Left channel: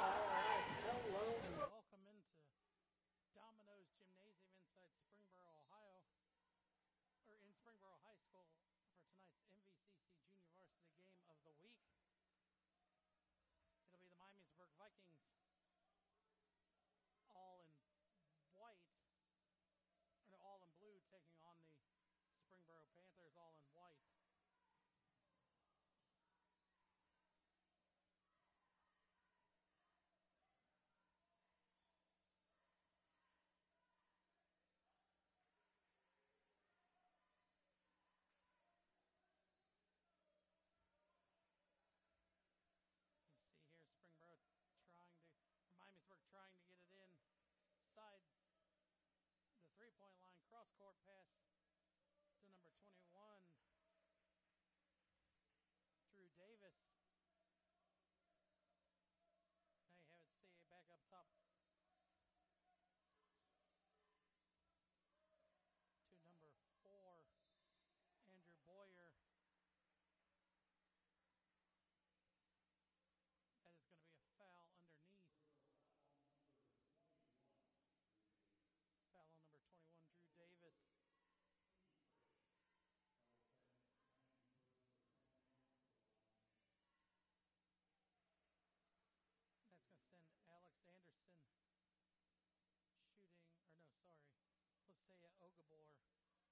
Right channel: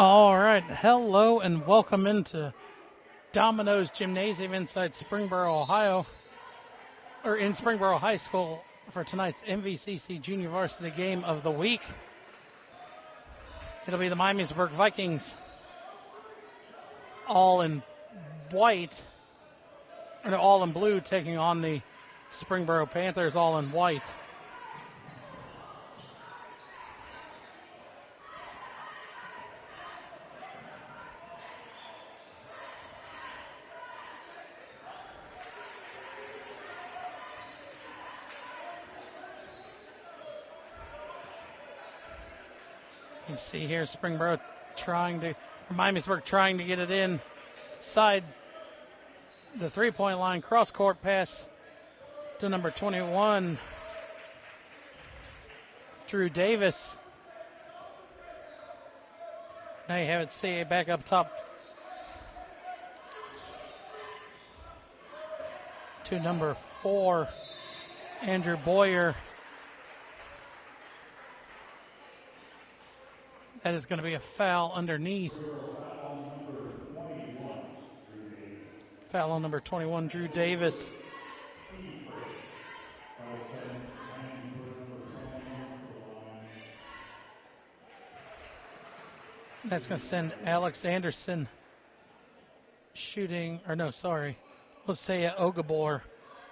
All right, hello and welcome into Domino's Gymnasium inside Springboro, Ohio, or in Springboro High School for tonight's MVCC Junior Varsity game of the week. It'll be the Miamisburg Vikings all in white, or all in blue, taking on the Springboro Panthers all in white. You see here Springboro Miamisburg trying to get it inside the three-point line. Cross-court pass to number 21, Drew Davis. Now you have it CA back up top to number 4, Andrew Boyer. That is going to be a foul underneath. Foul on number 21, Drew Davis. That's going to send Alex Anderson shooting, or no, sorry. Let's say Ogabor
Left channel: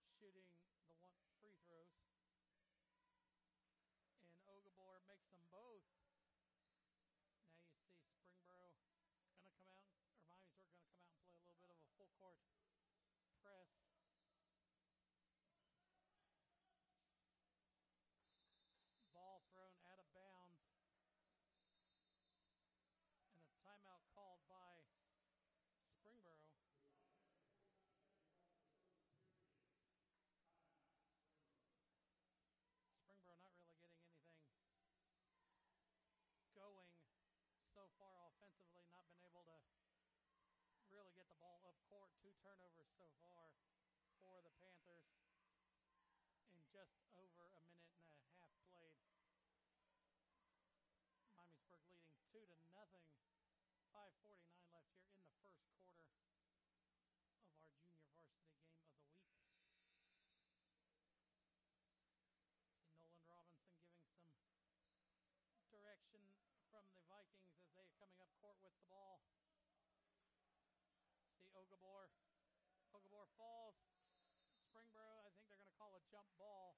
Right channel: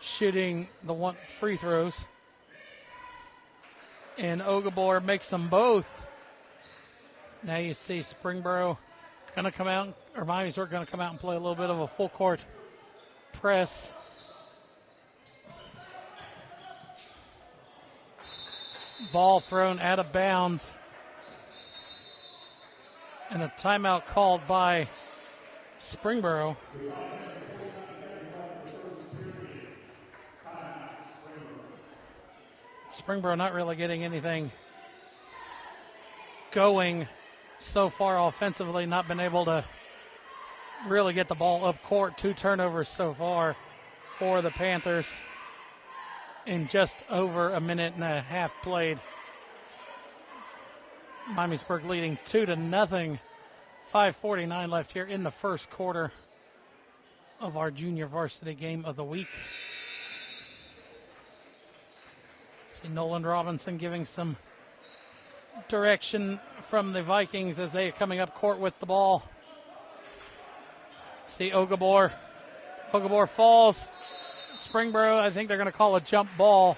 shooting the one free throws. And Ogabor makes them both. Now you see Springboro going to come out, or Miamisburg going to come out and play a little bit of a full court press. Ball thrown out of bounds. And a timeout called by Springboro. Springboro not really getting anything going so far offensively, not been able to really get the ball up court. 2 turnovers so far for the Panthers in just over a minute and a half played. Miamisburg leading 2-0. 5:49 left here in the first quarter of our junior varsity game of the week. See Nolan Robinson giving some direction from the Vikings as they are coming up court with the ball. See Ogabor. Ogabor falls. Springboro, I think they're going to call a jump ball,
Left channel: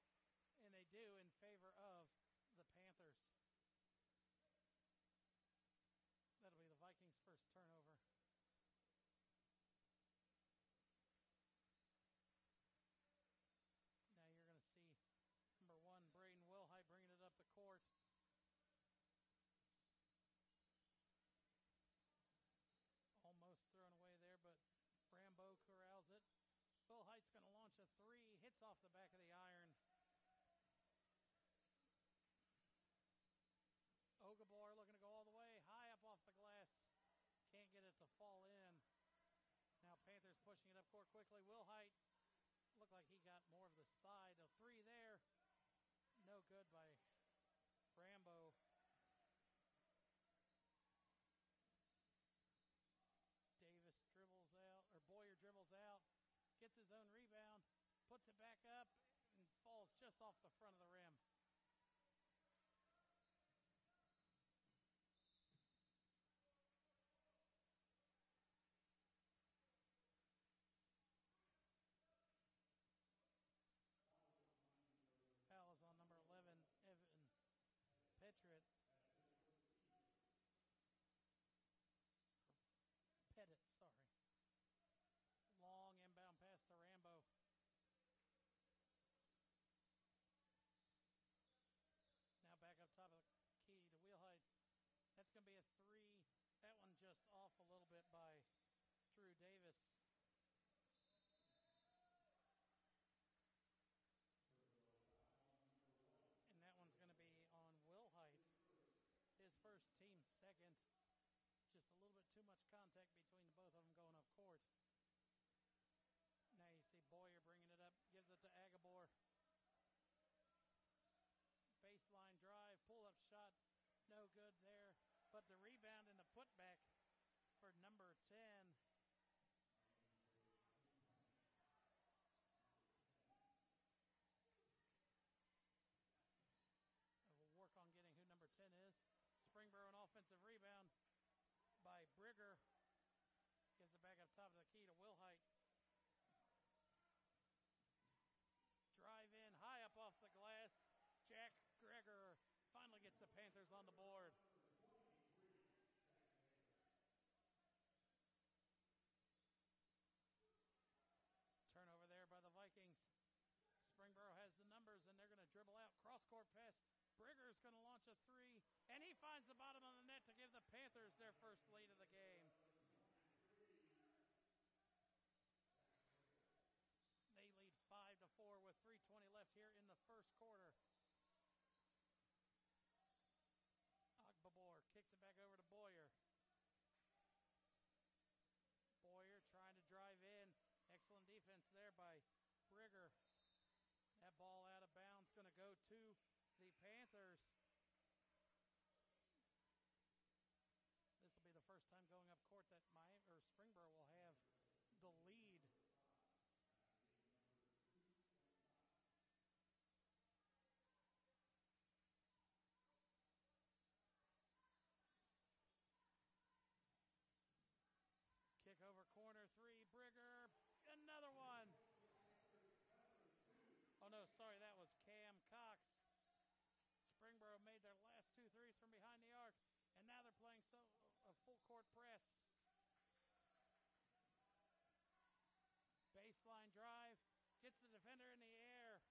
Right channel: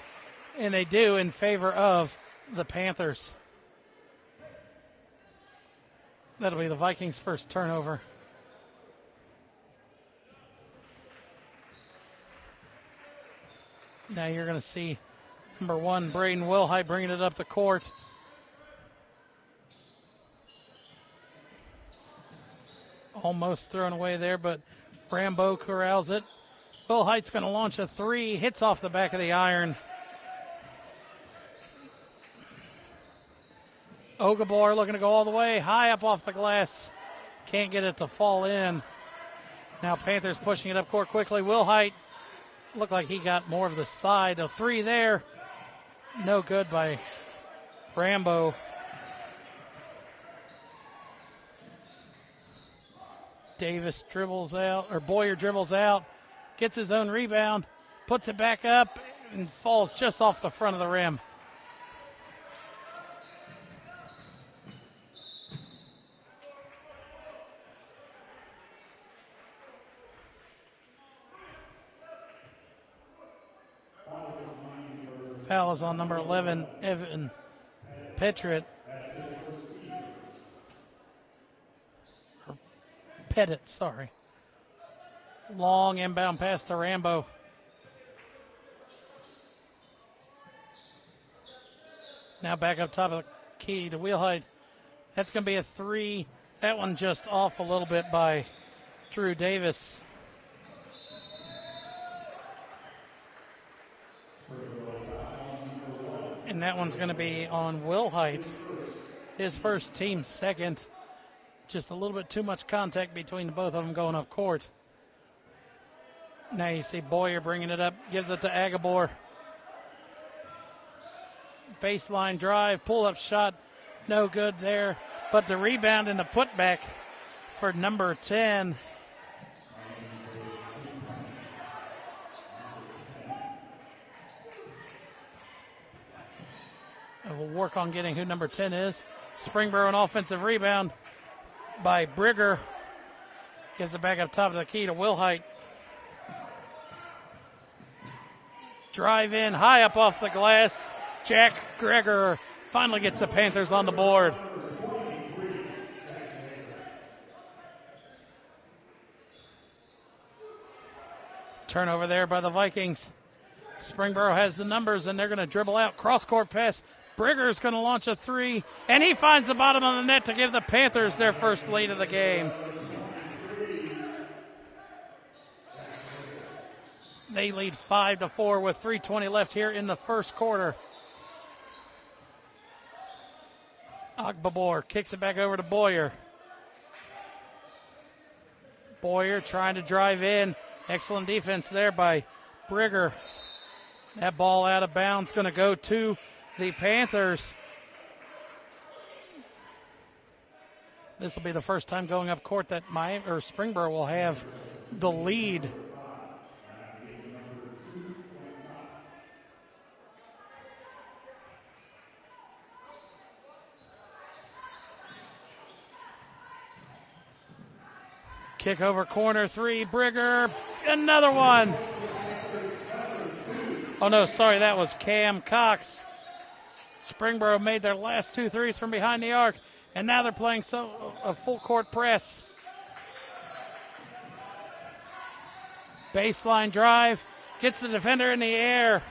and they do in favor of the Panthers. That'll be the Vikings' first turnover. Now you're going to see number 1, Braden Wilhite, bringing it up the court. Almost thrown away there, but Rambo corrals it. Wilhite's going to launch a 3, hits off the back of the iron. Ogabor looking to go all the way, high up off the glass. Can't get it to fall in. Now Panthers pushing it up court quickly. Wilhite looked like he got more of the side. A 3 there. No good by Rambo. Davis dribbles out, or Boyer dribbles out, gets his own rebound, puts it back up, and falls just off the front of the rim. Foul is on number 11, Evan Pettit. Pettit, sorry. Long inbound pass to Rambo. Now back up top of the key to Wilhite. That's going to be a 3. That one just off a little bit by Drew Davis. And that one's going to be on Wilhite. His first, team second. Just a little bit too much contact between the both of them going up court. Now you see Boyer bringing it up, gives it to Agabor. Baseline drive, pull-up shot, no good there. but the rebound and the putback for number 10. And we'll work on getting who number 10 is. Springboro, an offensive rebound by Brigger. Gives it back up top of the key to Wilhite. Drive in, high up off the glass. Jack Greger finally gets the Panthers on the board. Turnover there by the Vikings. Springboro has the numbers, and they're going to dribble out. Cross-court pass. Brigger's going to launch a three, and he finds the bottom of the net to give the Panthers their first lead of the game. They lead 5-4 with 3:20 left here in the first quarter. Ogbabor kicks it back over to Boyer. Boyer trying to drive in. Excellent defense there by Brigger. That ball out of bounds, going to go to the Panthers. This will be the first time going up court that Springboro will have the lead. Kick over corner three, Brigger, another one. Oh no, sorry, that was Cam Cox. Springboro made their last 2 threes from behind the arc, and now they're playing a full court press. Baseline drive, gets the defender in the air.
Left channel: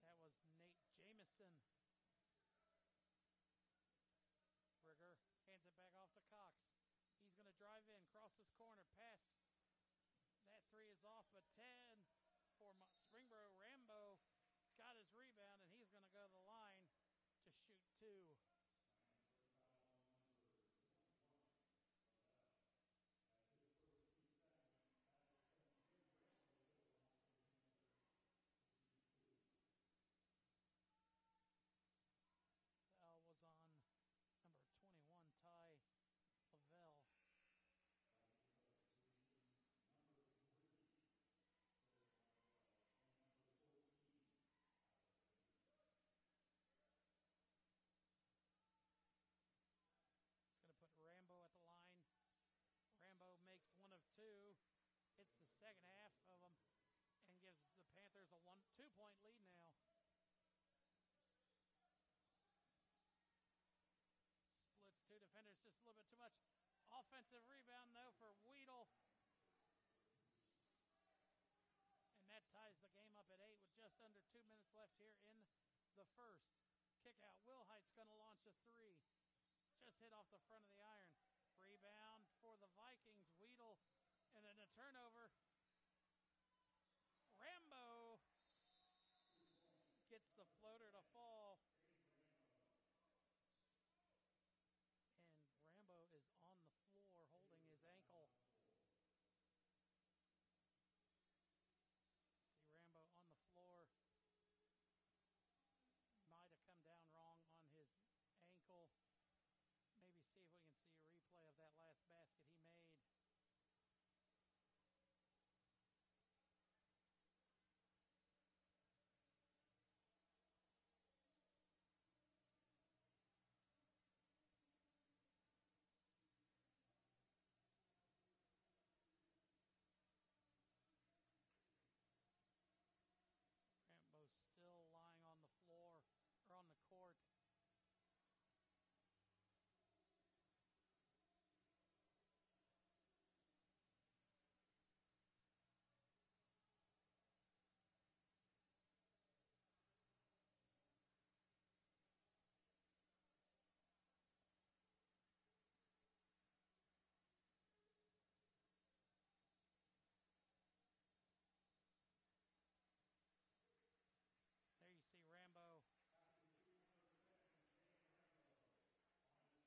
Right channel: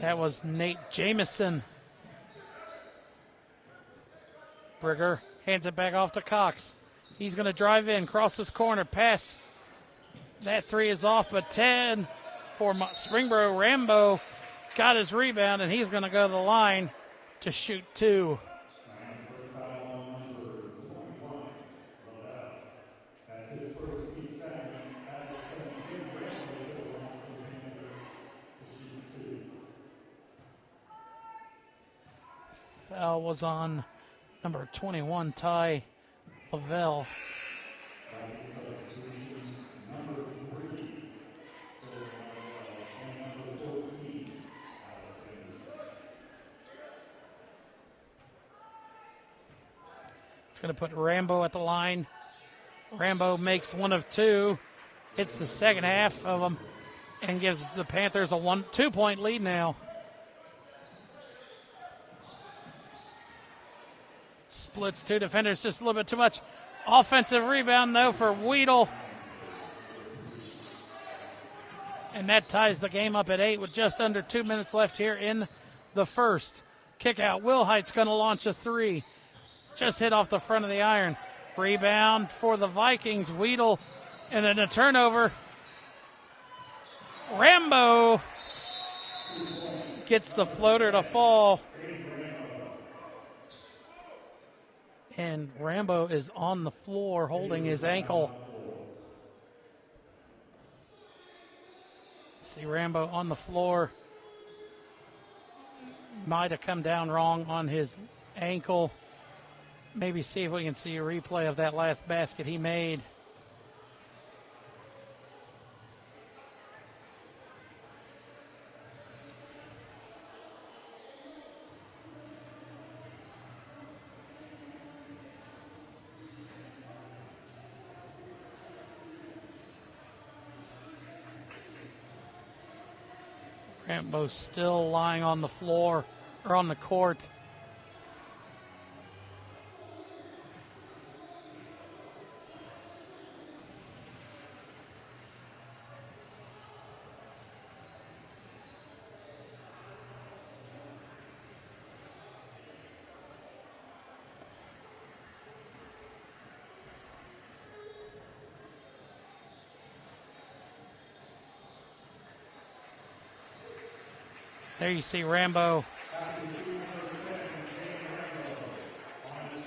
That was Nate Jamison. Brigger hands it back off to Cox. He's going to drive in, crosses corner, pass. That three is off, but 10 for Springboro. Rambo got his rebound, and he's going to go to the line to shoot 2. Foul was on number 21, Ty Lavelle. It's going to put Rambo at the line. Rambo makes 1 of 2. Hits the second half of them and gives the Panthers a 2-point lead now. Splits 2 defenders, just a little bit too much. Offensive rebound, though, for Weedle. And that ties the game up at 8 with just under 2 minutes left here in the first. Kick out. Wilhite's going to launch a 3. Just hit off the front of the iron. Rebound for the Vikings. Weedle, and then a turnover. Rambo gets the floater to fall. And Rambo is on the floor holding his ankle. See Rambo on the floor. Might have come down wrong on his ankle. Maybe see if we can see a replay of that last basket he made. Rambo still lying on the floor, or on the court. There you see Rambo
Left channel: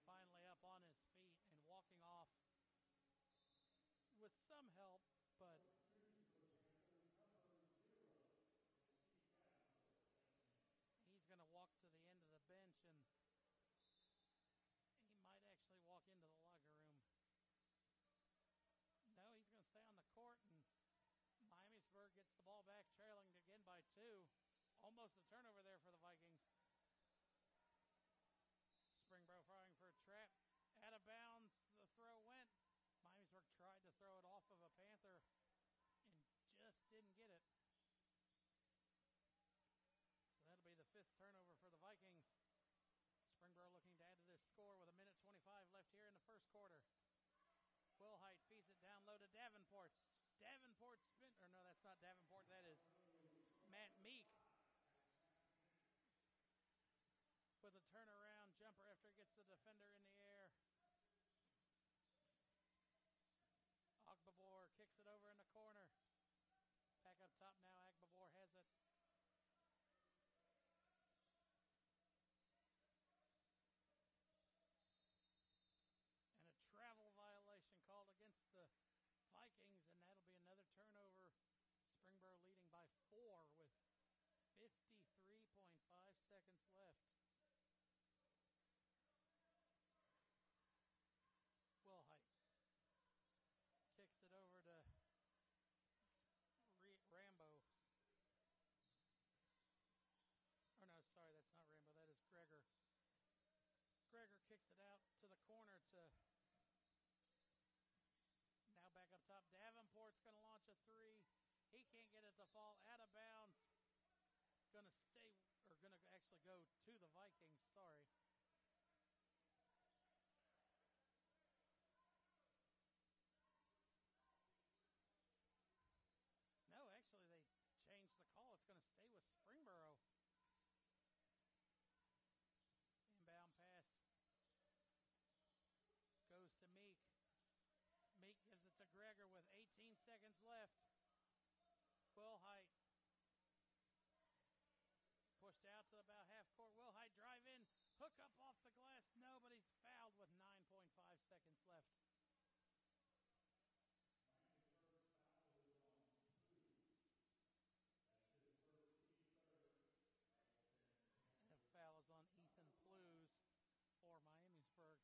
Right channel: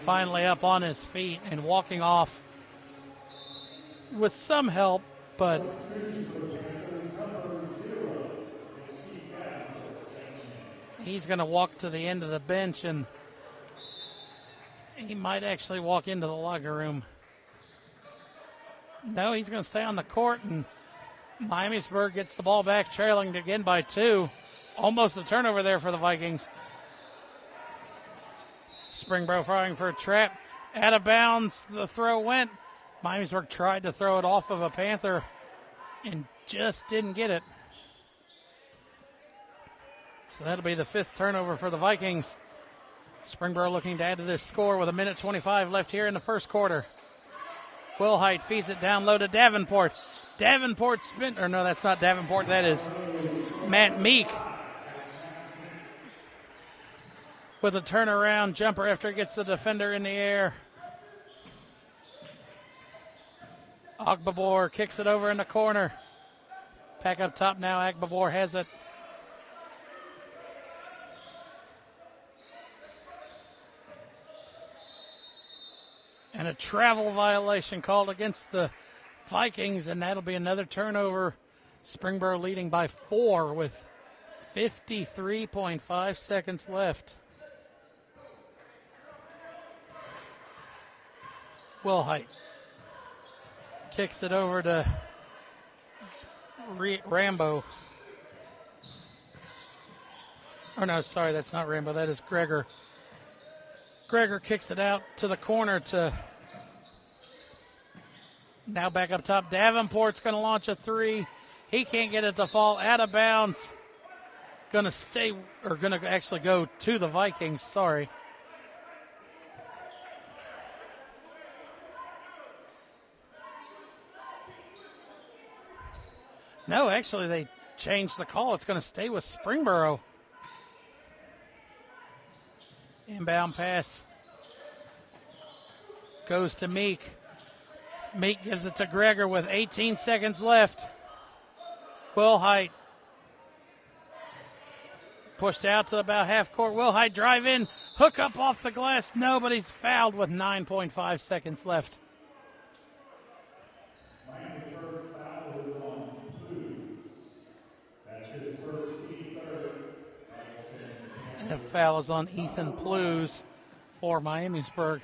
finally up on his feet and walking off with some help, but He's going to walk to the end of the bench, and he might actually walk into the locker room. No, he's going to stay on the court, and Miamisburg gets the ball back, trailing again by 2. Almost a turnover there for the Vikings. Springboro firing for a trap. Out of bounds, the throw went. Miamisburg tried to throw it off of a Panther and just didn't get it. So that'll be the 5th turnover for the Vikings. Springboro looking to add to this score with 1:25 left here in the first quarter. Wilhite feeds it down low to Davenport. Davenport spin, or no, that's not Davenport. That is Matt Meek with a turnaround jumper after it gets the defender in the air. Agbabor kicks it over in the corner. Back up top now, Agbabor has it. And a travel violation called against the Vikings, and that'll be another turnover. Springboro leading by 4 with 53.5 seconds left. Wilhite kicks it over to Rambo. Oh, no, sorry, that's not Rambo. That is Gregor. Gregor kicks it out to the corner to now back up top. Davenport's going to launch a 3. He can't get it to fall out of bounds. Going to stay, or going to actually go to the Vikings. Sorry. No, actually, they changed the call. It's going to stay with Springboro. Inbound pass goes to Meek. Meek gives it to Gregor with 18 seconds left. Wilhite pushed out to about half court. Wilhite drive in, hook up off the glass. Nobody's fouled with 9.5 seconds left. And the foul is on Ethan Plews for Miamisburg.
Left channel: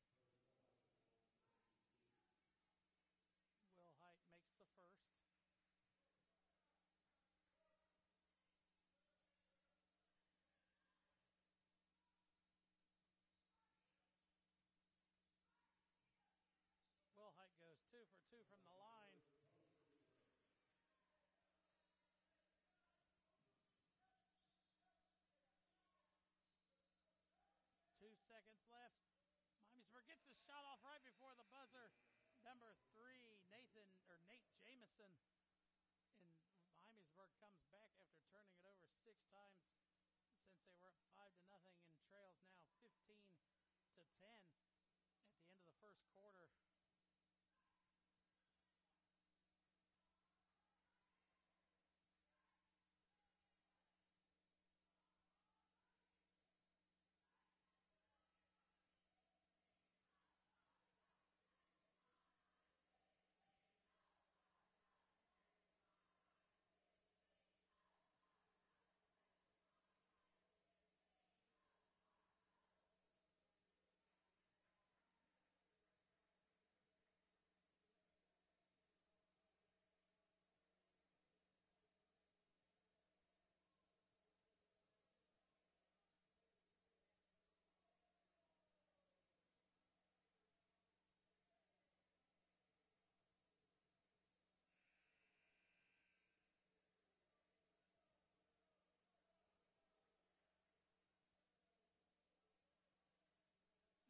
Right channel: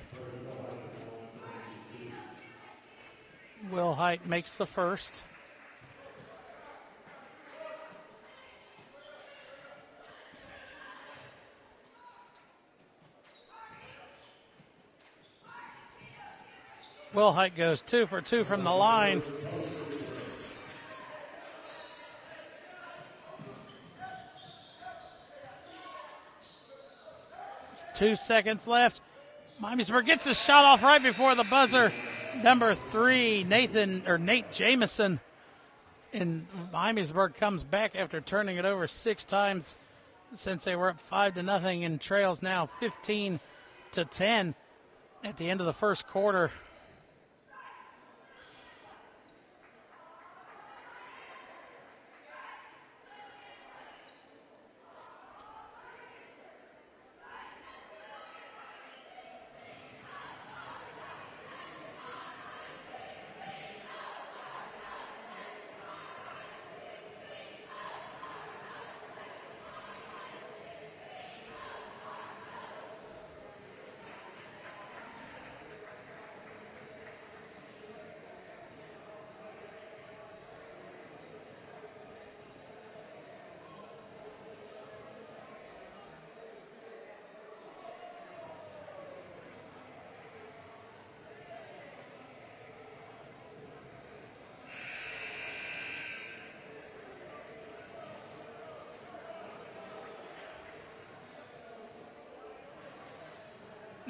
Wilhite makes the first. Wilhite goes 2 for 2 from the line. It's 2 seconds left. Miamisburg gets his shot off right before the buzzer. Number 3, Nate Jamison in Miamisburg comes back after turning it over 6 times since they were up 5-0 and trails now 15-10 at the end of the first quarter.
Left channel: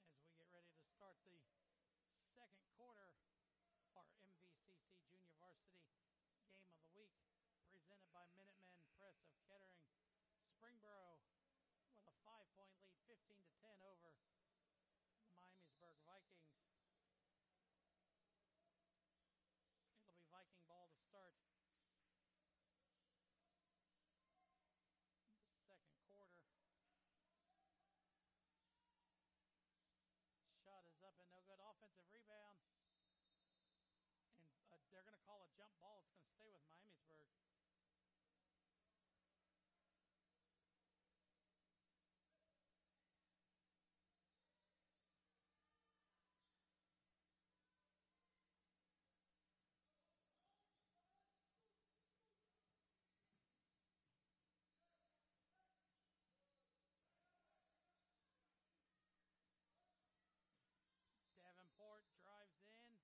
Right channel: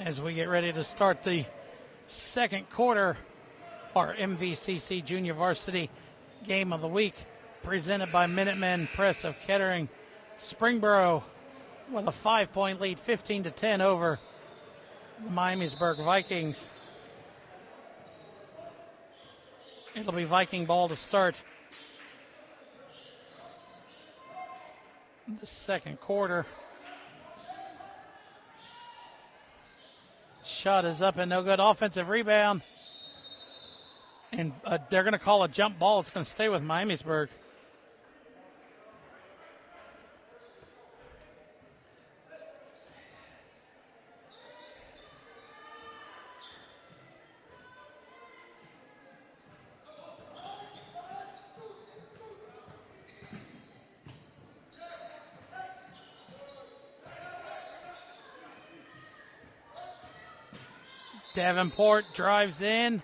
As we get ready to start the second quarter, our MVCC Junior Varsity Game of the Week, presented by Minutemen Press of Kettering. Springboro with a 5-point lead, 15-10 over the Miamisburg Vikings. It'll be Viking ball to start the second quarter. Shot is up and no good. Offensive rebound. And they're going to call a jump ball. It's going to stay with Miamisburg. Davenport drives in,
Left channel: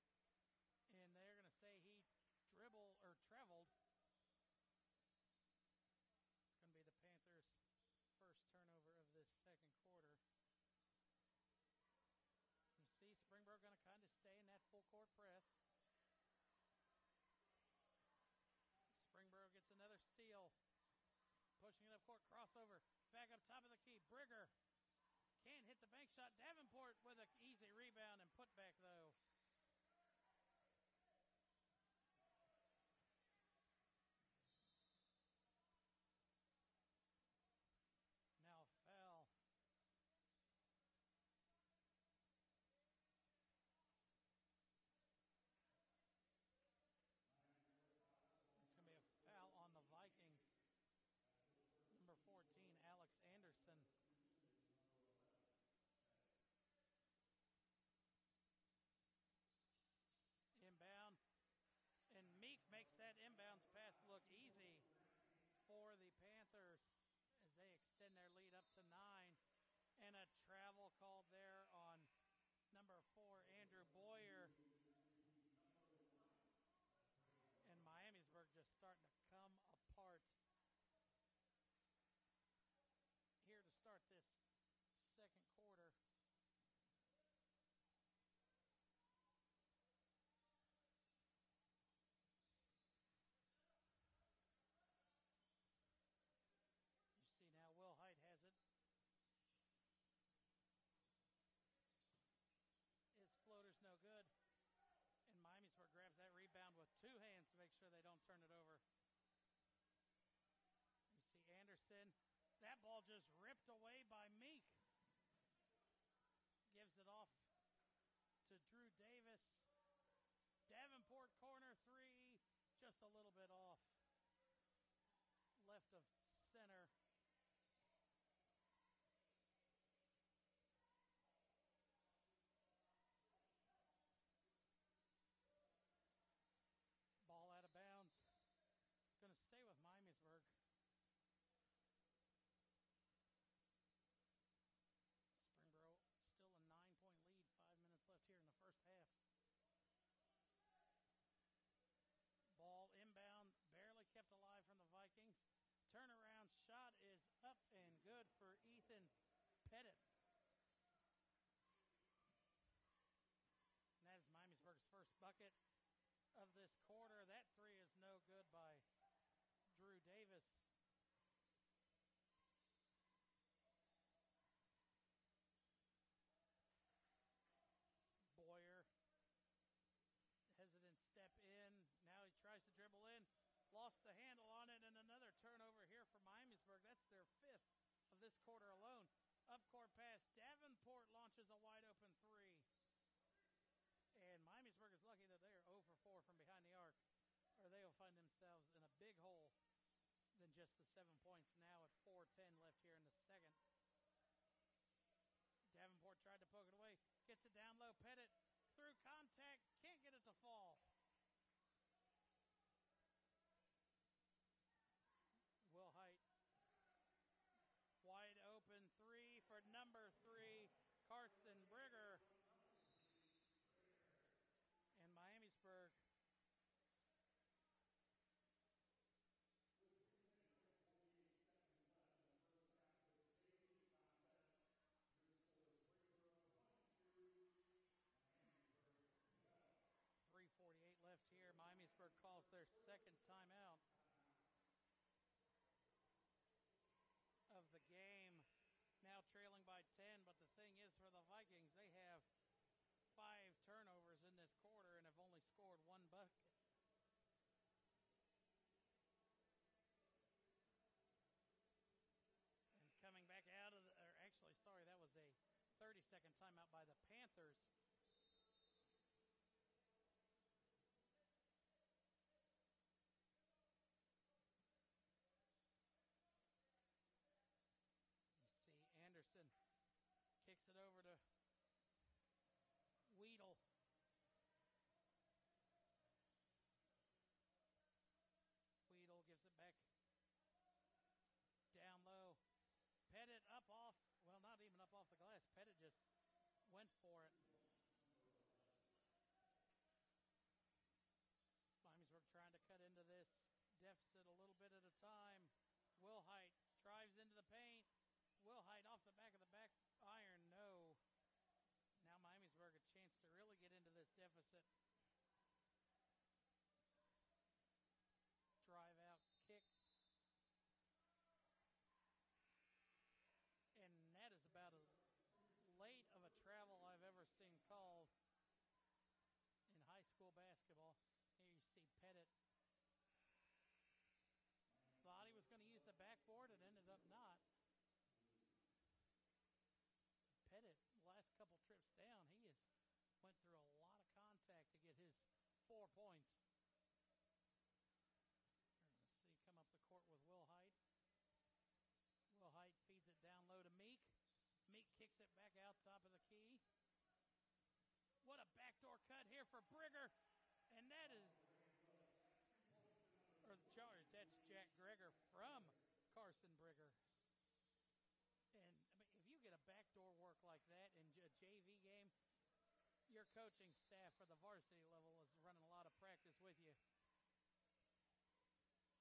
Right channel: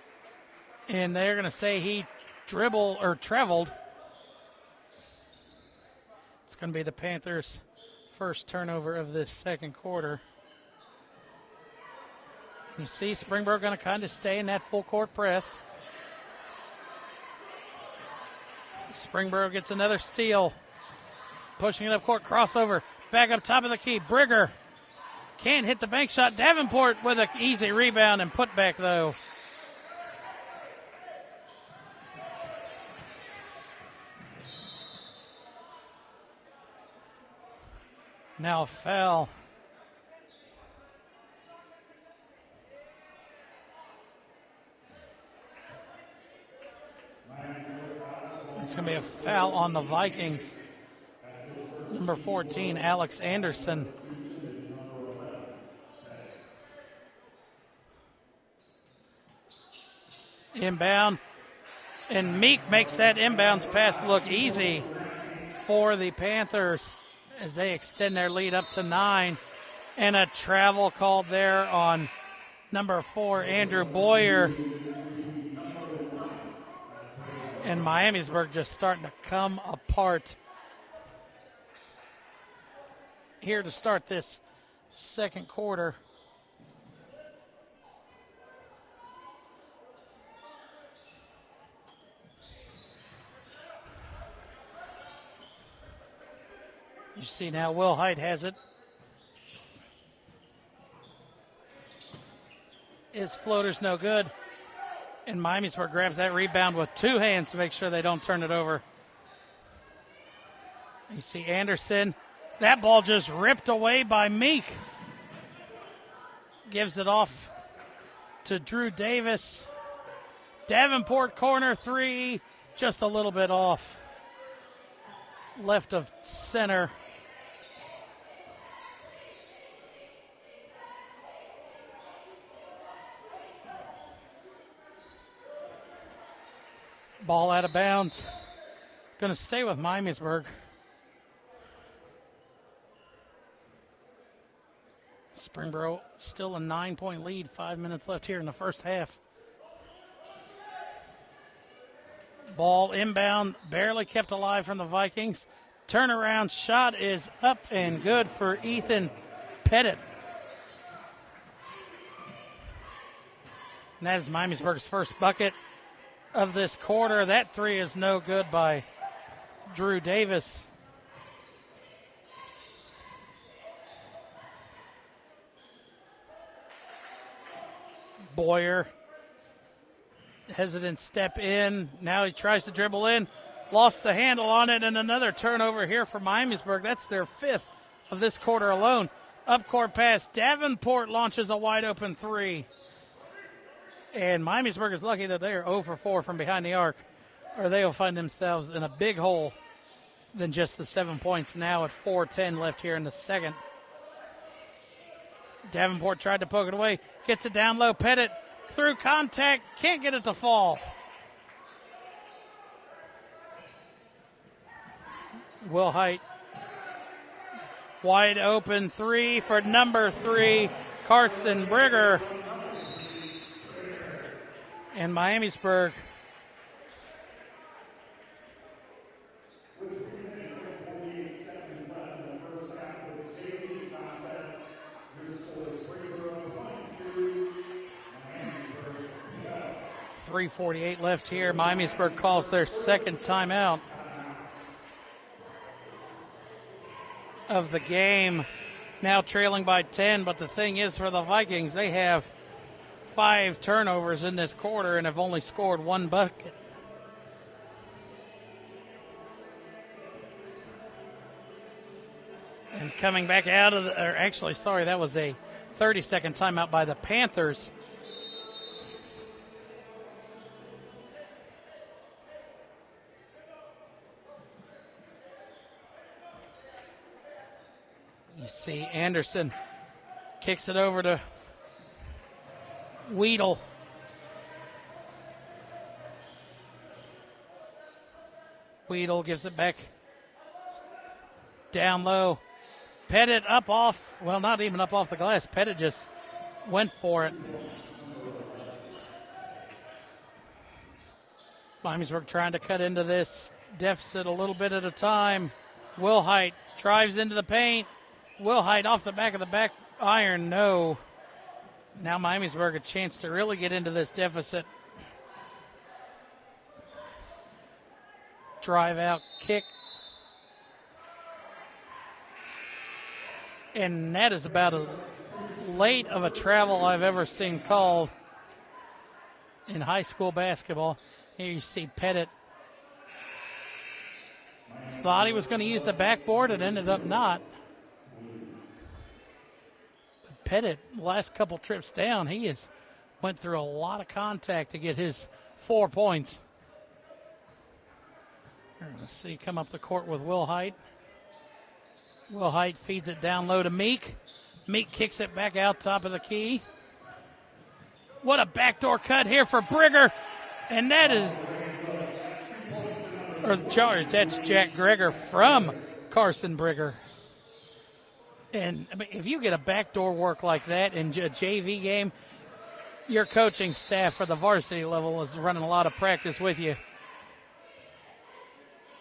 and they're going to say he traveled. It's going to be the Panthers' first turnover of this second quarter. You see Springboro going to kind of stay in that full court press. Springboro gets another steal. Pushing it up court, crossover, back up top of the key. Brigger can't hit the bank shot. Davenport with an easy rebound and put back though. Now a foul. It's going to be a foul on the Vikings. Number 14, Alex Anderson. Inbound. And Meek makes that inbounds pass look easy for the Panthers as they extend their lead up to 9. And a travel called there on number 4, Andrew Boyer. And Miamisburg just starting to come apart here to start this second quarter. You see now Will Height has it. His floater's no good. And Miamisburg grabs that rebound with 2 hands to make sure they don't turn it over. You see Anderson. That ball just ripped away by Meek. Gives it off to Drew Davis. Davenport corner 3, just a little bit off. Left of center. Ball out of bounds. Going to stay with Miamisburg. Springboro still a 9-point lead. 5 minutes left here in the first half. Ball inbound, barely kept alive from the Vikings. Turnaround shot is up and good for Ethan Pettit. And that is Miamisburg's first bucket of this quarter. That 3 is no good by Drew Davis. Boyer, hesitant step in. Now he tries to dribble in. Lost the handle on it, and another turnover here for Miamisburg. That's their 5th of this quarter alone. Up court pass. Davenport launches a wide open 3. And Miamisburg is lucky that they are 0 for 4 from behind the arc, or they will find themselves in a big hole than just the 7 points now at 4:10 left here in the second. Davenport tried to poke it away. Gets it down low. Pettit through contact. Can't get it to fall. Will Height. Wide open 3 for number 3, Carson Brigger. And Miamisburg .348 left here. Miamisburg calls their second timeout of the game. Now trailing by 10, but the thing is for the Vikings, they have 5 turnovers in this quarter and have only scored 1 bucket. And coming back out of that was a 30-second timeout by the Panthers. You see Anderson kicks it over to Weedle. Weedle gives it back down low. Pettit up off, well, not even up off the glass. Pettit just went for it. Miamisburg trying to cut into this deficit a little bit at a time. Wilhite drives into the paint. Wilhite off the back of the back iron. No. Now Miamisburg a chance to really get into this deficit. Drive out kick. And that is about as late of a travel I've ever seen called in high school basketball. Here you see Pettit. Thought he was going to use the backboard. It ended up not. But Pettit, last couple trips down, he has went through a lot of contact to get his 4 points. We're going to see come up the court with Wilhite. Wilhite feeds it down low to Meek. Meek kicks it back out top of the key. What a backdoor cut here for Brigger. And that is, that's Jack Greger from Carson Brigger. And I mean, if you get a backdoor work like that in a JV game, your coaching staff for the varsity level is running a lot of practice with you.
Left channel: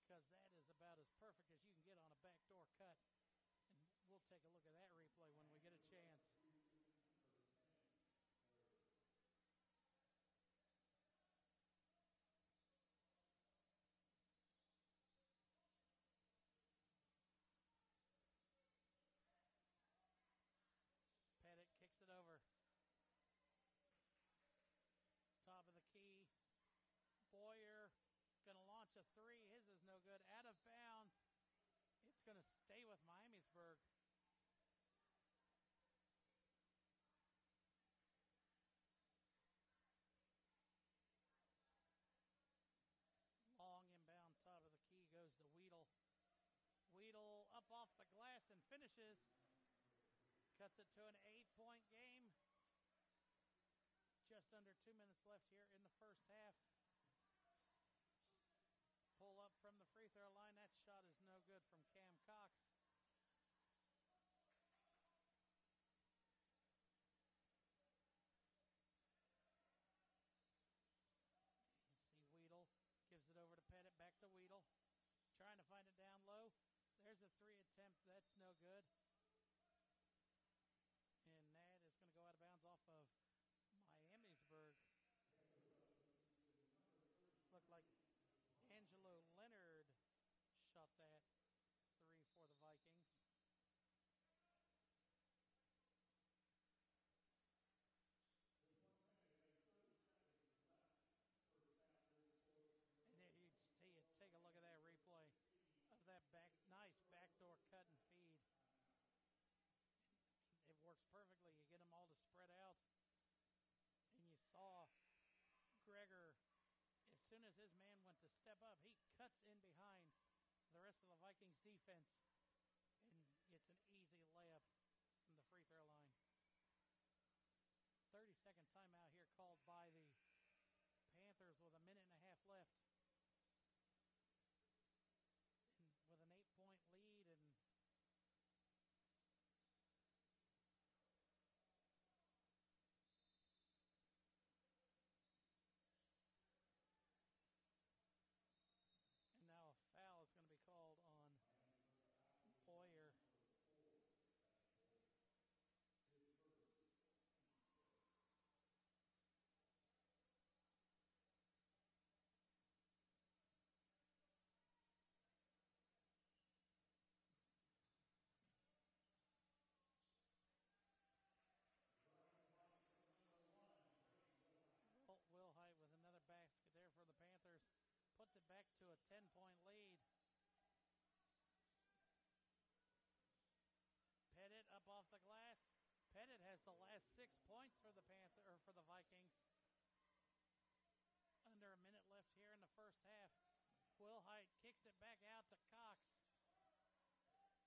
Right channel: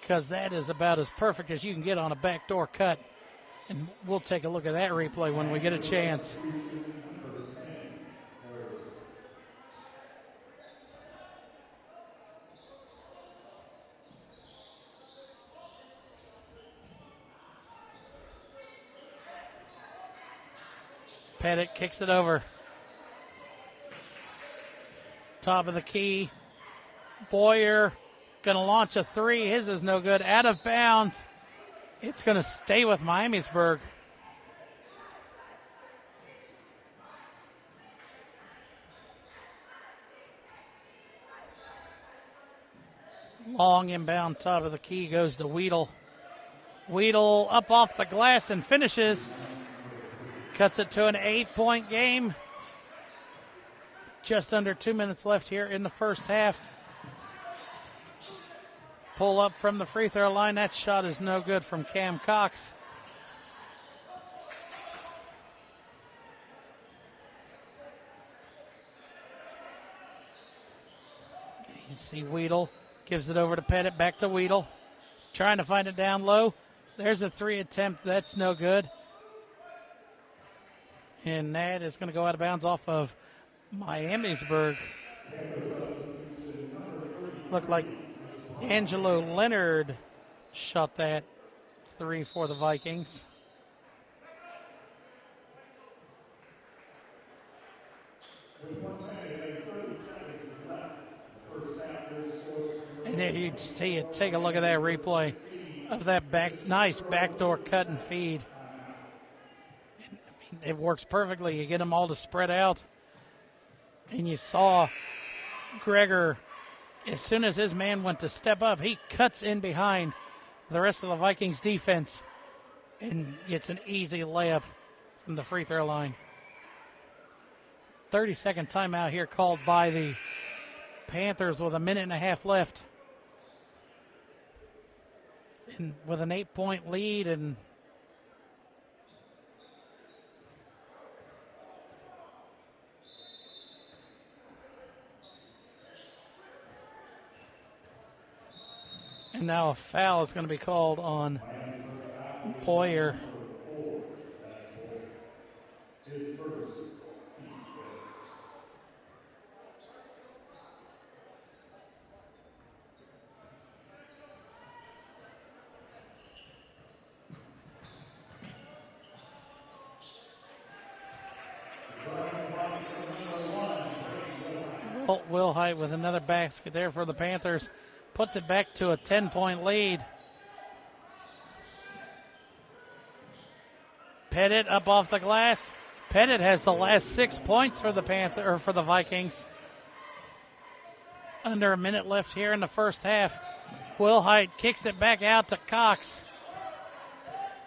Because that is about as perfect as you can get on a backdoor cut. And we'll take a look at that replay when we get a chance. Pettit kicks it over. Top of the key. Boyer going to launch a three. His is no good. Out of bounds. It's going to stay with Miamisburg. Long inbound top of the key goes to Weedle. Weedle up off the glass and finishes. Cuts it to an 8-point game. Just under 2 minutes left here in the first half. Pull up from the free throw line. That shot is no good from Cam Cox. You see Weedle gives it over to Pettit. Back to Weedle. Trying to find it down low. There's a three attempt. That's no good. And that is going to go out of bounds off of Miamisburg. Looked like Angelo Leonard shot that three for the Vikings. And then you see it. Take a look at that replay of that nice backdoor cut and feed. It works perfectly. You get them all to spread out. And you saw Greger, as soon as his man went to step up, he cuts in behind the rest of the Vikings defense and gets an easy layup from the free throw line. 30-second timeout here called by the Panthers with a minute and a half left. And with an 8-point lead and now a foul is going to be called on Boyer. Wilhite with another basket there for the Panthers. Puts it back to a 10-point lead. Pettit up off the glass. Pettit has the last 6 points for the Vikings. Under a minute left here in the first half. Wilhite kicks it back out to Cox.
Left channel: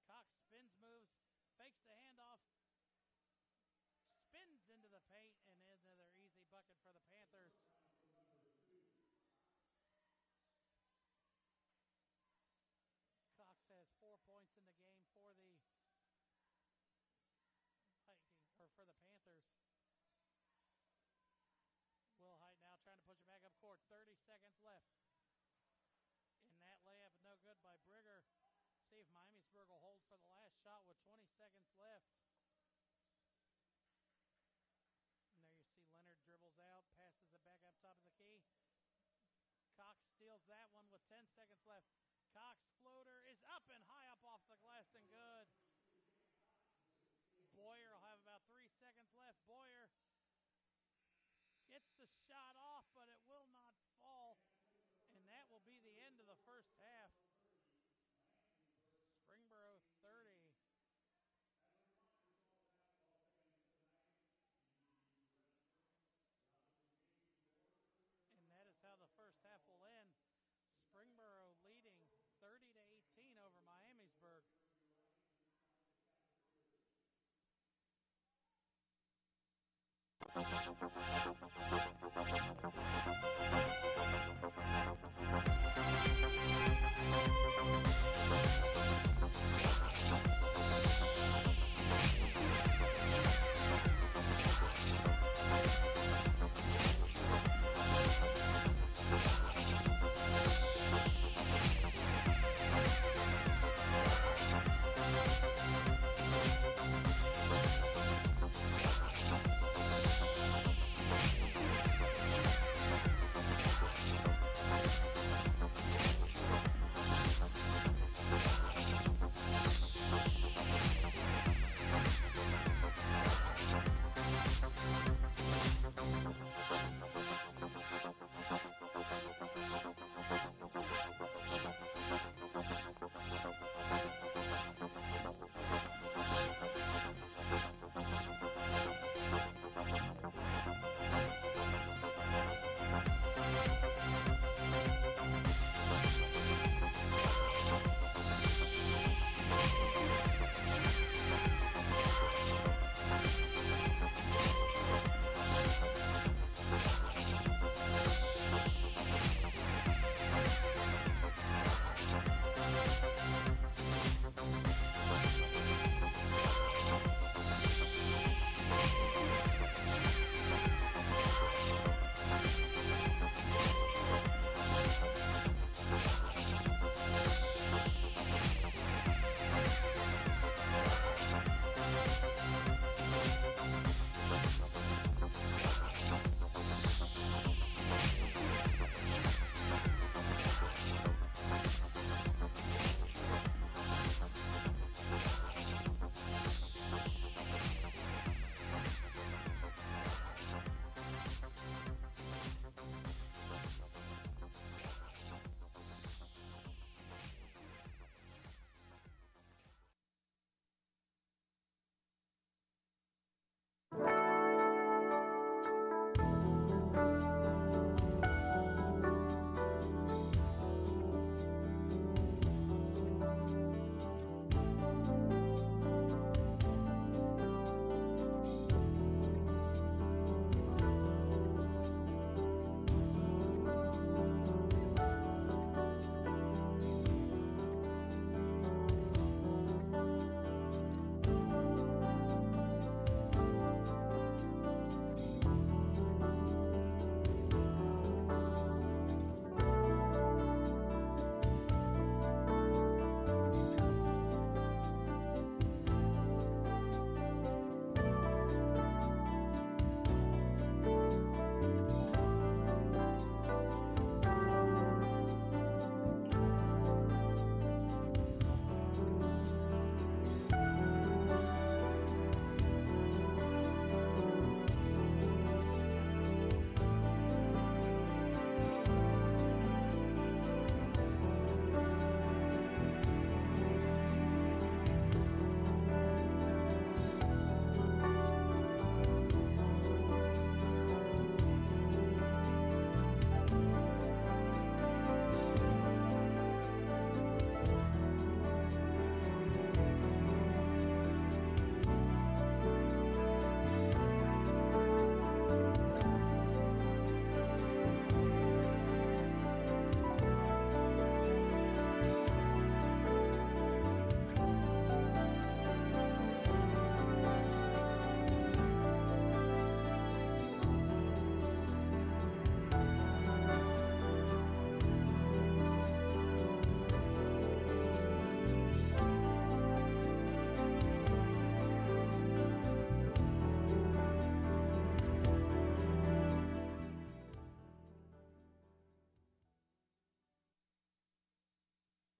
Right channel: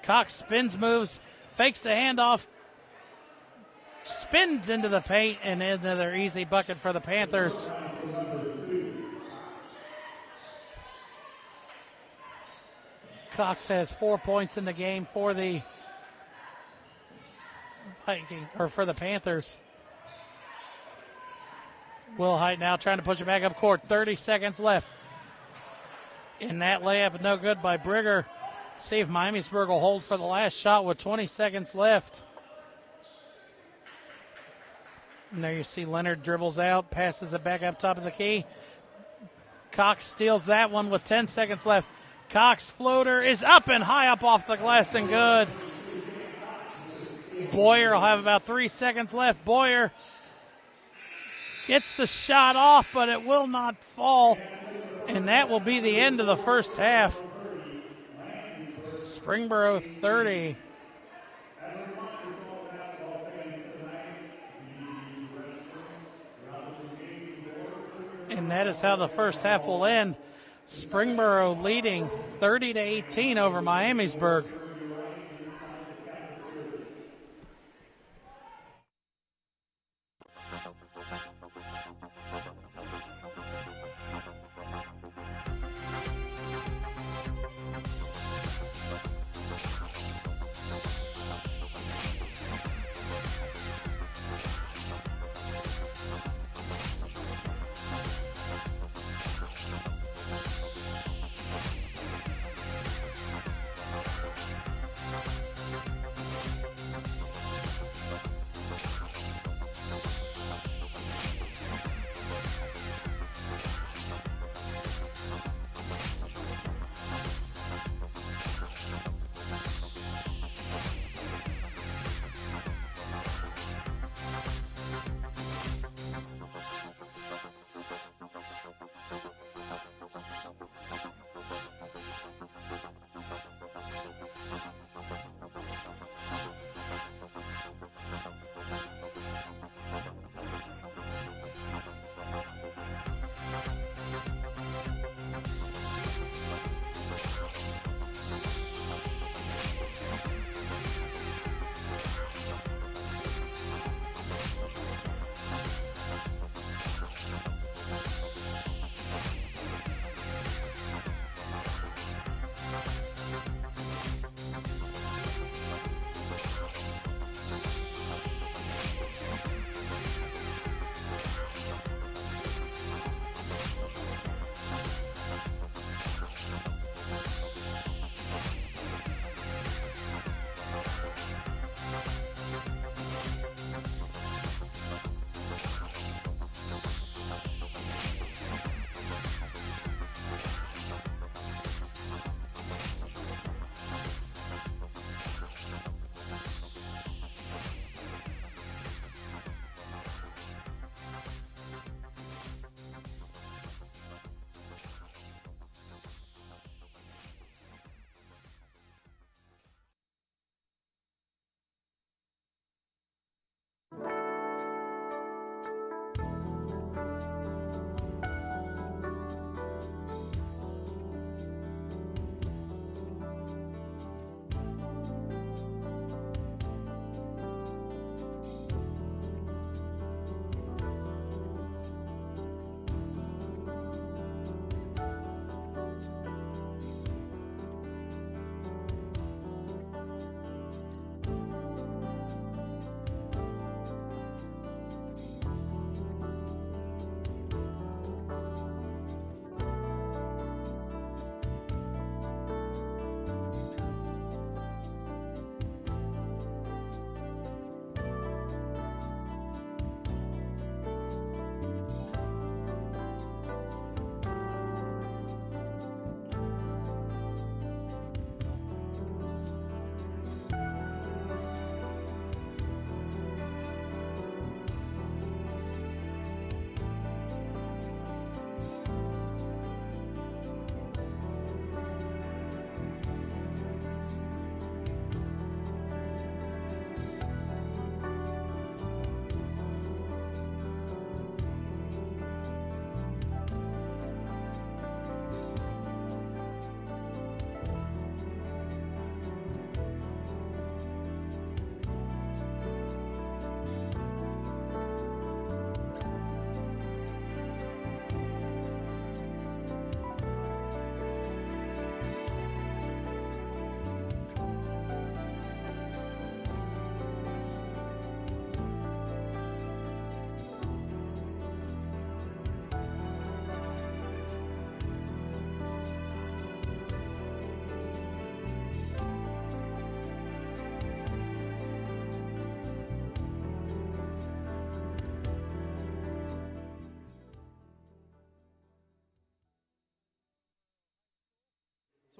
Cox spins, moves, fakes the handoff, spins into the paint, and another easy bucket for the Panthers. Cox has 4 points in the game for the Panthers. Wilhite now trying to push it back up court. 30 seconds left. And that layup no good by Brigger. See if Miamisburg will hold for the last shot with 20 seconds left. And there you see Leonard dribbles out, passes it back up top of the key. Cox steals that one with 10 seconds left. Cox floater is up and high up off the glass and good. Boyer will have about 3 seconds left. Boyer gets the shot off, but it will not fall. And that will be the end of the first half. Springboro 30. And that is how the first half will end. Springboro leading 30-18 over Miamisburg.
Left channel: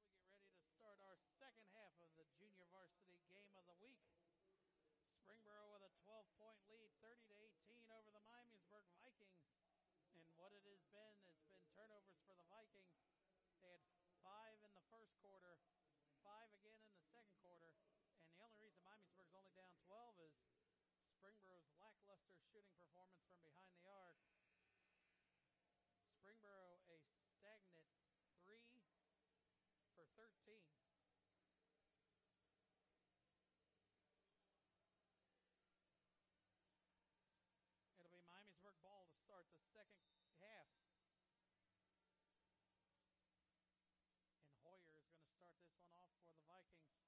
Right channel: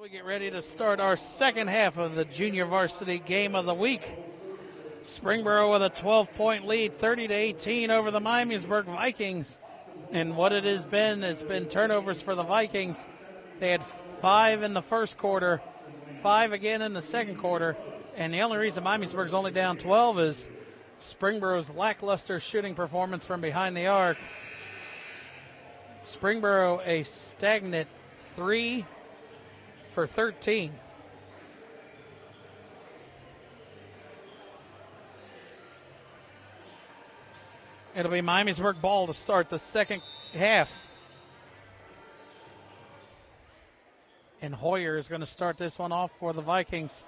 We get ready to start our second half of the junior varsity game of the week. Springboro with a 12-point lead, 30-18 over the Miamisburg Vikings. And what it has been, it's been turnovers for the Vikings. They had 5 in the first quarter, 5 again in the second quarter. And the only reason Miamisburg's only down 12 is Springboro's lackluster shooting performance from behind the arc. Springboro a stagnant 3 for 13. It'll be Miamisburg ball to start the second half. And Hoyer is going to start this one off for the Vikings.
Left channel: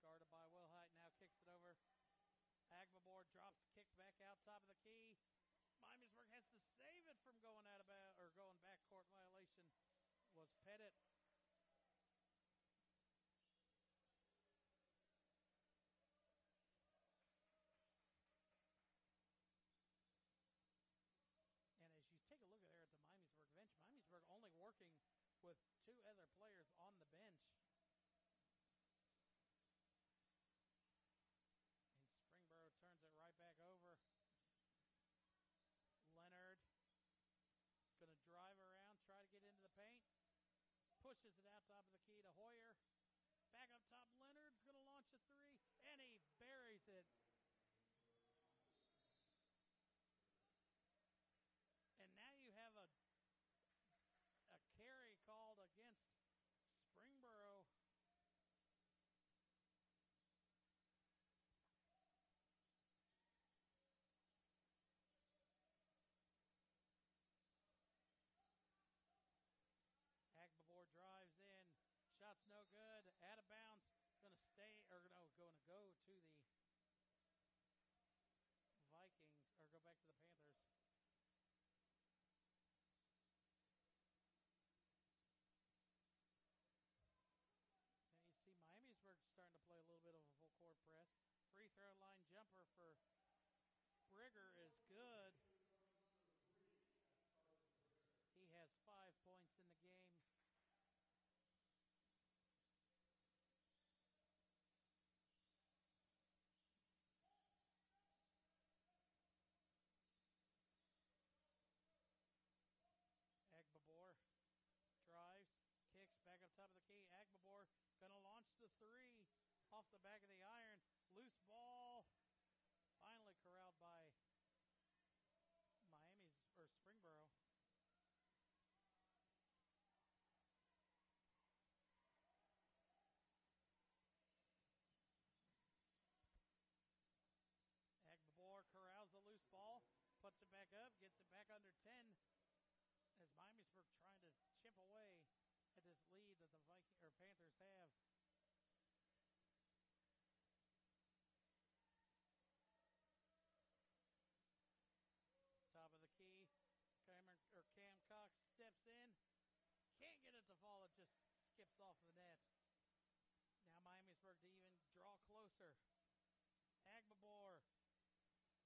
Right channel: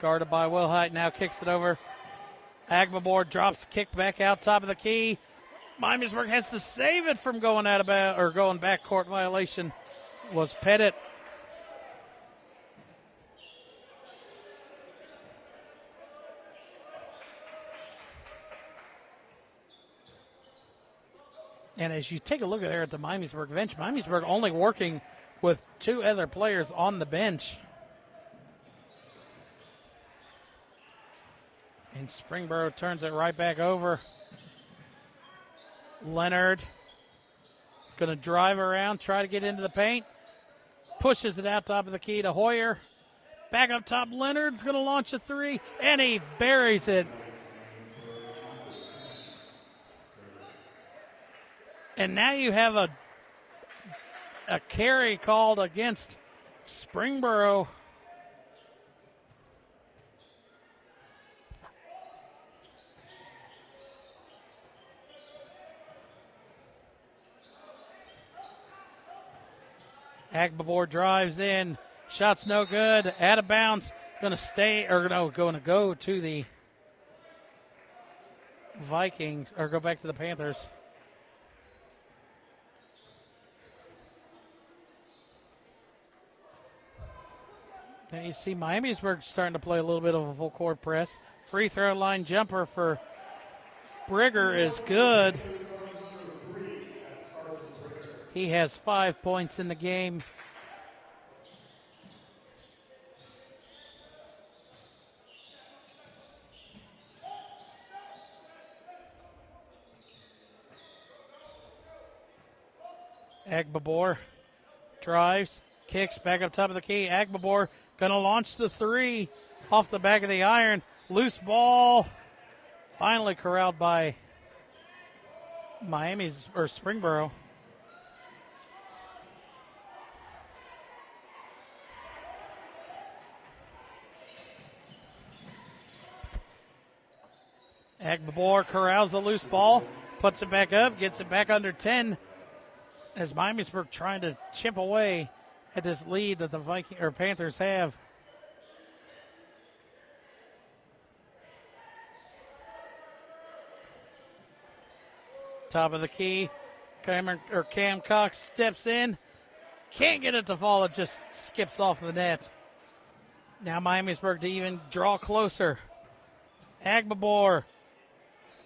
Guarded by Wilhite, now kicks it over. Agbabor drops, kick back out top of the key. Miamisburg has to save it from going out of or going back court. Violation was Pettit. And as you take a look there at the Miamisburg bench, Miamisburg only working with 2 other players on the bench. And Springboro turns it right back over. Leonard going to drive around, try to get into the paint. Pushes it out top of the key to Hoyer. Back up top, Leonard's going to launch a 3, and he buries it. And now you have a carry called against Springboro. Agbabor drives in. Shot's no good. Out of bounds. Going to stay, or no, going to go to the Vikings, or go back to the Panthers. Now you see Miamisburg starting to play a little bit of a full court press. Free throw line jumper for Brigger is good. He has 5 points in the game. Agbabor drives, kicks back up top of the key. Agbabor going to launch the 3 off the back of the iron. Loose ball. Finally corralled by Springboro. Agbabor corrals the loose ball, puts it back up, gets it back under 10 as Miamisburg trying to chip away at this lead that the Panthers have. Top of the key, Cam Cox steps in, can't get it to fall, it just skips off the net. Now Miamisburg to even draw closer. Agbabor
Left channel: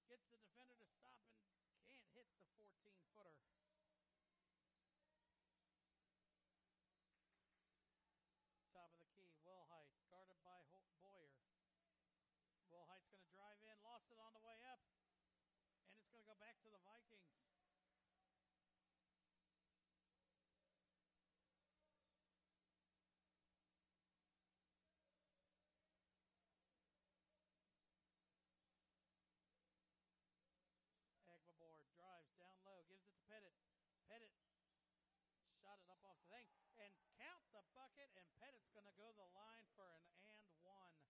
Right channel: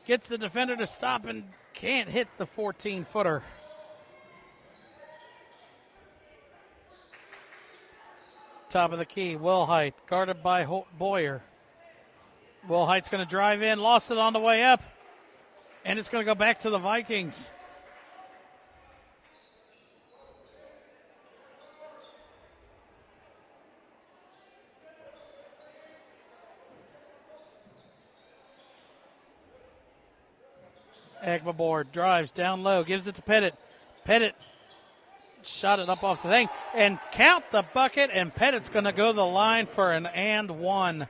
gets the defender to stop and can't hit the 14-footer. Top of the key, Wilhite, guarded by Boyer. Wilhite's going to drive in, lost it on the way up, and it's going to go back to the Vikings. Agbabor drives down low, gives it to Pettit. Pettit shot it up off the thing, and count the bucket, and Pettit's going to go to the line for an and one.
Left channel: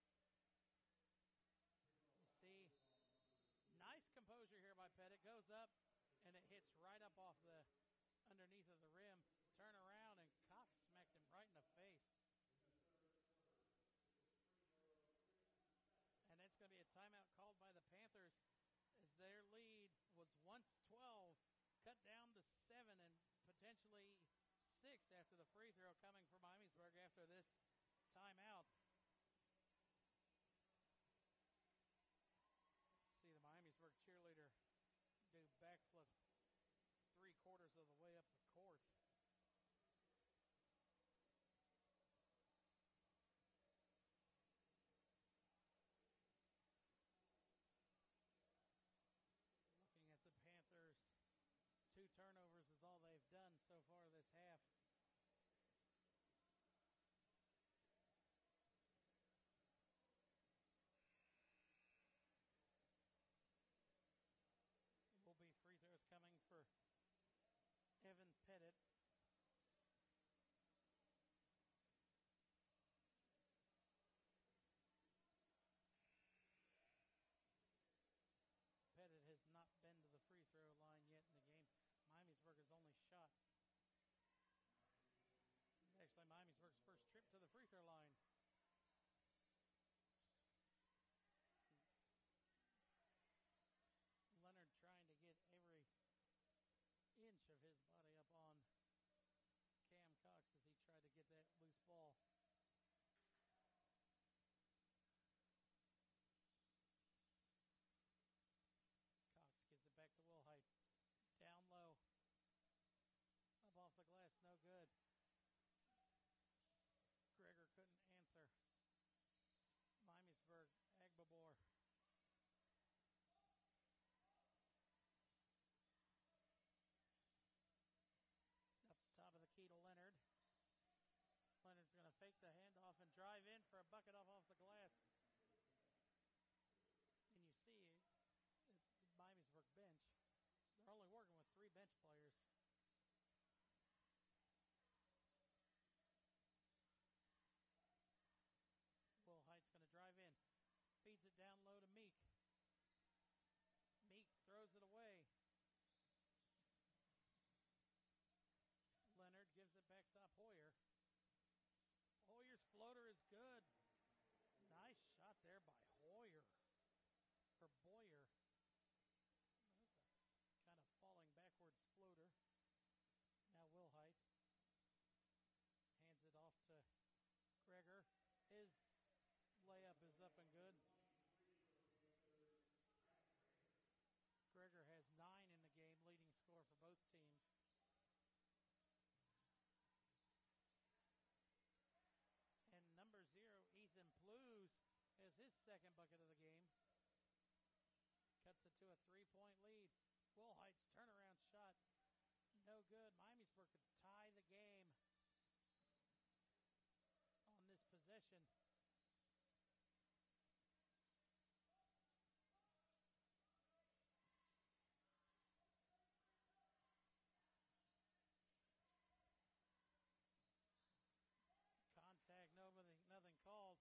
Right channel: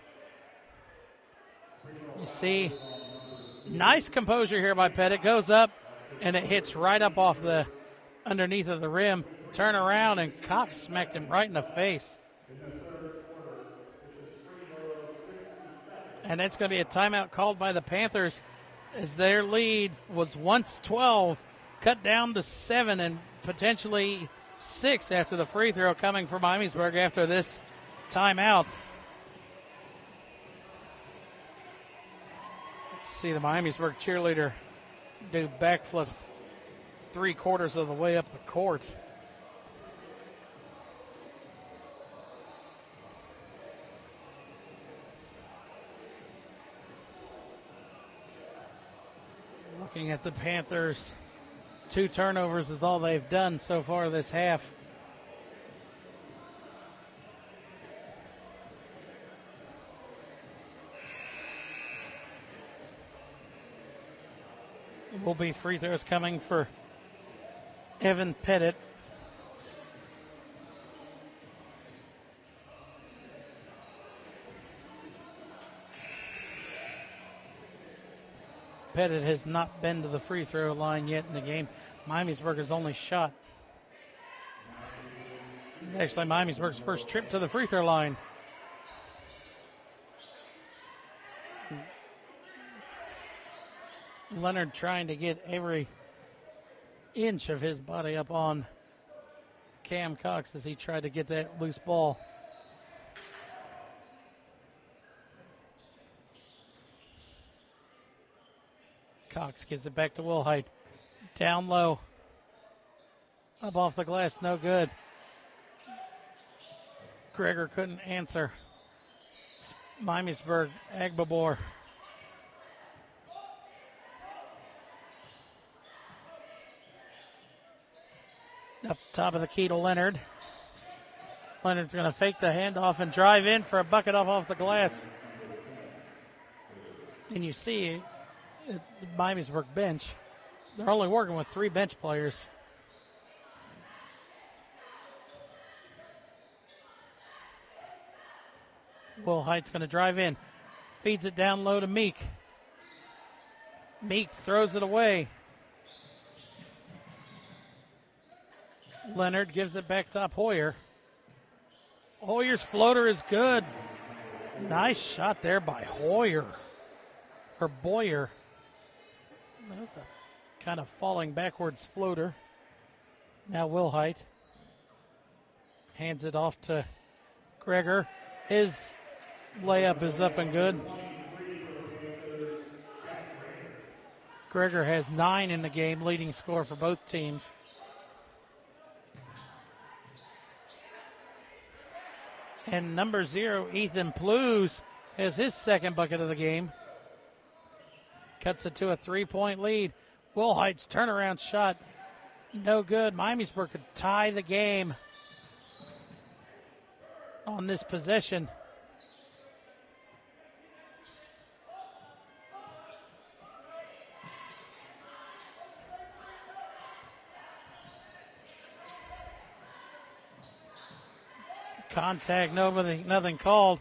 You see, nice composure here by Pettit. Goes up, and it hits right up off the underneath of the rim. Turn around, and Cox smacked him right in the face. And it's going to be a timeout called by the Panthers as their lead was once 12, cut down to 7, and potentially 6 after the free throw coming from Miamisburg after this timeout. Let's see the Miamisburg cheerleader do backflips 3/4 of the way up the court. looking at the Panthers, 2 turnovers is all they've done so far this half. Will be free throws coming for Evan Pettit. Pettit has not been to the free throw line yet in the game. Miamisburg's only shot. This is actually Miamisburg's first trip to the free throw line. Leonard trying to get every inch of his body up on Cam Cox as he tried to get that loose ball. Cox gives it back to Wilhite. Down low. Up off the glass, no good. Gregor couldn't answer. It's Miamisburg, Agbabor. Up top of the key to Leonard. Leonard's going to fake the handoff and drive in for a bucket up off the glass. And you see the Miamisburg bench, they're only working with 3 bench players. Wilhite's going to drive in. Feeds it down low to Meek. Meek throws it away. Leonard gives it back top Hoyer. Hoyer's floater is good. Nice shot there by Hoyer. Or Boyer. That was a kind of falling backwards floater. Now Wilhite hands it off to Gregor. His layup is up and good. Gregor has 9 in the game, leading scorer for both teams. And number 0, Ethan Plews, has his second bucket of the game. Cuts it to a 3-point lead. Wilhite's turnaround shot, no good. Miamisburg could tie the game on this possession. Contact, nothing called.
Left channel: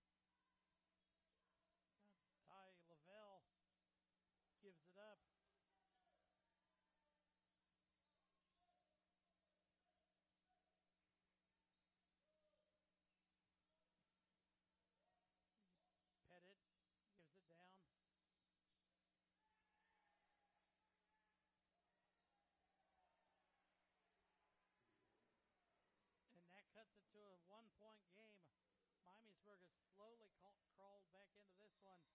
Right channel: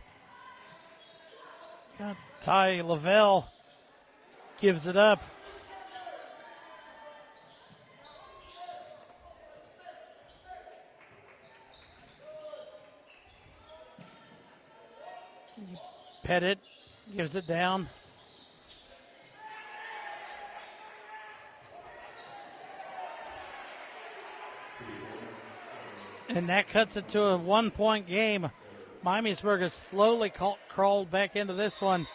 Ty Lavelle gives it up. Pettit gives it down. And that cuts it to a 1-point game. Miamisburg has slowly crawled back into this one.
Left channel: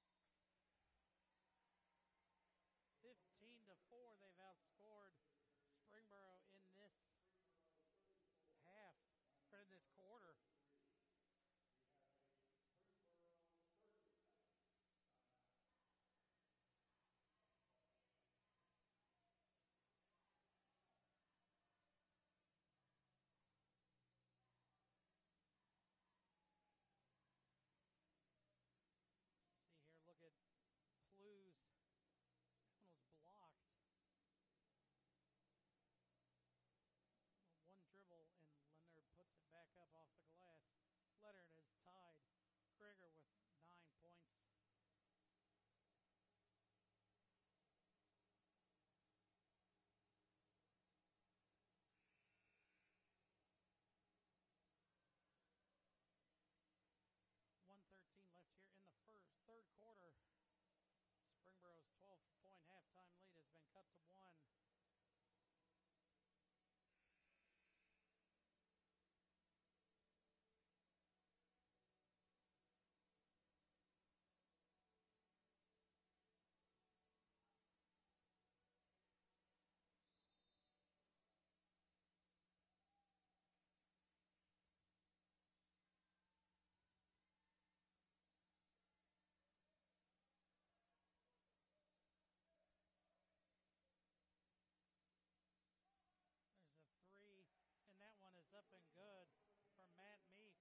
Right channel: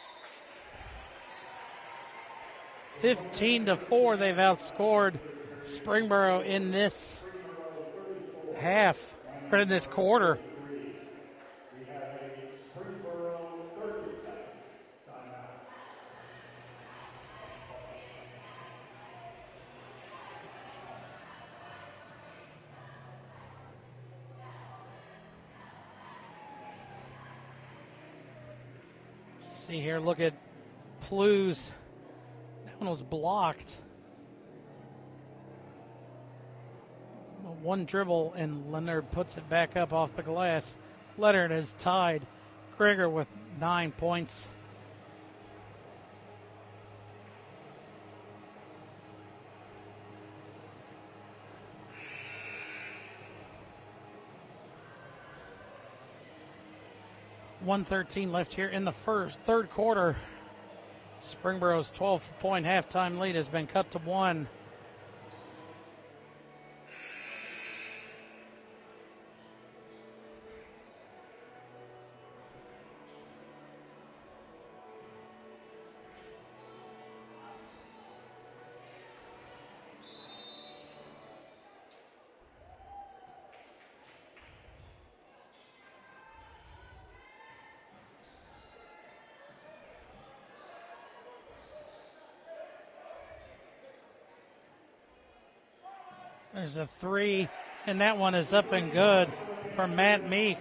15-4, they've outscored Springboro in this half, or in this quarter. See here, look at Plews. That one was blocked. One dribble, and Leonard puts it back up off the glass. Leonard has tied Gregor with 9 points. .113 left here in the third quarter. Springboro's 12-point halftime lead has been cut to 1. There's a three, and that one is up and good for Matt Meek.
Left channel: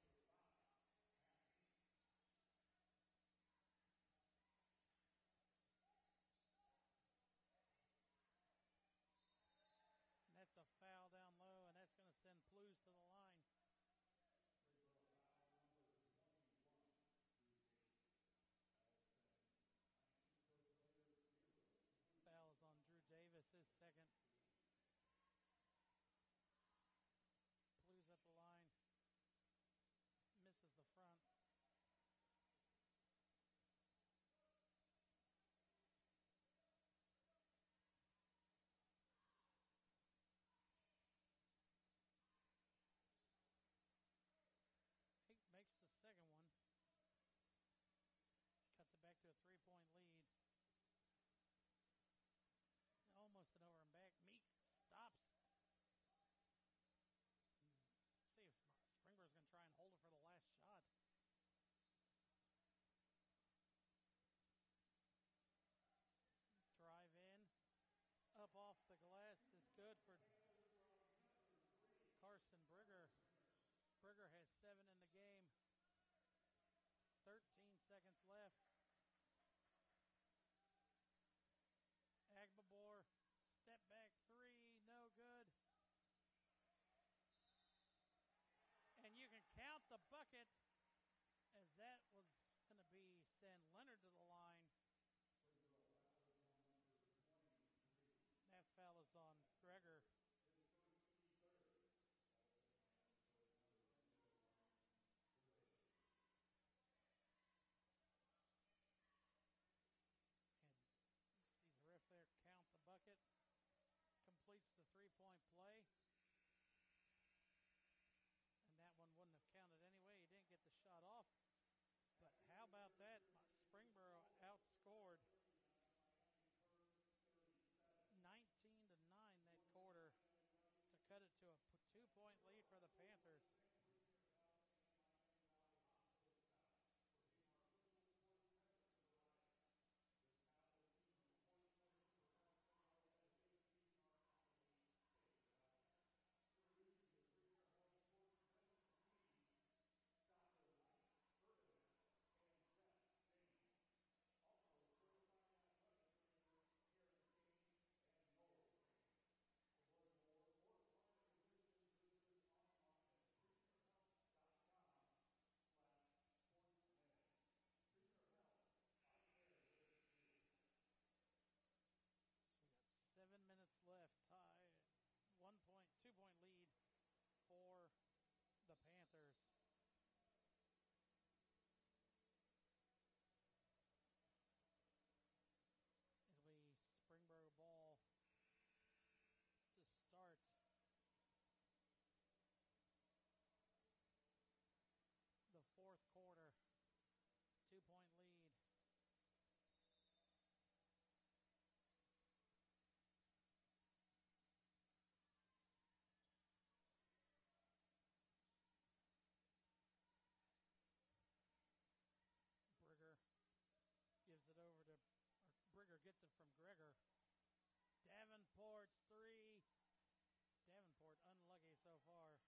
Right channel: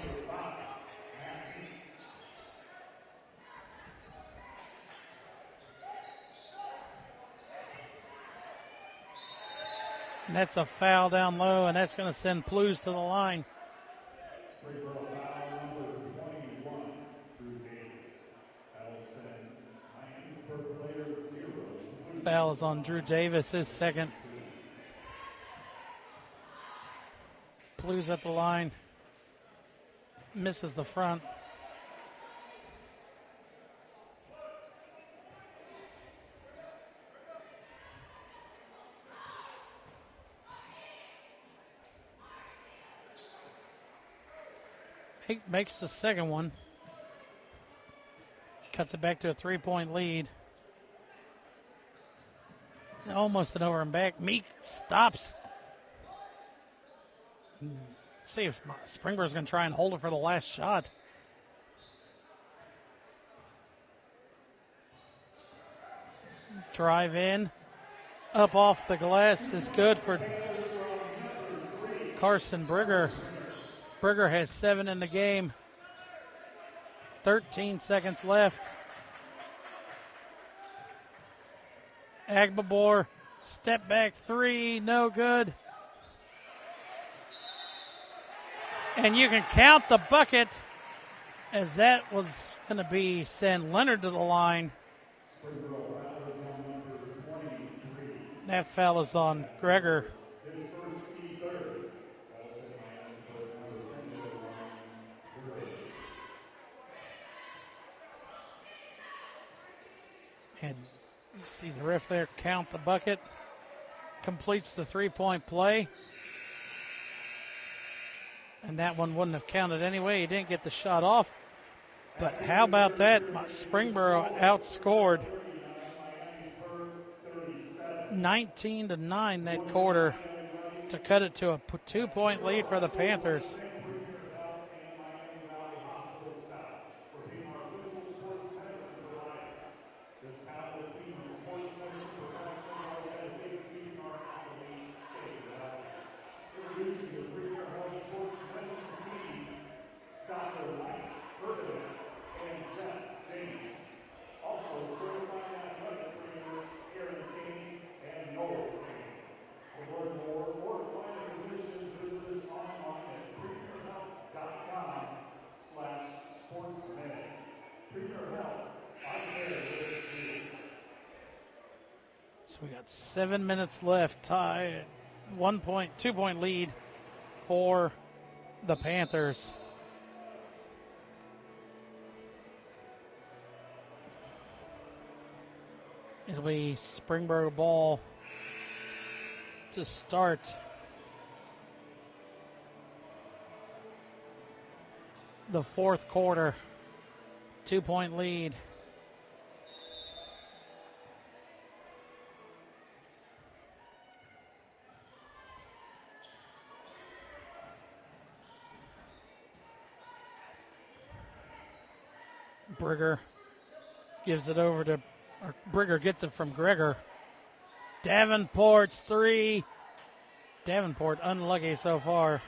And that's a foul down low, and that's going to send Blues to the line. Free throw foul number 21, Drew Davis. That'll send Miamisburg player 0. Foul is on Drew Davis, his second. Blues at the line. Misses the front. Makes the second one. Cuts it back to a 3-point lead. Almost an over and back. Meek stops. Let's see if Springboro's going to try and hold it for the last shot. Drive in. Up off the glass is good for Carson Brigger. Brigger has 7 in the game. 13 seconds left. Agbabor, step back three, no good. And you can count the bucket, as that was going to be send Leonard to the line. That foul is on Gregor. And you see the ref there count the bucket. Completes the 3-point play. And that one wouldn't have counted anyway. He didn't get the shot off. But how about that? Springboro outscored 19-9 that quarter to cut it to a 2-point lead for the Panthers. So we got 7 minutes left, tie 2-point lead for the Panthers. It'll be Springboro ball to start. The fourth quarter, 2-point lead. Brigger gives it over to, or Brigger gets it from Gregor. Davenport's three. Davenport unlucky so far.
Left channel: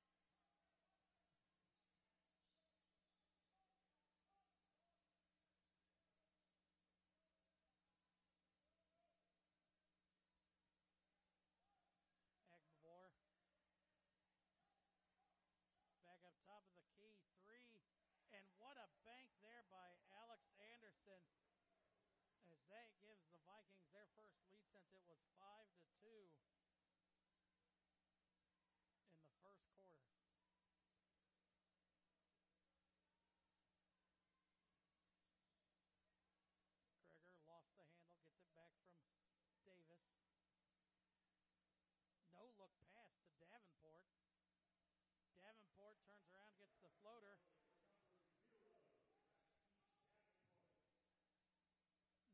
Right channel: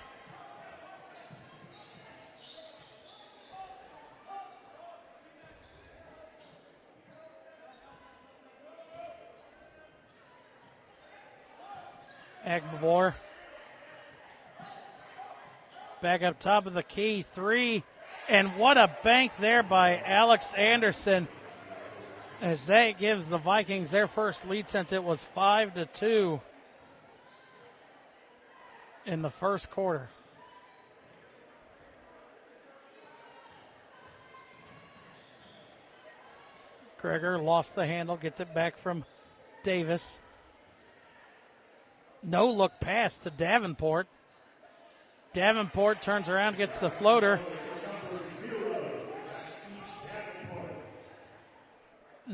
Agbabor. Back up top of the key, three. And what a bank there by Alex Anderson, as that gives the Vikings their first lead since it was 5-2 in the first quarter. Gregor lost the handle, gets it back from Davis. No look pass to Davenport. Davenport turns around, gets the floater.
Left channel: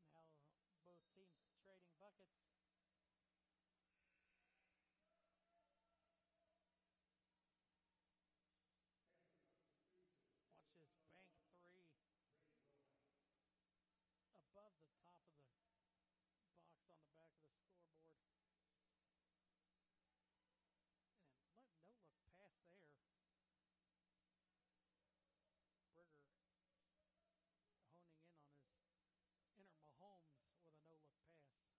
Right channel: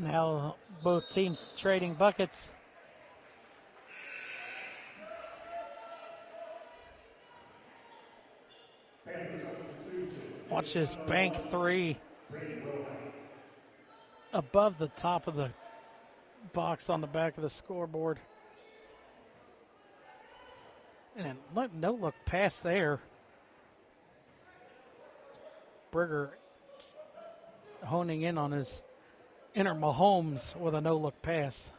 Now both teams trading buckets. Watch this bank three. Above the top of the box on the back of the scoreboard. And no look pass there. Brigger honing in on his inner Mahomes with a no look pass.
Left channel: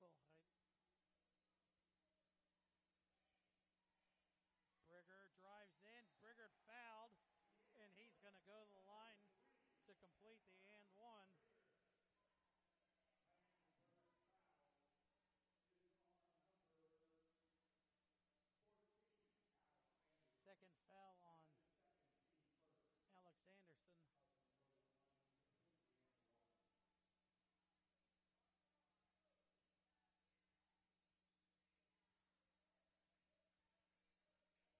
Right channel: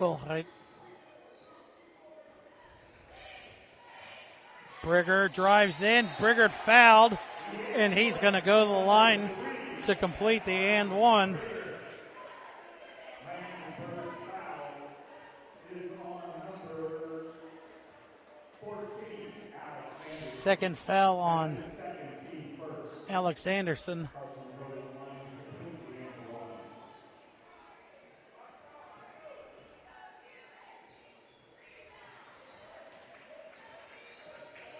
Wilhite. Brigger drives in. Brigger fouled, and he's going to go to the line to complete the and one. Second foul on Alex Anderson.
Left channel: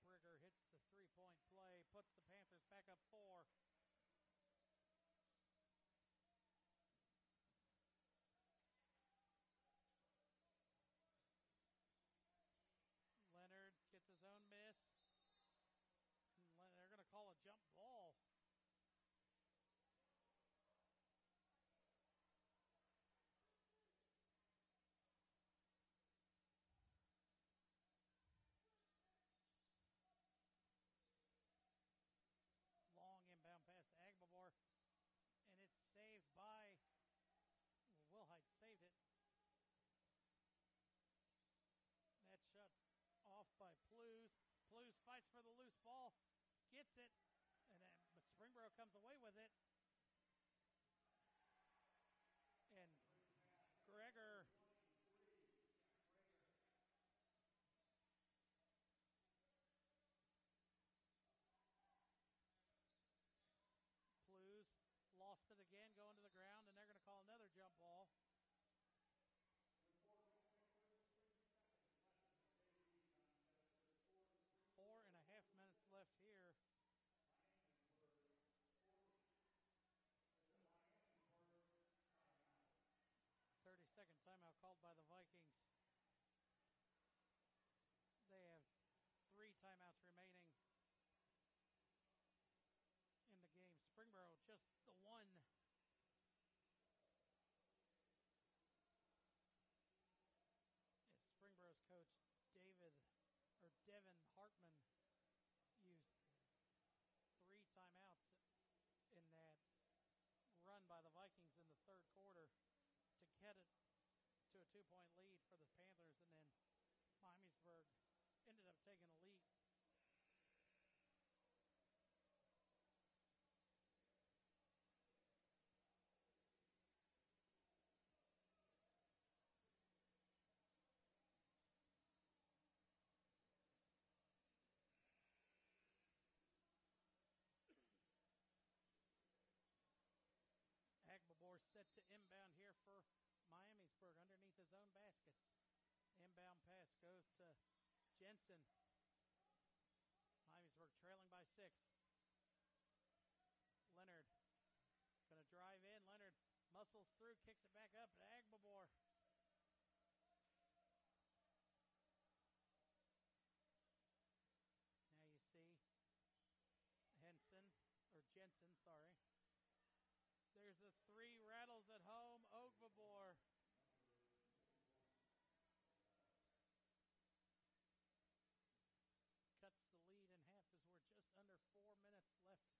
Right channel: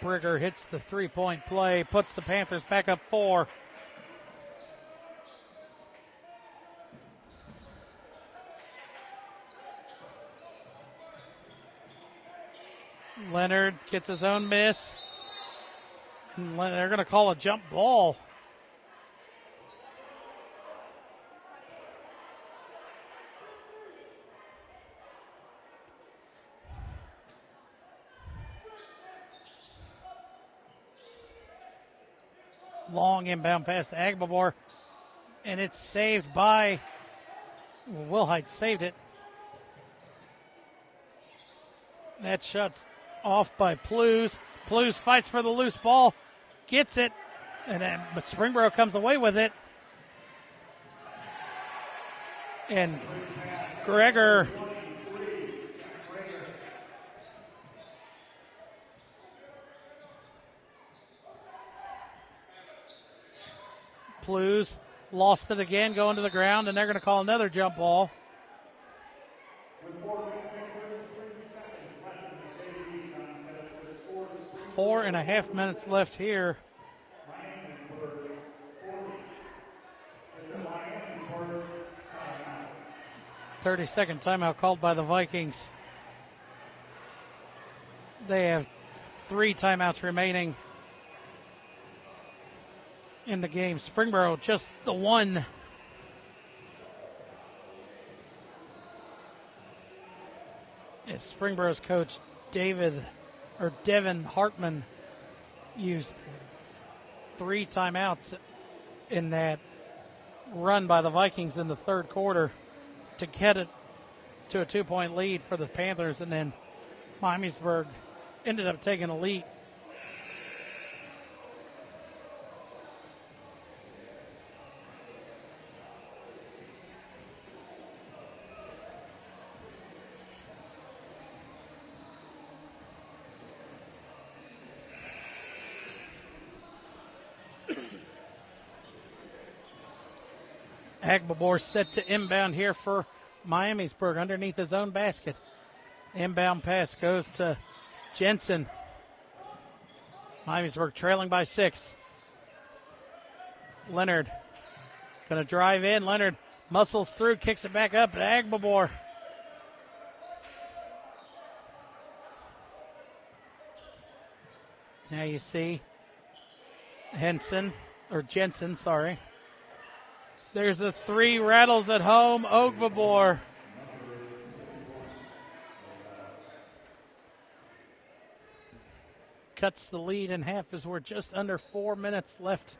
Brigger hits the three-point play, puts the Panthers back up 4. Leonard gets his own miss. And they're going to call a jump ball. Long inbound pass to Agbabor, and it's saved by Wilhite. Saved it. That shot's off by Plews. Plews fights for the loose ball, gets it, but Springboro comes away with it. And Gregor Plews lost it again, going to the ground, and they're going to call another jump ball. Four and a half minutes left here. 30-second timeout called by the Vikings. They have 3 timeouts remaining in the game. Springboro just the one. As Springboro's coach Devin Hartman used 3 timeouts in that run by the Vikings in the third quarter to get it to a 2-point lead for the Panthers, and then Miamisburg ended up taking a lead. Agbabor set to inbound here for Miamisburg underneath his own basket. Inbound pass goes to Jensen. Miamisburg trailing by 6. Leonard going to drive in. Leonard muscles through, kicks it back up to Agbabor. Now you see Jensen, sorry. There's a 3, rattles at home. Ogbabor. Cuts the lead in half as we're just under 4 minutes left.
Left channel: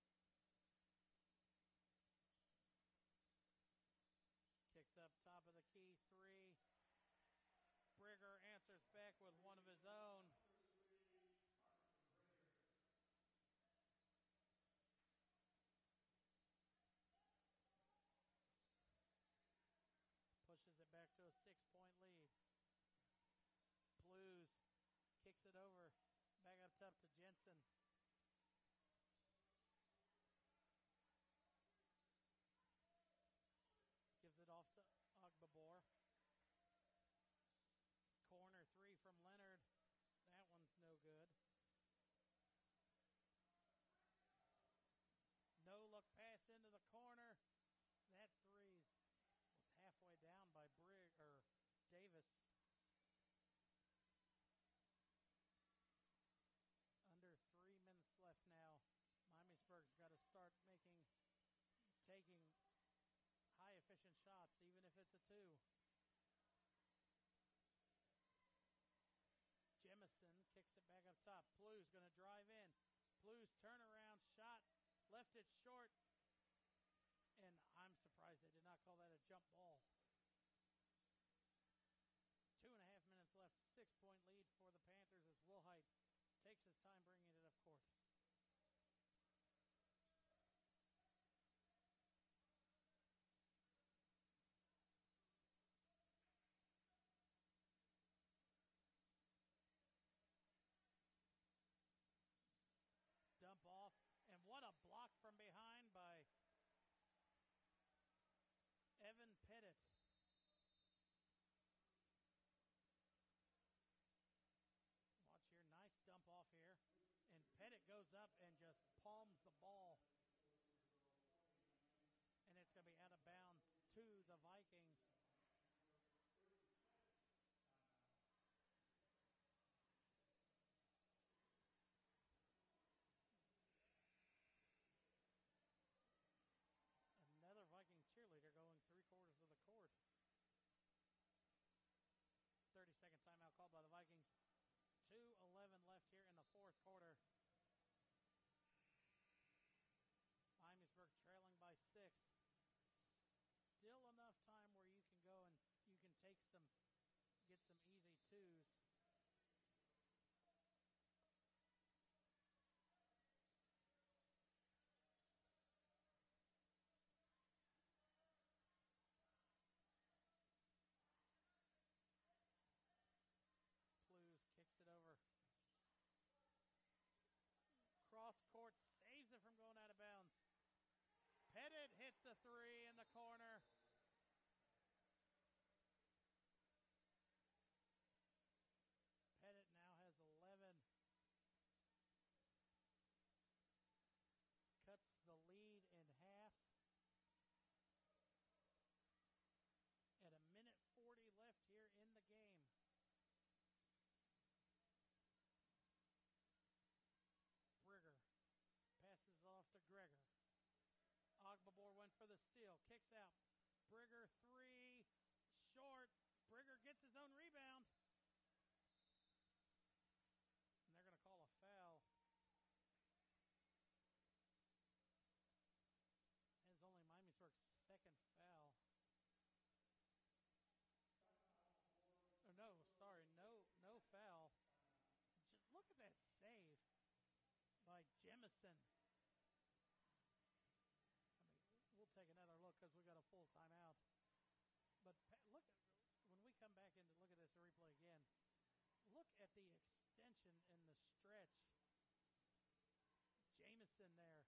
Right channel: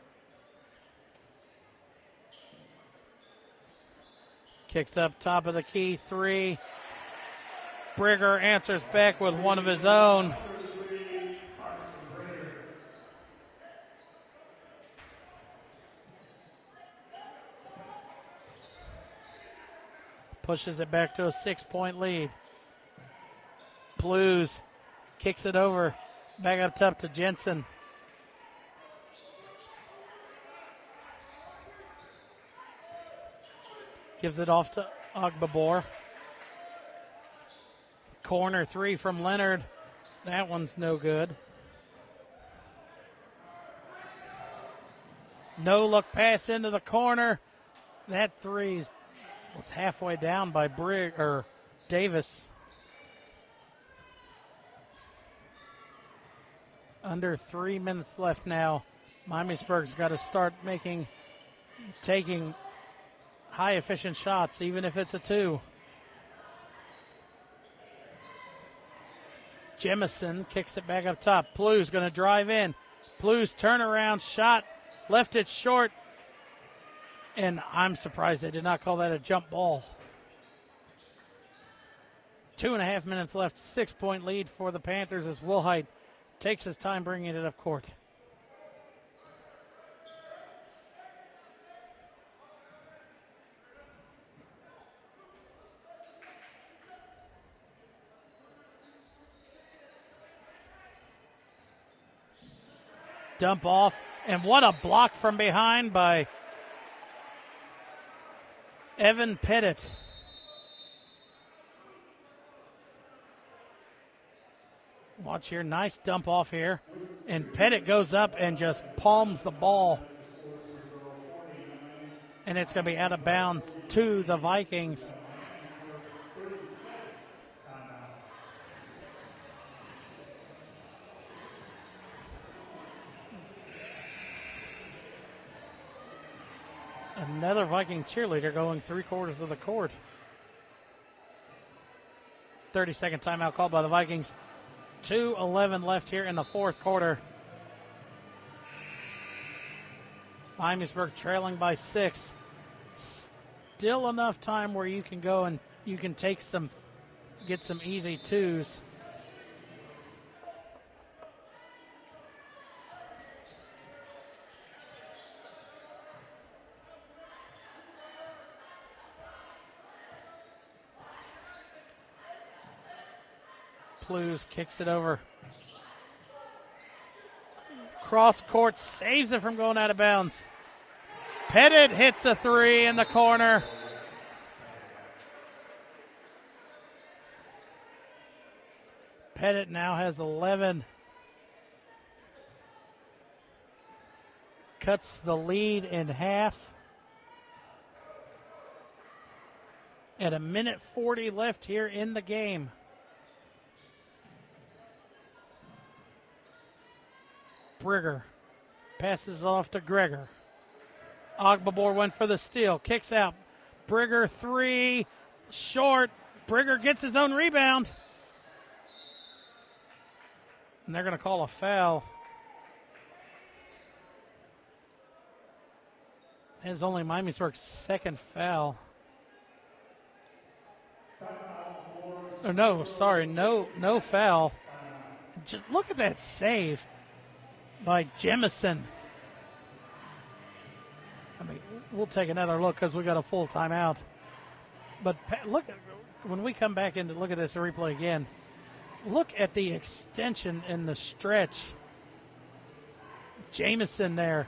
Kicks up top of the key, 3. Brigger answers back with one of his own. Pushes it back to a 6-point lead. Blues kicks it over. Back up top to Jensen. Gives it off to Ogbabor. Corner 3 from Leonard. That one's no good. No look pass into the corner. That 3 was halfway down by Davis. Under 3 minutes left now. Miamisburg's got to start taking high efficient shots, even if it's a 2. Jemison kicks it back up top. Plu's going to drive in. Plu's turnaround shot, left it short, and I'm surprised they did not call that a jump ball. 2.5 minutes left, 6-point lead for the Panthers as Wilhite takes his time bringing it up court. Dump off, and what a block from behind by Evan Pettit. Watch here, nice dump off here. And Pettit goes up and just palms the ball. And it's going to be out of bounds to the Vikings. Another Viking cheerleader going 3/4 of the court. 30-second timeout called by the Vikings. 2:11 left here in the fourth quarter. Miamisburg trailing by 6. Still enough time where you can go and you can get some easy twos. Plews kicks it over. Cross court, saves it from going out of bounds. Pettit hits a 3 in the corner. Pettit now has 11. Cuts the lead in half. At 1:40 left here in the game. Brigger passes off to Greger. Ogbabor went for the steal, kicks out. Brigger 3, short. Brigger gets his own rebound. And they're going to call a foul. It's only Miamisburg's second foul. Oh, no, sorry, no foul. Just look at that save by Jemison. I mean, we'll take another look because we got a full timeout. But look, when we come back in to look at this replay again, look at the extension in the stretch. Jamison there.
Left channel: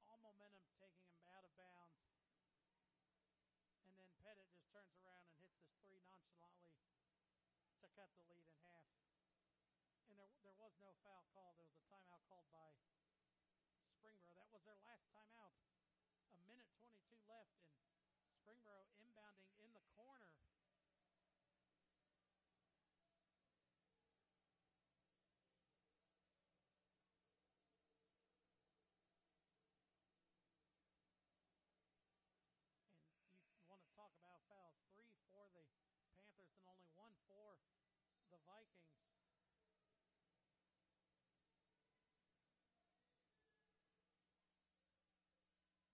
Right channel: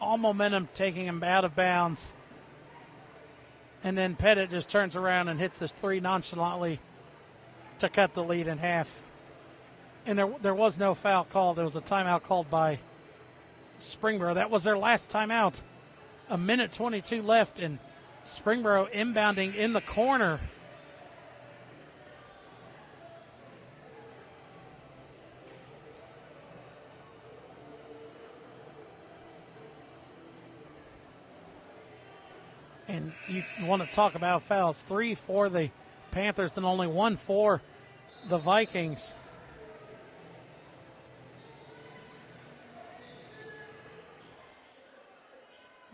All momentum taking him out of bounds. And then Pettit just turns around and hits this 3 nonchalantly to cut the lead in half. And there was no foul called. There was a timeout called by Springboro. That was their last timeout. 1:22 left, and Springboro inbounding in the corner. And you want to talk about fouls. 3 for the Panthers and only 1 for the Vikings.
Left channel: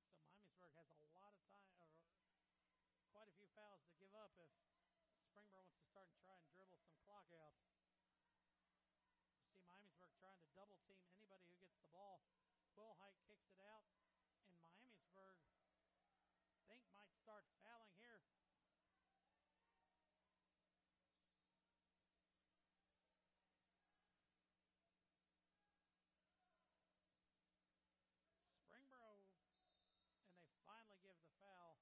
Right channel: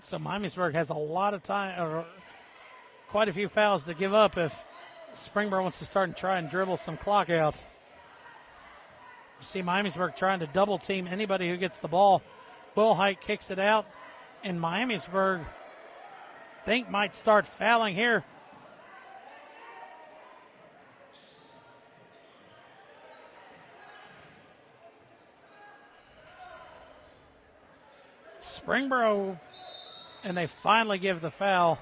So Miamisburg has a lot of time, or quite a few fouls to give up if Springboro wants to start and try and dribble some clock out. You see Miamisburg trying to double team anybody who gets the ball. Wilhite kicks it out, and Miamisburg might start fouling here. Springboro, and they finally give the foul.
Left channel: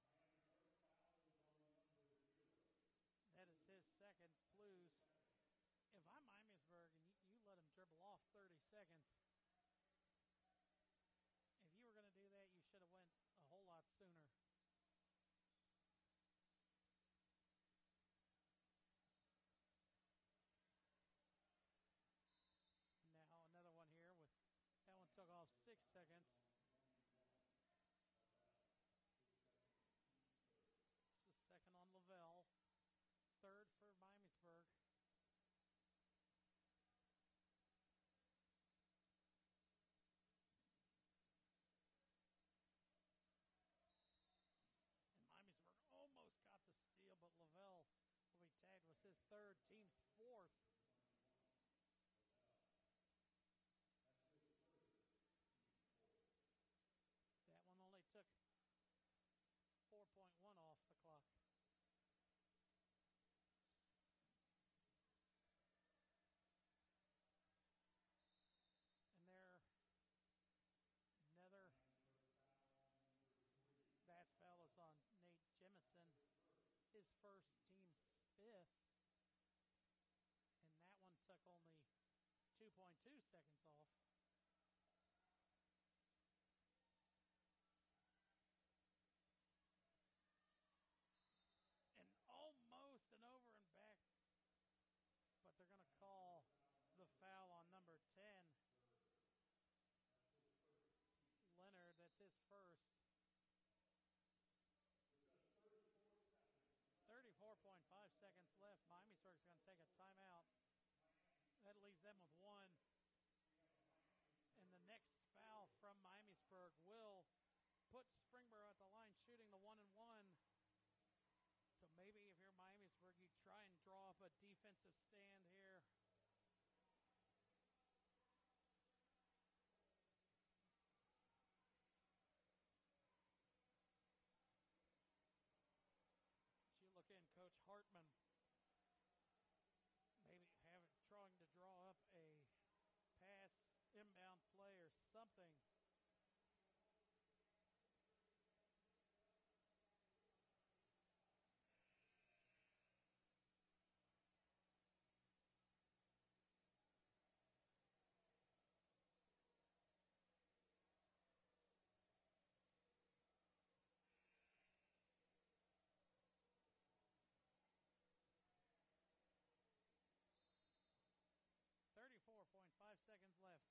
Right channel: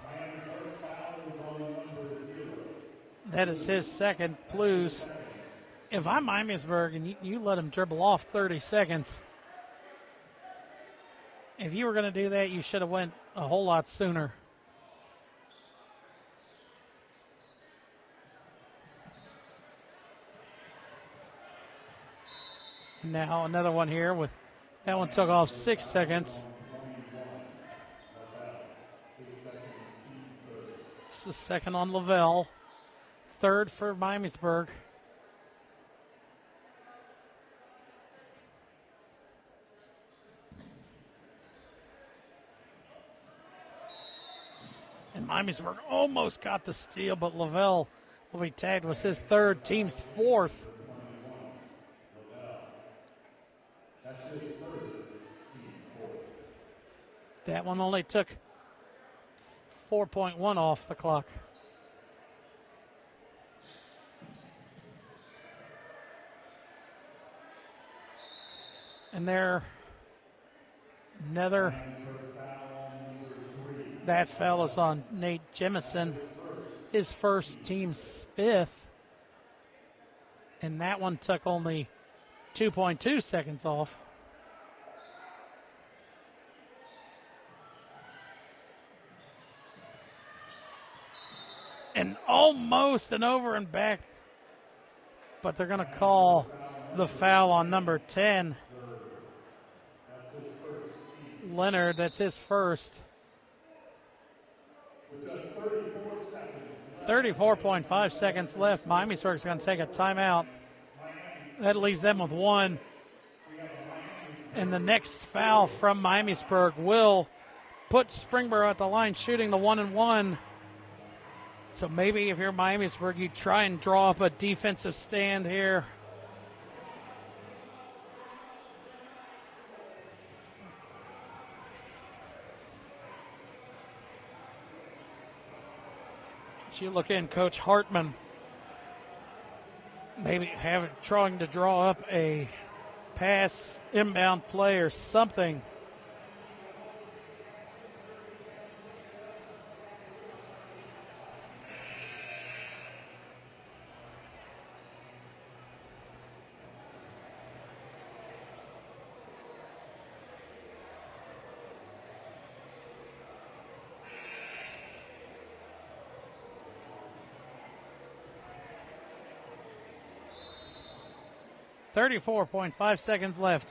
That is his second. Blues. If I'm Miamisburg and you let him dribble off 30 seconds, if you were going to do that, you should have went a whole lot sooner. Now another one here with that one took off 6 seconds. It's the second on Lavelle. Third for Miamisburg. Miamisburg almost got the steal, but Lavelle will be tagged. Was his third, team's fourth. That's his third, team fourth. That one only took 4.1 off the clock. And there, another, that foul is on Nate Jemison, his first, team's fifth. And that one took only 2.2 seconds off. And almost an over and back, but they're going to call the foul on number 10. Leonard, that's his first. 34.5 seconds left. Miamisburg's going to take a timeout. That leaves them with one. And the next foul from Miamisburg will put Springboro at the line shooting the 1-and-1. So maybe if you're Miamisburg, you try and draw up a defensive stand here. You look in, Coach Hartman maybe trying to draw up a pass, inbound play or something. .5 seconds left.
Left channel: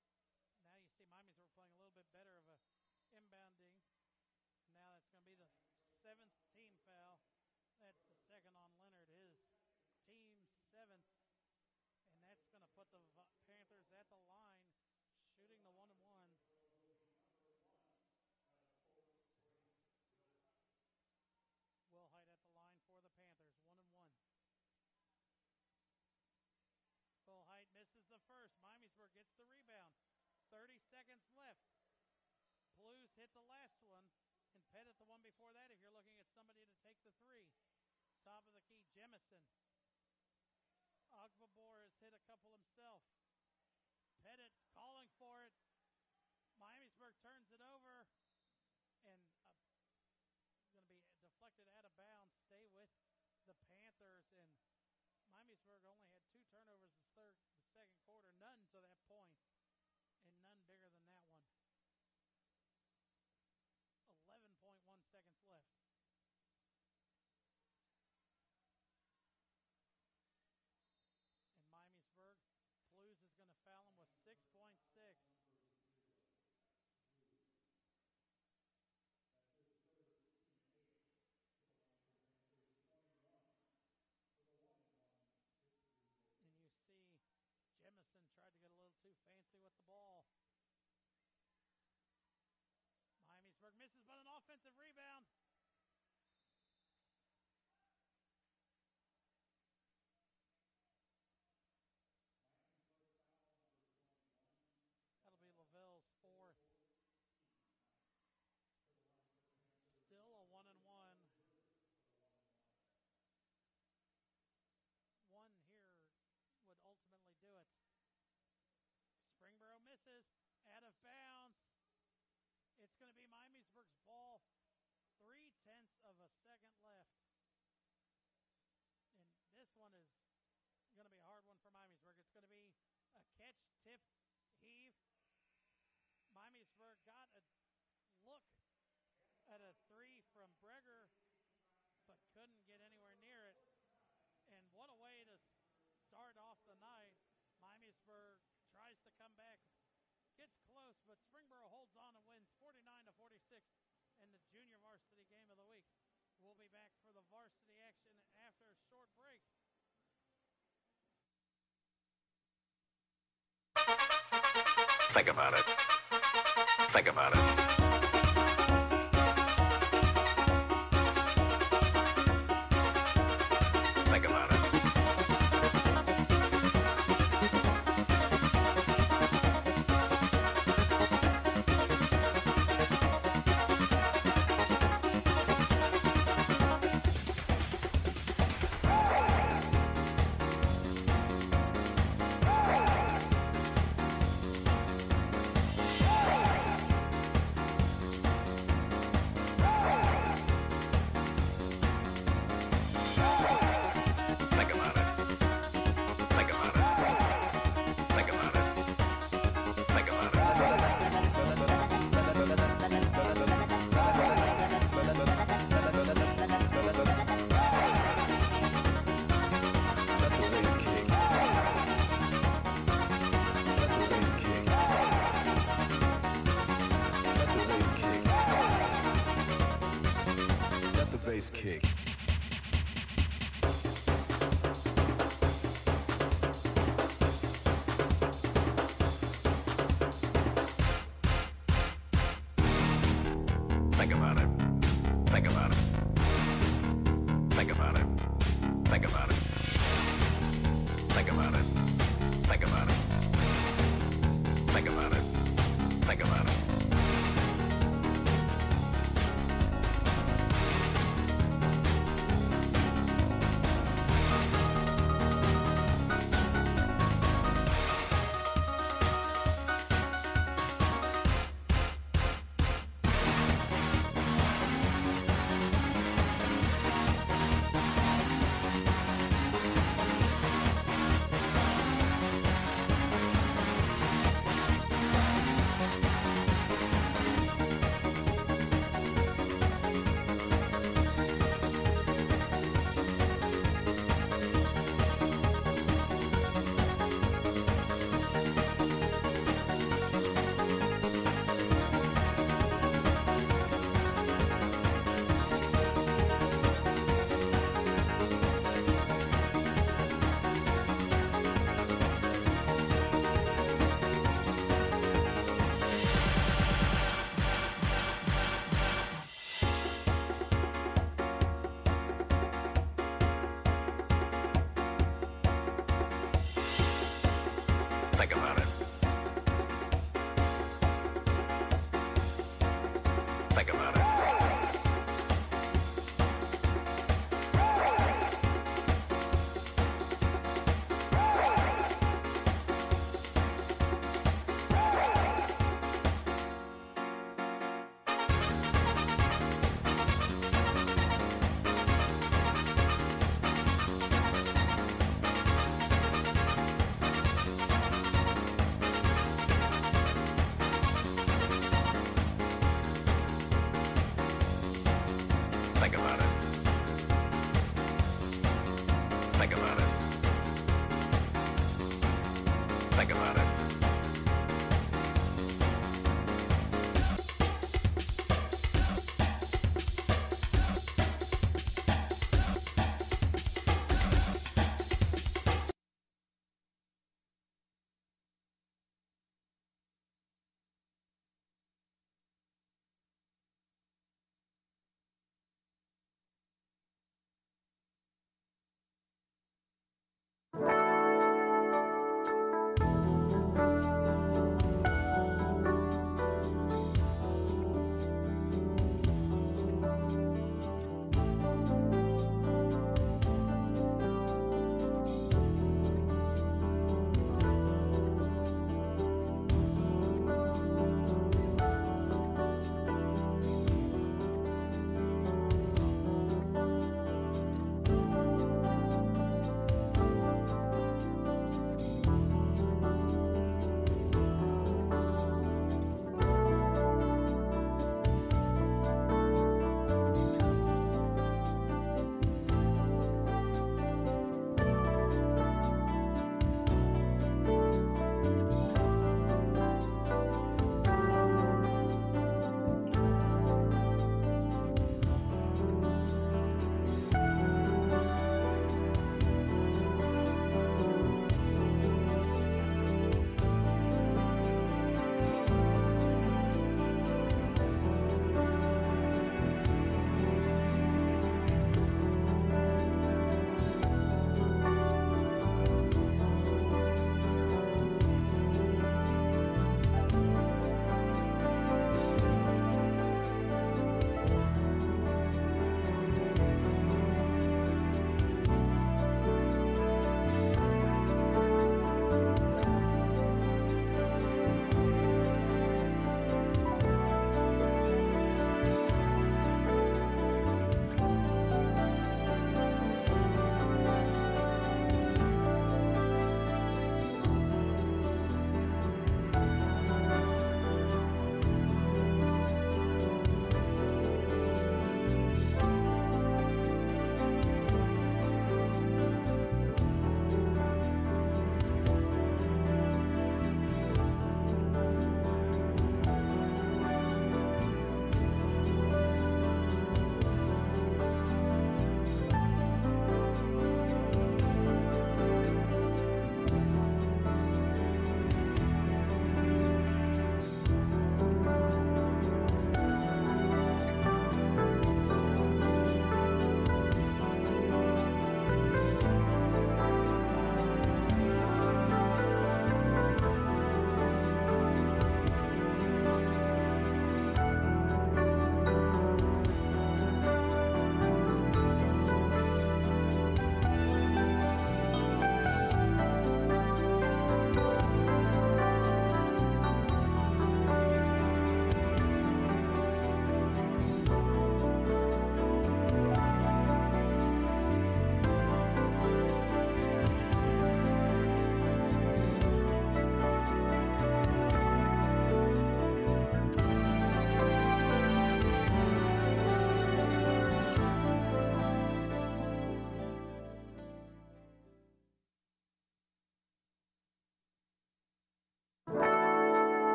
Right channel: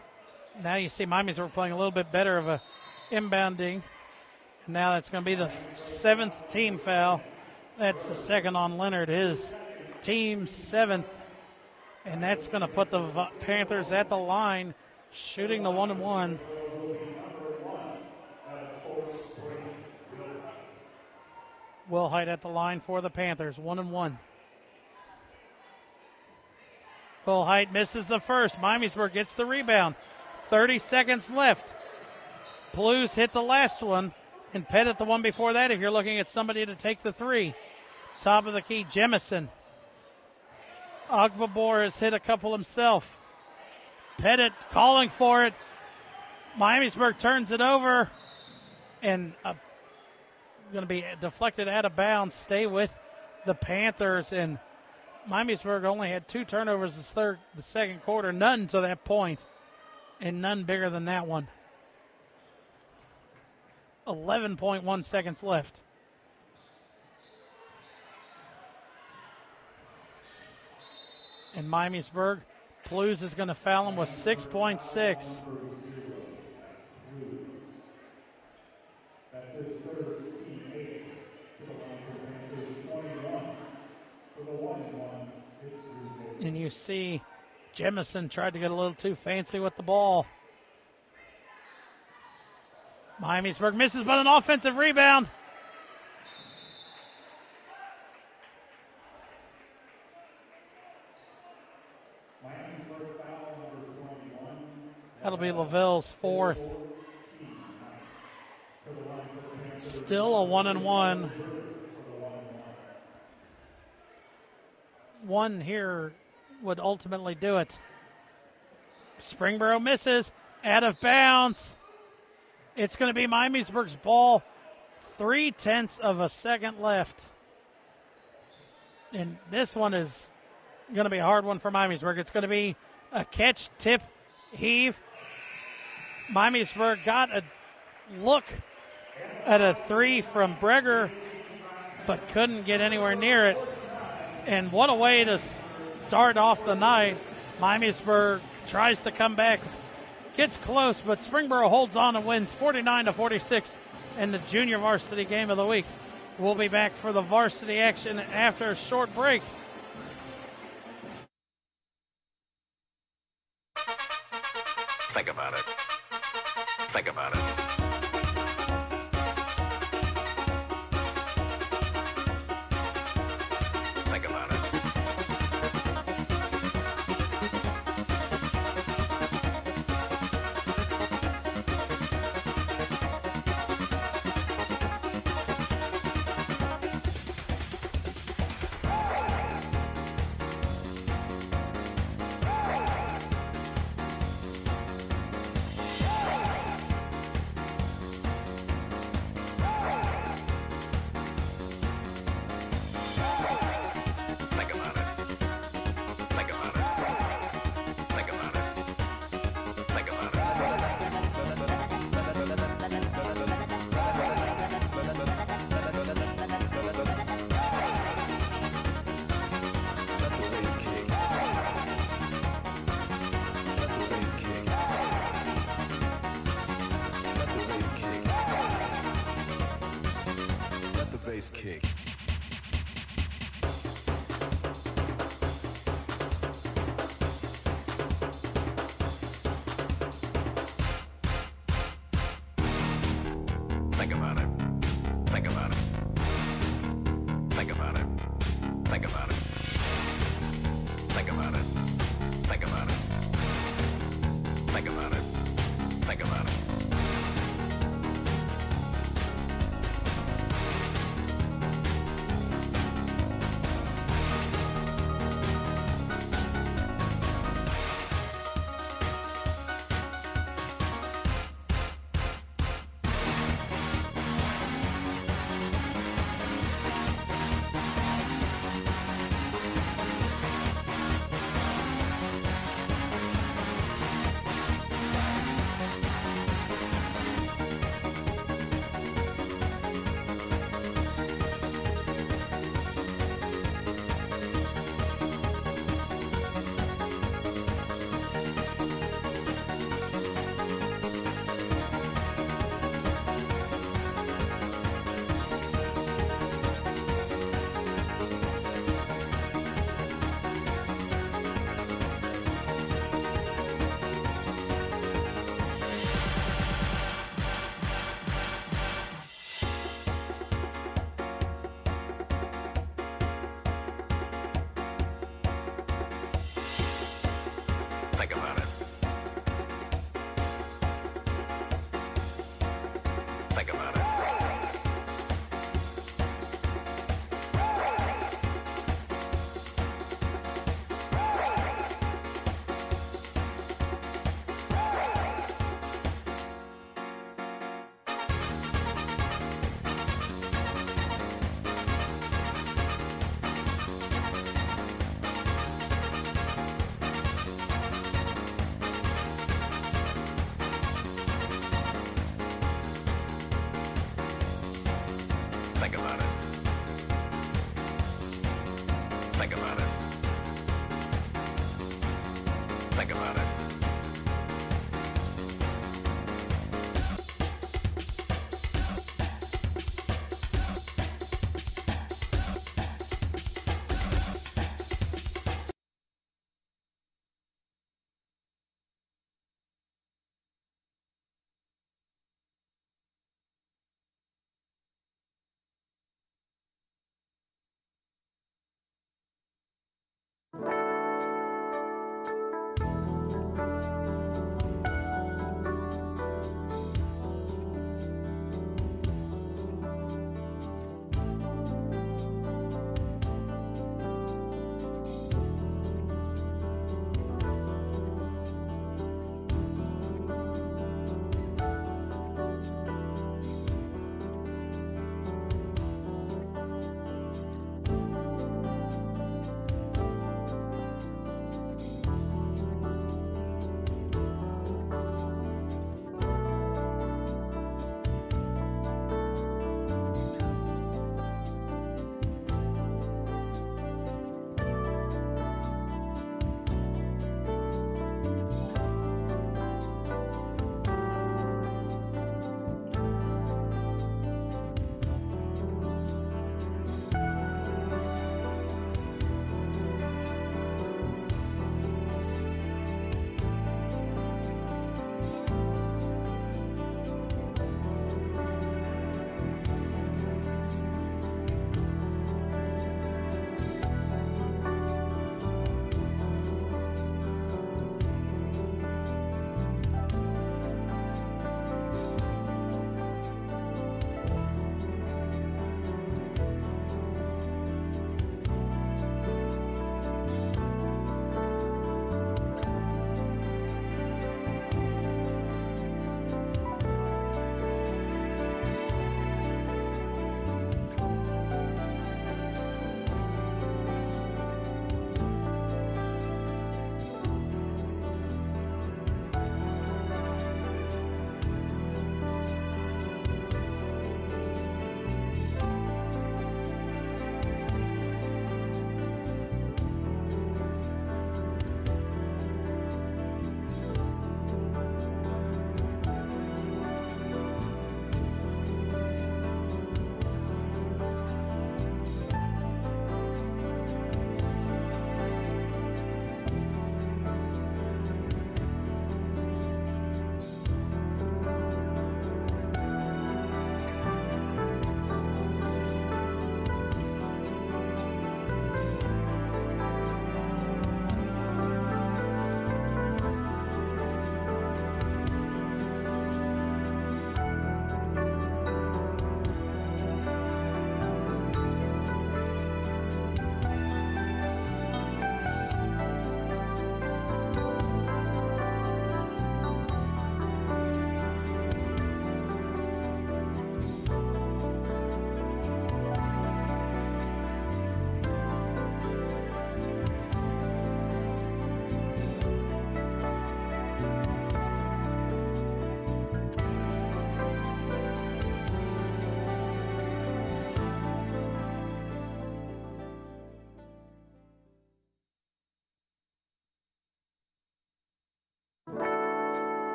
Now you see Miamisburg playing a little bit better of a inbounding. And now that's going to be the seventh team foul. That's the second on Leonard, his team's seventh. And that's going to put the Panthers at the line, shooting the 1-and-1. Will Height at the line for the Panthers, 1-and-1. Will Height misses the first. Miamisburg gets the rebound. 30 seconds left. Blues hit the last one, and Pettit the one before that if you're looking at somebody to take the three. Top of the key, Jemison. Ogbabor has hit a couple himself. Pettit calling for it. Miamisburg turns it over, and going to be deflected out of bounds. Stay with the Panthers, and Miamisburg only had 2 turnovers the second quarter, none to that point, and none bigger than that one. 11.1 seconds left. And Miamisburg, Blues is going to foul him with 6.6. That's his third, team 8 to the line for Panthers, 21 for the 1-and-1. It's Drew Davis. And you see Jemison tried to get a little too fancy with the ball. Miamisburg misses, but an offensive rebound. Miamisburg foul number 21. That'll be Lavelle's fourth. Still a 1-and-1. One here would ultimately do it. Springboro misses, out of bounds. It's going to be Miamisburg's ball. 0.3 of a second left. And this one is going to be a hard one for Miamisburg. It's going to be a catch, tip, heave. Miamisburg got a look at a three from Breger, but couldn't get anywhere near it. And what a way to start off the night. Miamisburg tries to come back, gets close, but Springboro holds on and wins 49-46 in the junior varsity game of the week. We'll be back for the varsity action after a short break. Think about it. Think about it. place kick. Think about it. Think about it. Think about it. Think about it. Think about it. Think about it. Think about it. Think about it. Think about it. Think about it. Think about it. Think about it. Think about it.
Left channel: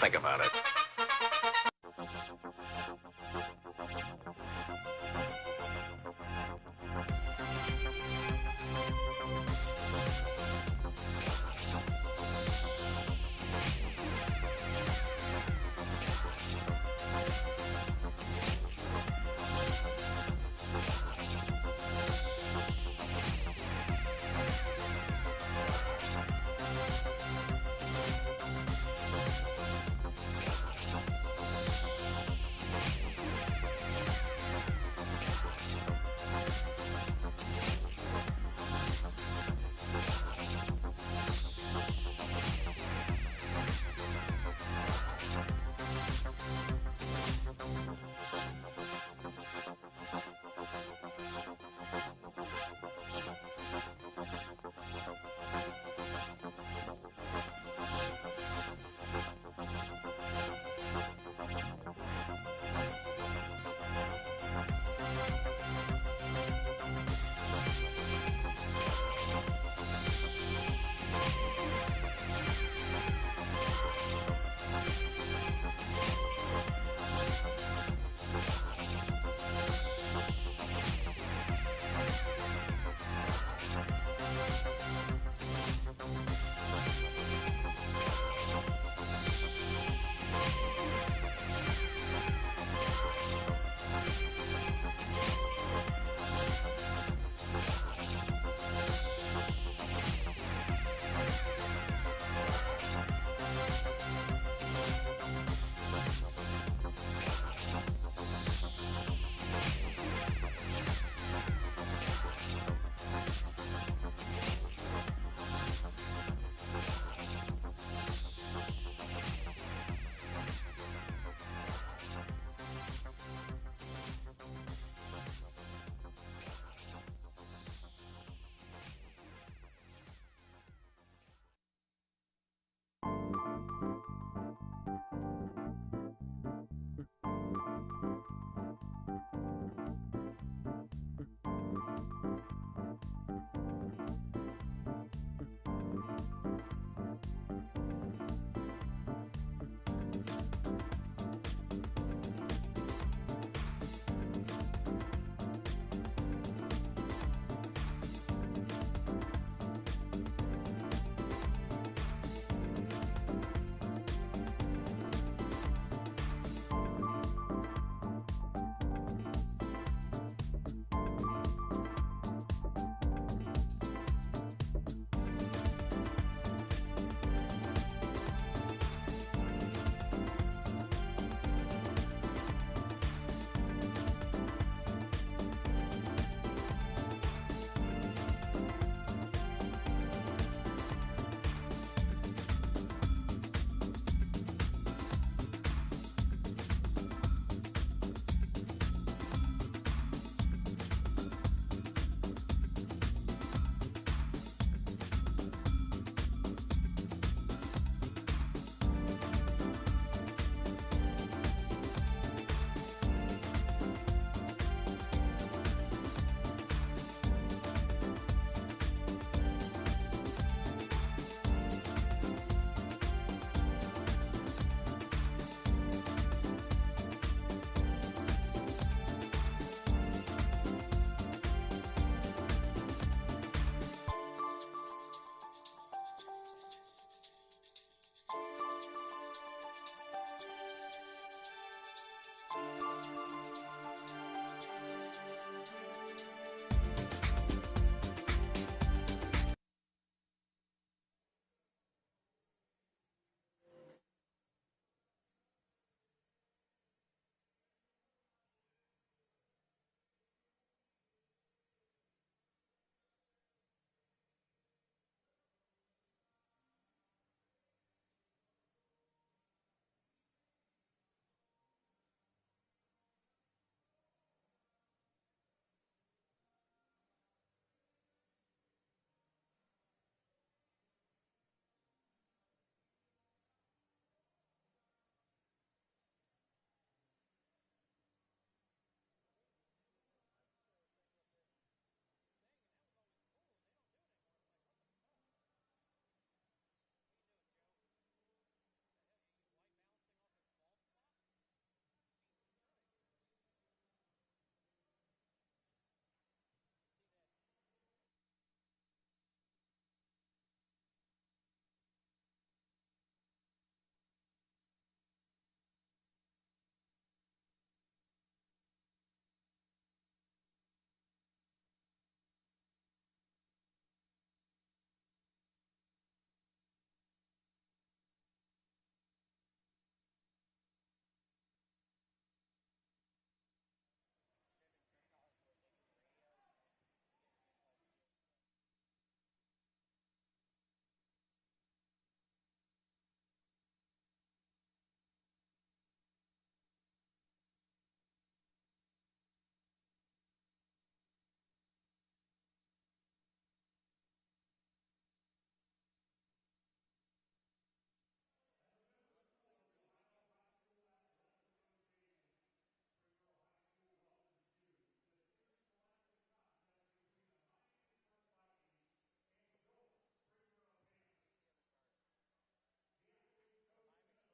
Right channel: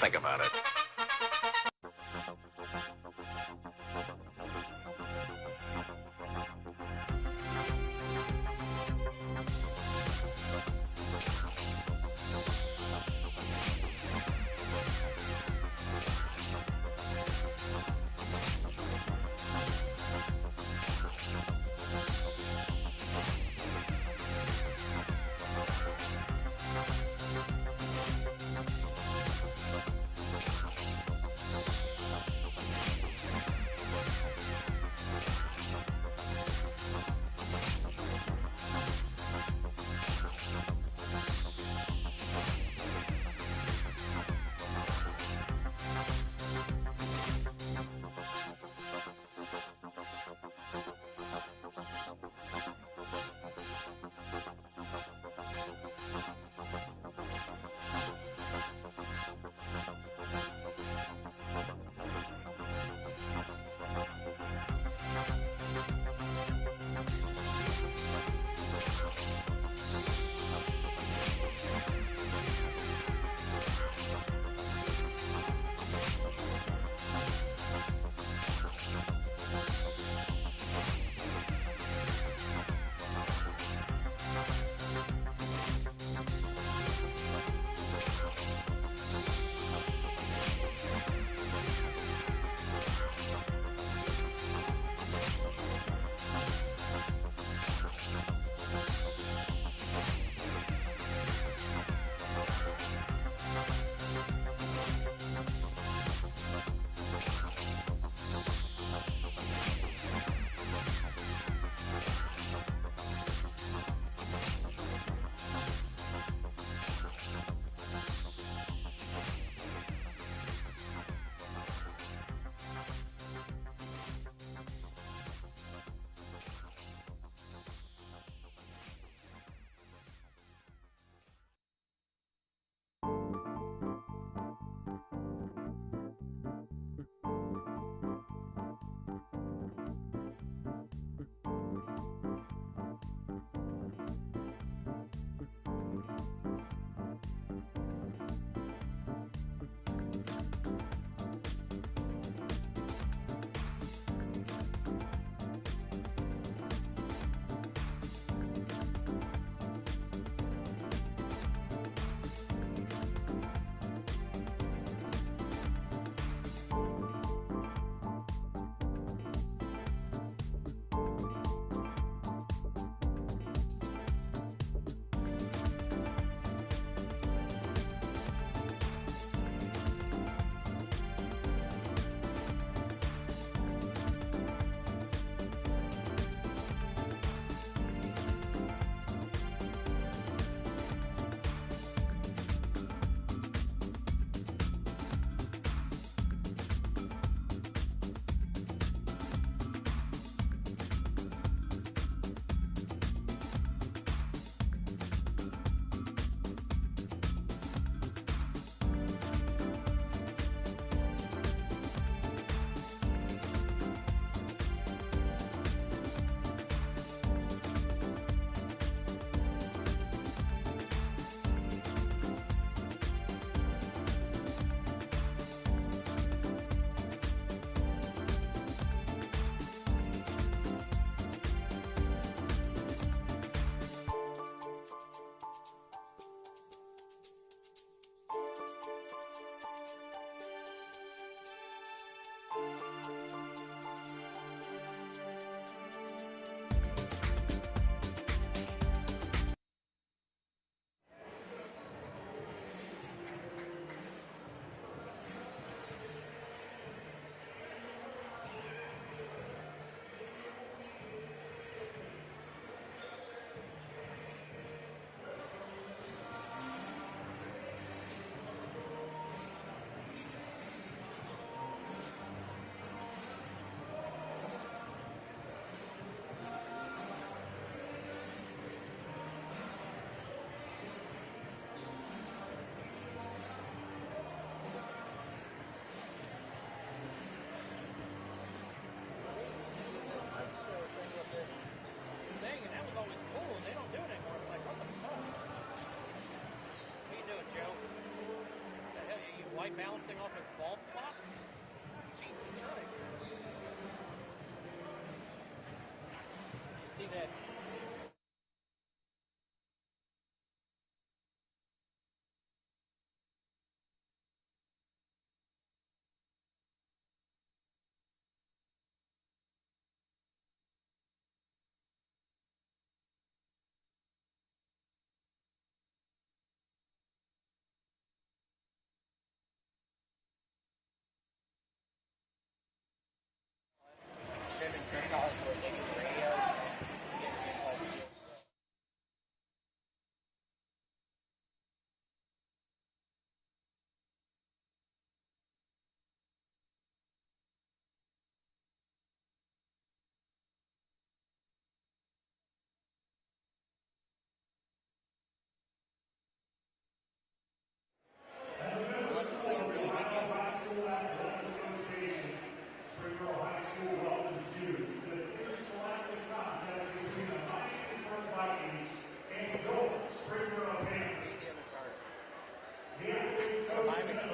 Think about it.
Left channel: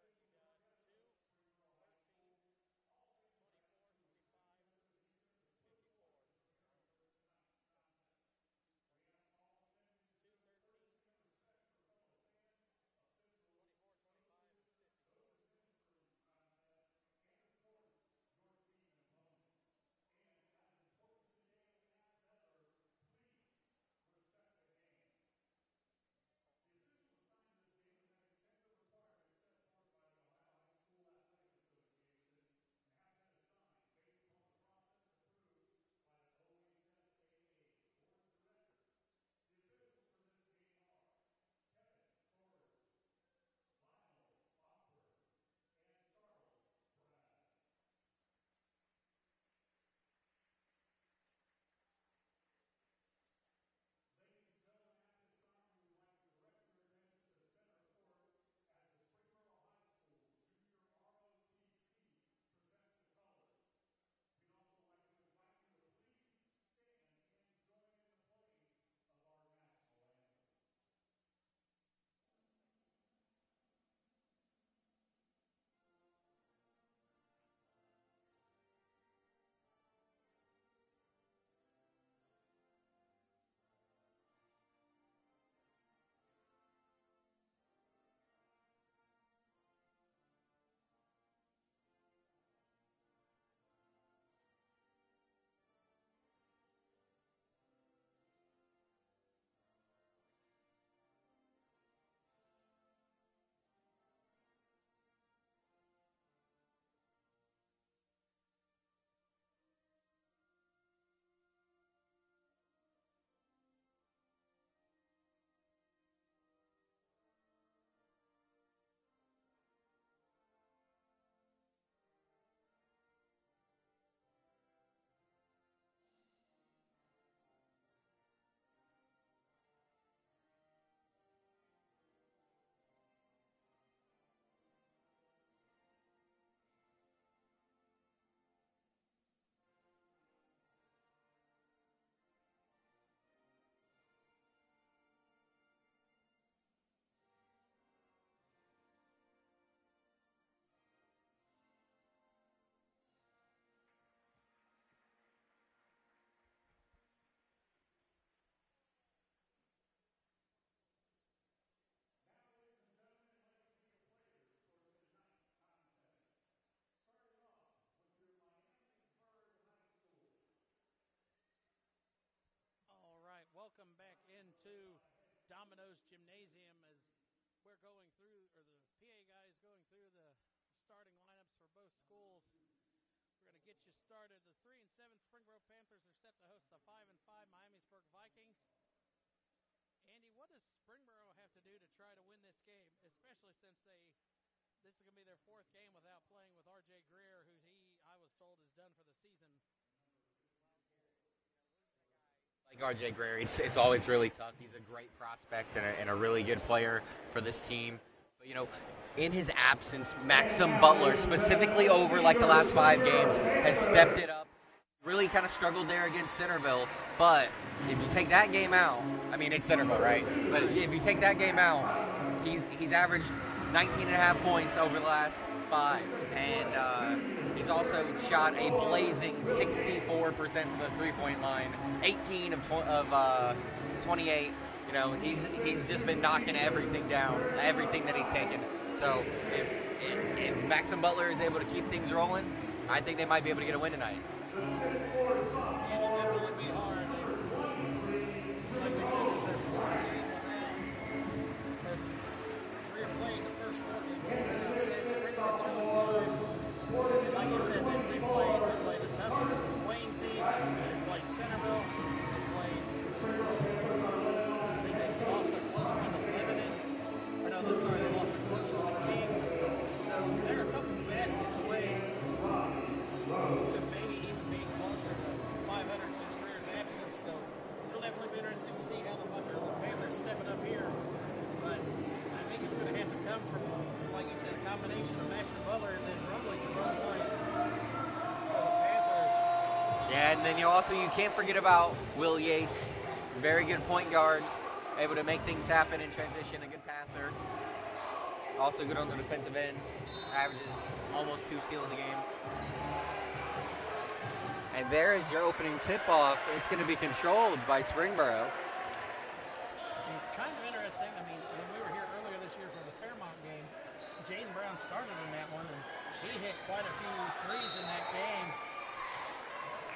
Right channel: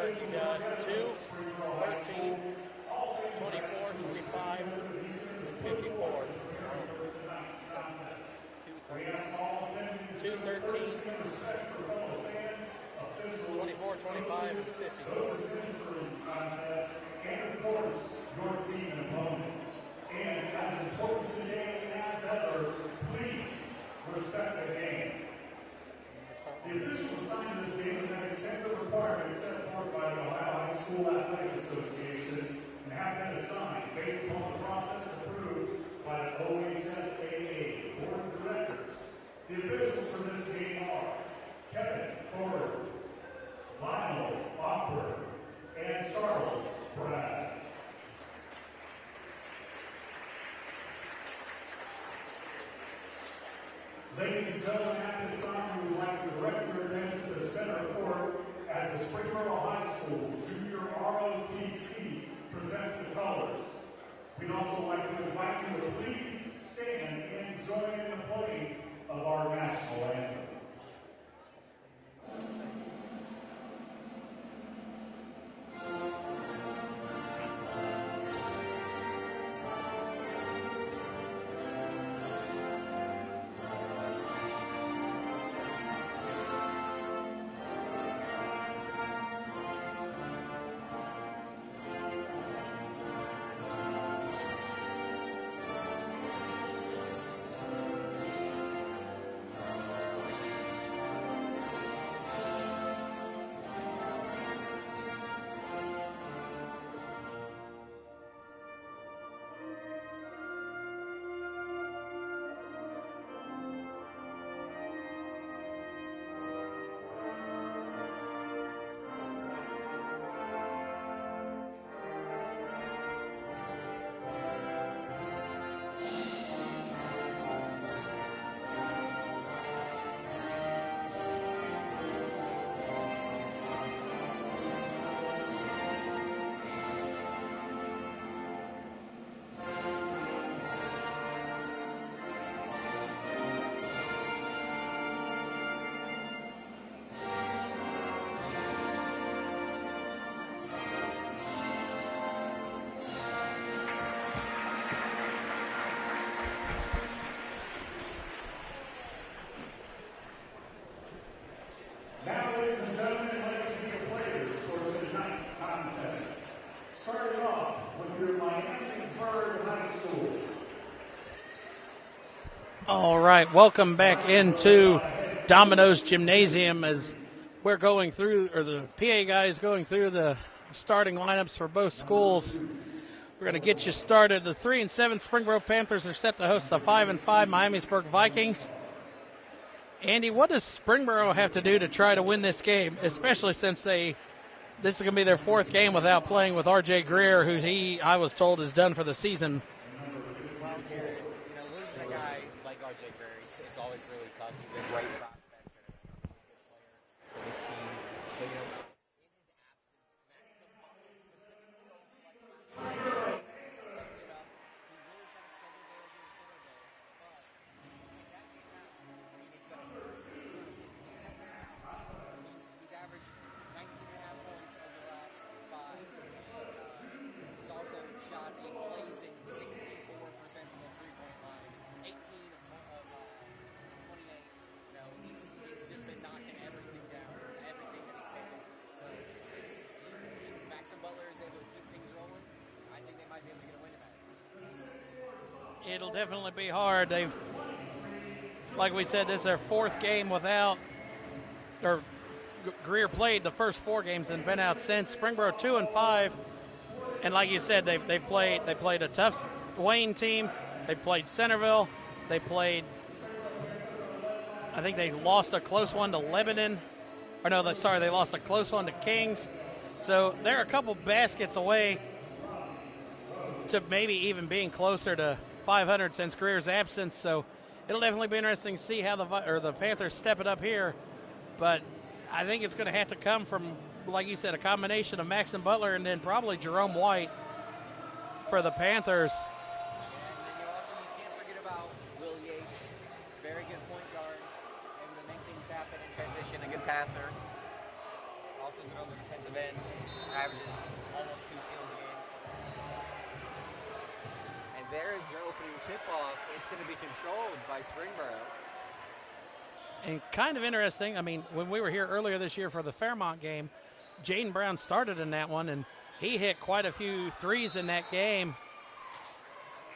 You got 2, 13, 24, 25, and 54. 2, 13, 24, 25, and 54. And of course, your team and opponent. And as important today as ever, please respect the game. The officials assigned this game have extensive requirements set forth by the Ohio High School Athletic Association and have been assigned based upon the process approved by the OHSAA Board of Directors. The officials for this game are Kevin Ford, Lionel Awkward, and Charles Braz. Ladies and gentlemen, at this time, we would like to direct your attention to the center court as the Springboro High School Junior ROTC presents the colors. We'd also like to invite you to please stand and join in the playing of our national anthem. All right, welcome back into Domino's Gymnasium as we're going through, or the PA guys going through the starting lineups for both schools. We're going to get you started. The 3-7 Springboro Panthers are set to host the 5-5 Miamisburg Vikings. Andy, what does Springboro have to do to try to win this game, especially since this is going to be their fourth game without playing with R.J. Greer, who I was told is done for the season? Well, Garrett, losing a guy like R.J. Greer, it's always really tough. He's a great prospect and a really good player for this team. But, in his absence, Maxim Butler, specifically over like the last 5 games, has stepped it up. Really kind of struggled there against Centerville. But if you take that game out, I mean, it's Centerville, right? But if you take that game out, he's averaged 19.5 points over the last 5. And he's also shot a blazing 64% from the three-point line, 18 of 28. He's just been knocking everything down, everything that he's taken. So if Maxim Butler is able to keep things rolling, I think they might be able to get a win tonight. It'll definitely be hard. Like we said, this is their 4th game without, or Greer played the first 4 games and been out since. Springboro 2-5, and like you said, they played a tough Wayne team. They played Centerville. They played, I think they lost a close one to Lebanon. Or no, they lost a close one to Kings. So they're a couple baskets away to maybe even being closer to 500 since Greer's absence. So it'll definitely be interesting to see how the Panthers step it up here. But I think it's going to have to come from, like you said, a combination of Maxim Butler and then probably Jerome White for the Panthers. Yeah, and then you can't forget about Will Yates, very good point guard, able to make things happen in transition, a good passer. also good on the defensive end, averages almost 2 steals a game. And there is your opening tip-off. It's going to be controlled by Springboro. And kind of interesting, I mean, when we were here earlier this year for the Fairmont game, Jaden Brown started in that one, and he hit quite a few threes in that game.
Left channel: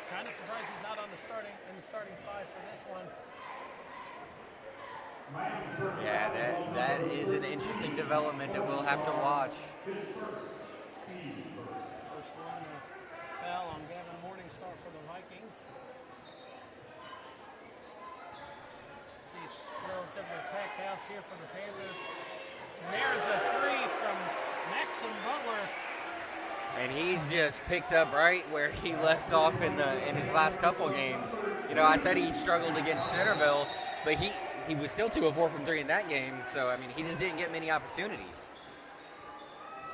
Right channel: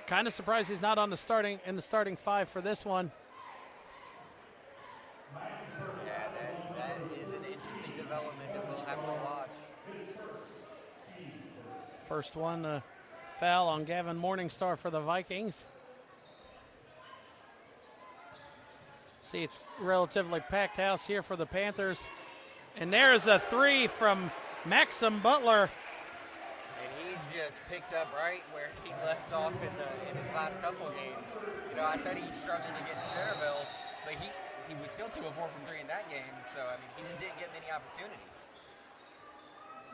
Kind of surprised he's not on the starting 5 for this one. Yeah, that is an interesting development that we'll have to watch. First one, foul on Gavin Morningstar for the Vikings. See, it's relatively packed house here for the Panthers. And there's a 3 from Maxim Butler. And he's just picked up right where he left off in his last couple games. You know, I said he struggled against Centerville, but he was still 2 of 4 from 3 in that game. So, I mean, he just didn't get many opportunities.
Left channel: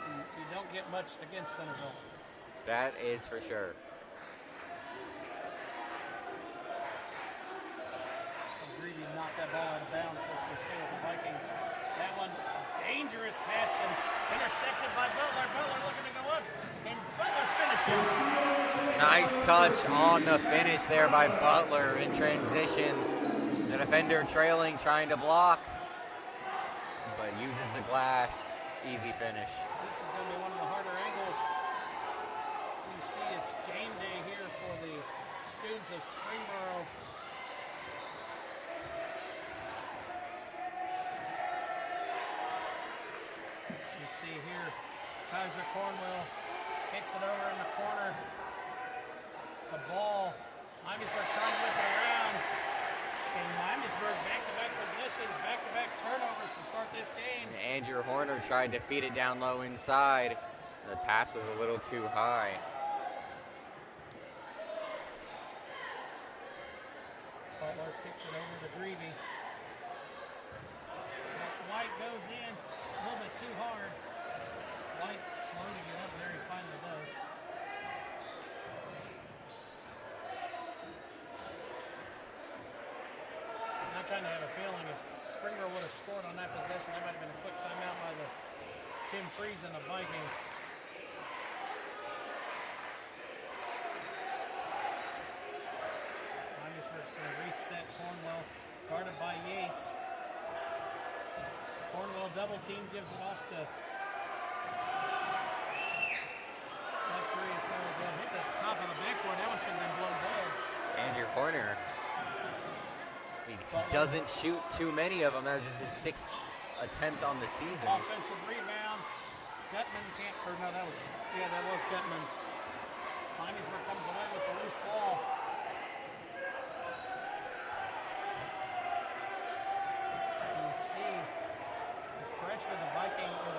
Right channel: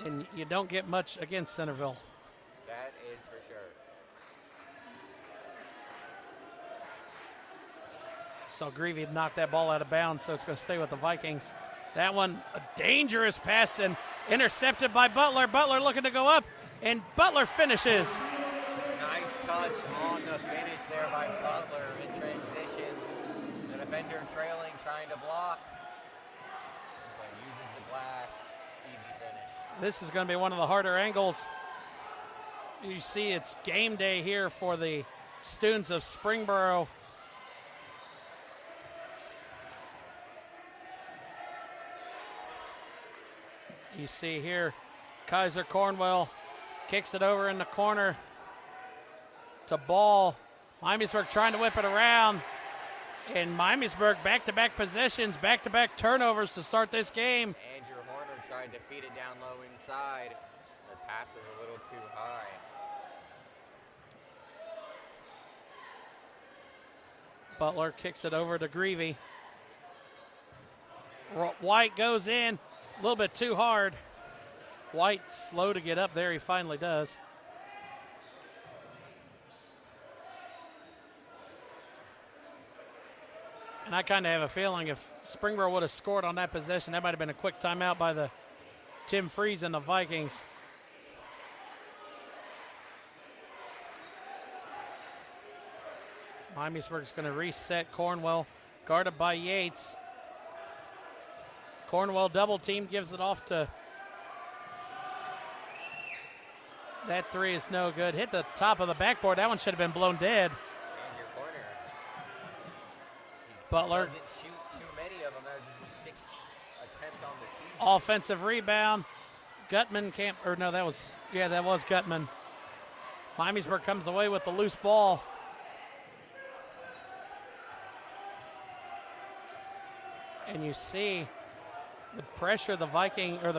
And you don't get much against Centerville. That is for sure. So Greavy knocked that ball out of bounds, so it's going to stay with the Vikings. That one, a dangerous pass and intercepted by Butler. Butler looking to go up, and Butler finishes. Nice touch on the finish there by Butler in transition. The defender trailing, trying to block, but uses the glass. Easy finish. This is going to be one of the harder angles. You see it's game day here for the students of Springboro. You see here, Kaiser Cornwell kicks it over in the corner to Ball. Miamisburg trying to whip it around. And Miamisburg back-to-back possessions, back-to-back turnovers to start this game. Andrew Horner tried to feed it down low inside. The pass was a little too high. Butler kicks it over to Greavy. White goes in, a little bit too hard. White slow to get up there, he finally does. And I kind of have a feeling if Springboro would have scored on that possession, that might have been a quick timeout by the Tim Freeze and the Vikings. Miamisburg's going to reset Cornwell, guarded by Yates. Cornwell double team, gives it off to. That 3 is no good. Hit the top of the backboard. That one should have been blown dead. Andrew Horner. He doesn't shoot too many of them. That was just his 6th attempt on the season. Offensive rebound. Gutman can't, or no, that was Gutman. Miamisburg comes away with the loose ball. And you see the pressure the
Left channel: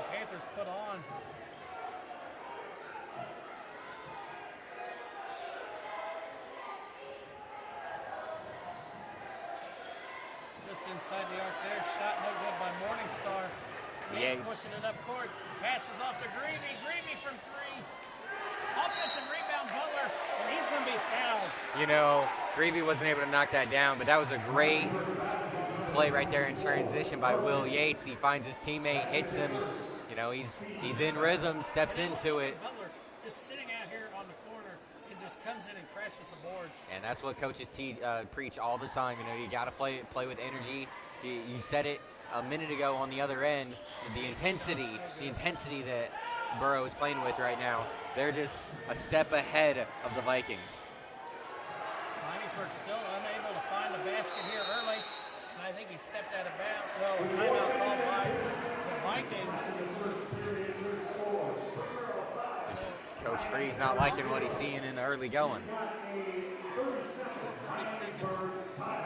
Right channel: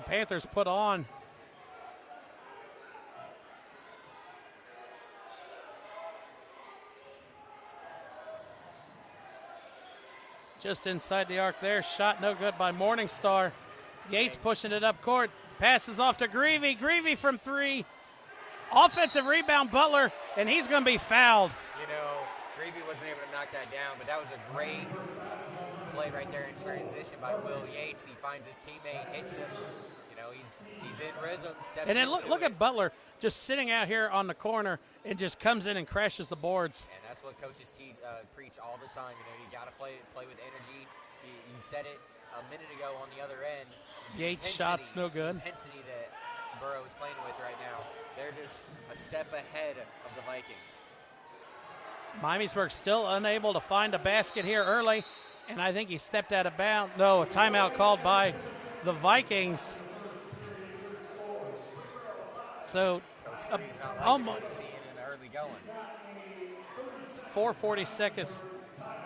Panthers put on. Just inside the arc there. Shot no good by Morningstar. Yates pushing it up court. Passes off to Greavy. Greavy from 3. Offensive rebound, Butler, and he's going to be fouled. You know, Greavy wasn't able to knock that down, but that was a great play right there in transition by Will Yates. He finds his teammate, hits him. You know, he's in rhythm, steps and then into look it. At Butler just sitting out here on the corner and just comes in and crashes the boards. And that's what coaches preach all the time. You know, you got to play with energy. You said it a minute ago on the other end. The intensity that Borough is playing with right now. They're just a step ahead of the Vikings. Miamisburg still unable to find a basket here early, and I think he stepped out of bounds. No, a timeout called by the Vikings. So Coach Freeze not liking what he's seeing in the early going. 4:40 seconds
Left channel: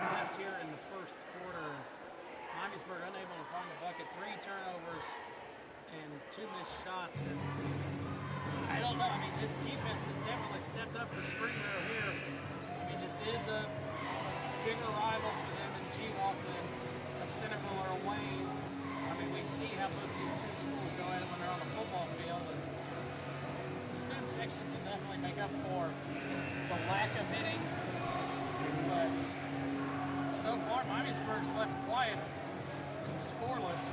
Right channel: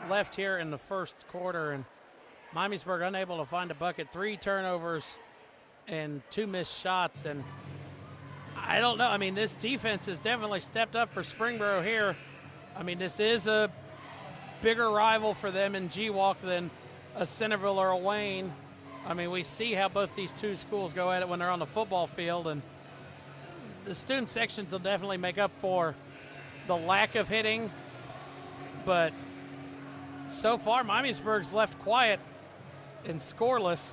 left here in the first quarter, and Miamisburg unable to find a bucket. 3 turnovers and 2 missed shots, and I don't know. I mean, this defense has definitely stepped up for Springboro here. I mean, this is a bigger rival for them in GWalk than a Centerville or a Wayne. I mean, we see how both these 2 schools go at it when they're on the football field, and the student sections will definitely make up for the lack of hitting. But so far, Miamisburg's left quiet and scoreless.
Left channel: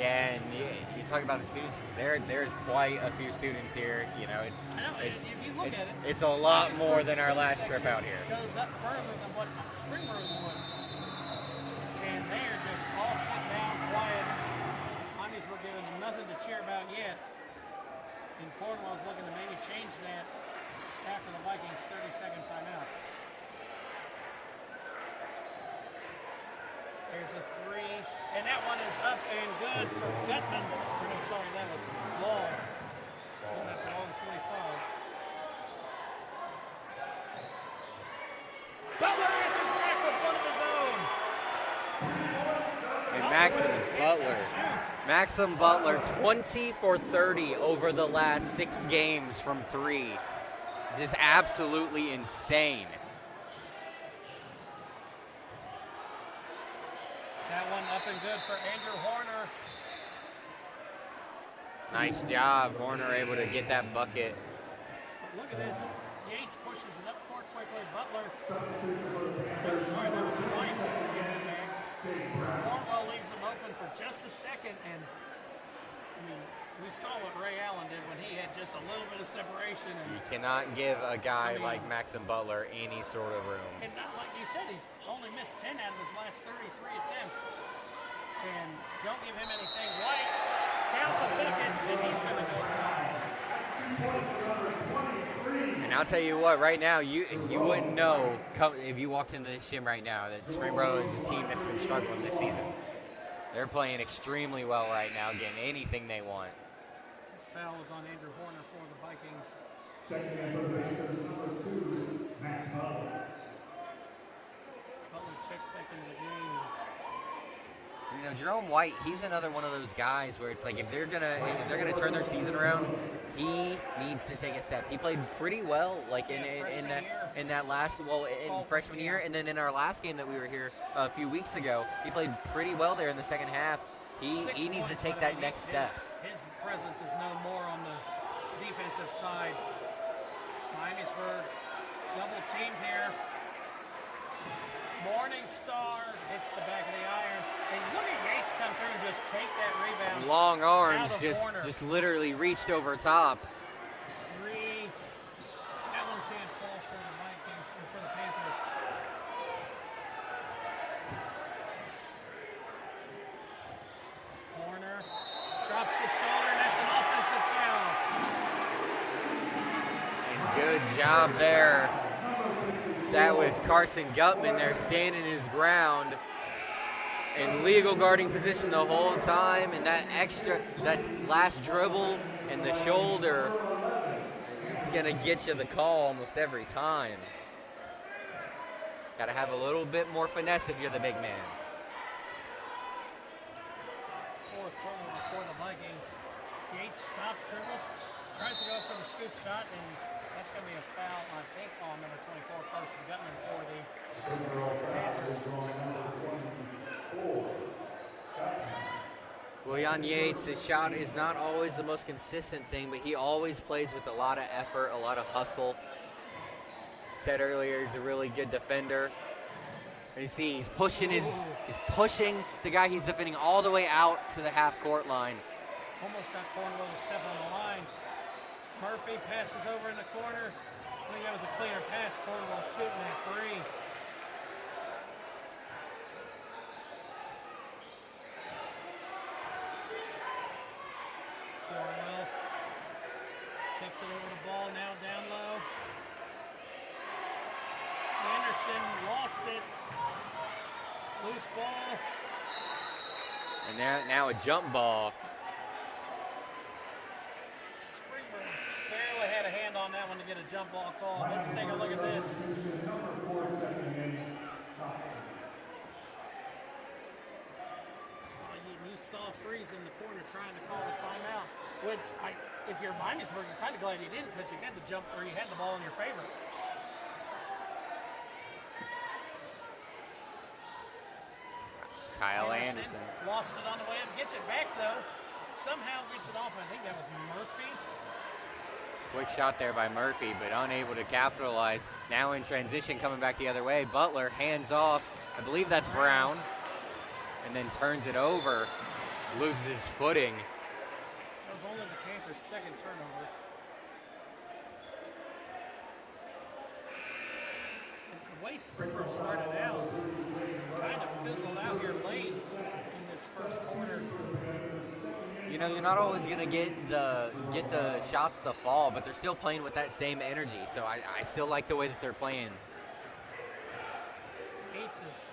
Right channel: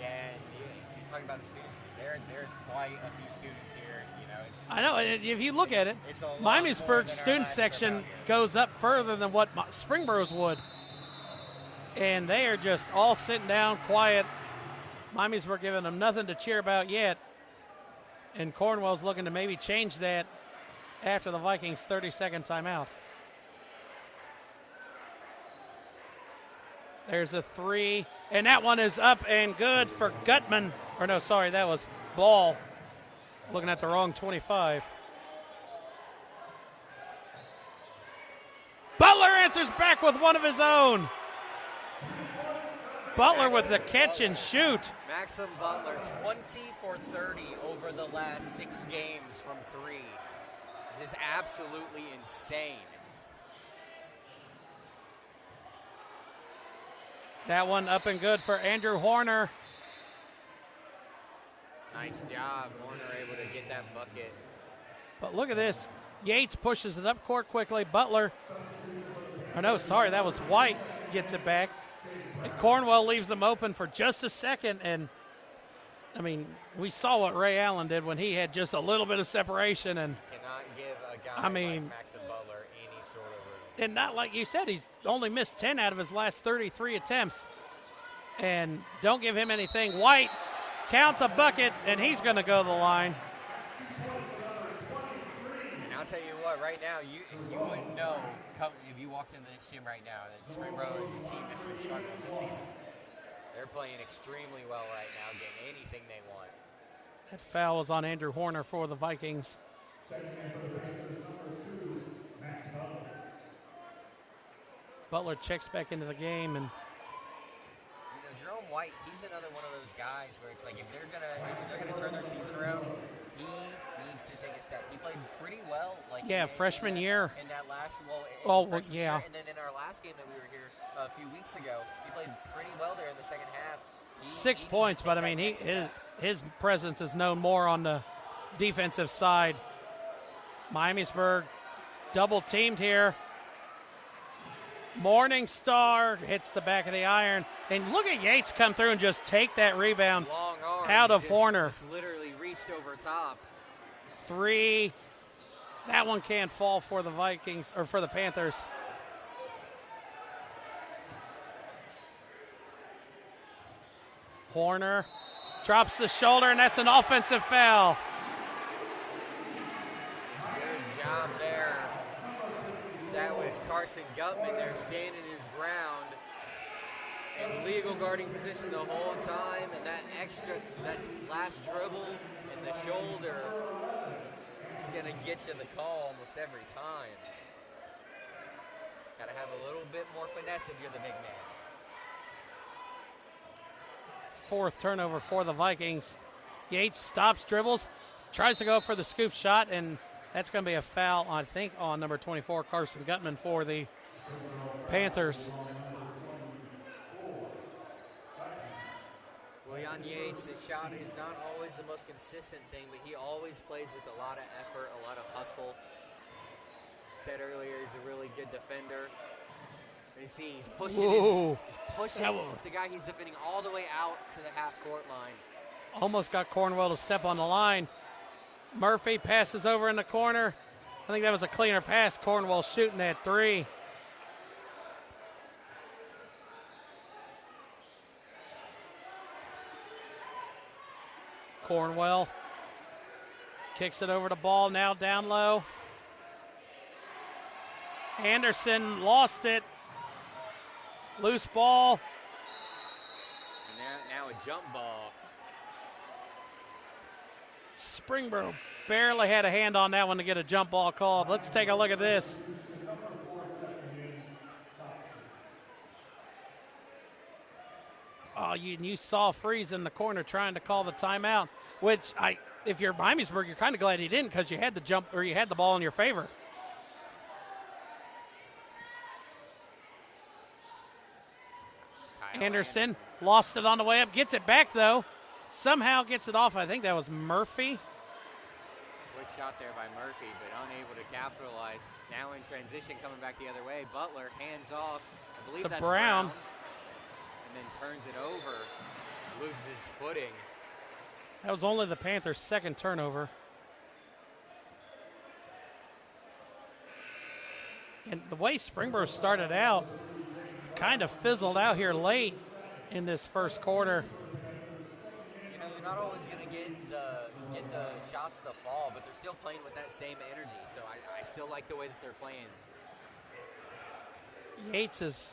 Yeah, and you talk about the students. There's quite a few students here. You know, I know. If you look at it, it's a lot more Miamisburg than our student last trip section out here. goes up further than what Springboro's would, and they are just all sitting down, quiet. Miamisburg giving them nothing to cheer about yet, and Cornwell's looking to maybe change that after the Vikings' 30-second timeout. There's a three, and that one is up and good for Gutman. Or no, sorry, that was Ball. Looking at the wrong 25. Butler answers back with one of his own. Butler with the catch and shoot. Maxim Butler, 20 for 30 over the last 6 games from 3. Just absolutely insane. That one up and good for Andrew Horner. Nice job, Horner able to get that bucket. But look at this. Yates pushes it up court quickly. Butler, no, sorry, that was White, gets it back. And Cornwell leaves them open for just a second. And, I mean, we saw what Ray Allen did when he had just a little bit of separation. And you cannot give a guy like Maxim Butler any sort of room. And not like you said, he's only missed 10 out of his last 33 attempts. And don't give him anything. White, count the bucket, and he's going to go to the line. And I'll tell you what, right now, you wouldn't know if you walked into this gym right now that Springboro is a team that's been struggling this season. They're playing extremely well right now, getting anything they want. That foul is on Andrew Horner for the Vikings. Butler checks back into the game, and you know, Jerome White, he's another one of those guys where it's like if they're gonna turn their season around, he needs to take a step. He played pretty well, like freshman year. In that last, freshman year, and then in our last game that we were here a few weeks ago, he played pretty well there in the second half. He 6 needs points, to take but that I mean, next step. his presence is known more on the defensive side. Miamisburg double teamed here. Morningstar hits the back of the iron. And look at Yates come through and just take that rebound. Long arms out of Horner. Just literally reached over top. 3. That one can't fall for the Vikings, or for the Panthers. Horner drops the shoulder, and that's an offensive foul. And good job there. That was Carson Gutman there standing his ground in legal guarding position the whole time. And that last dribble and the shoulder, it's going to get you the call almost every time. Got to have a little bit more finesse if you're the big man. 4th turnover for the Vikings. Yates stops, dribbles, tries to go for the scoop shot, and that's going to be a foul, I think, on number 24, Carson Gutman, for the Panthers. Well, Jan Yates, his shot is not always the most consistent thing, but he always plays with a lot of effort, a lot of hustle. Said earlier, he's a really good defender. And you see, he's pushing the guy he's defending all the way out to the half-court line. Almost got Cornwell to step on the line. Murphy passes over in the corner. I think that was a cleaner pass. Cornwell shooting at 3. Cornwell kicks it over to Ball, now down low. Anderson lost it. Loose ball. And now a jump ball. Springboro barely had a hand on that one to get a jump ball called. Let's take a look at this. Oh, you saw Freeze in the corner trying to call the timeout, which if you're Miamisburg, you're kind of glad he didn't, because you had the jump, or you had the ball in your favor. Anderson lost it on the way up, gets it back though. Somehow gets it off. I think that was Murphy. Quick shot there by Murphy, but unable to capitalize. Now in transition, coming back the other way. Butler hands off. I believe that's Brown. And then turns it over. loses his footing. That was only the Panthers' second turnover. And the way Springboro started out kind of fizzled out here late in this first quarter. You know, you're not always going to get the shots to fall, but they're still playing with that same energy. So I still like the way that they're playing. Yates is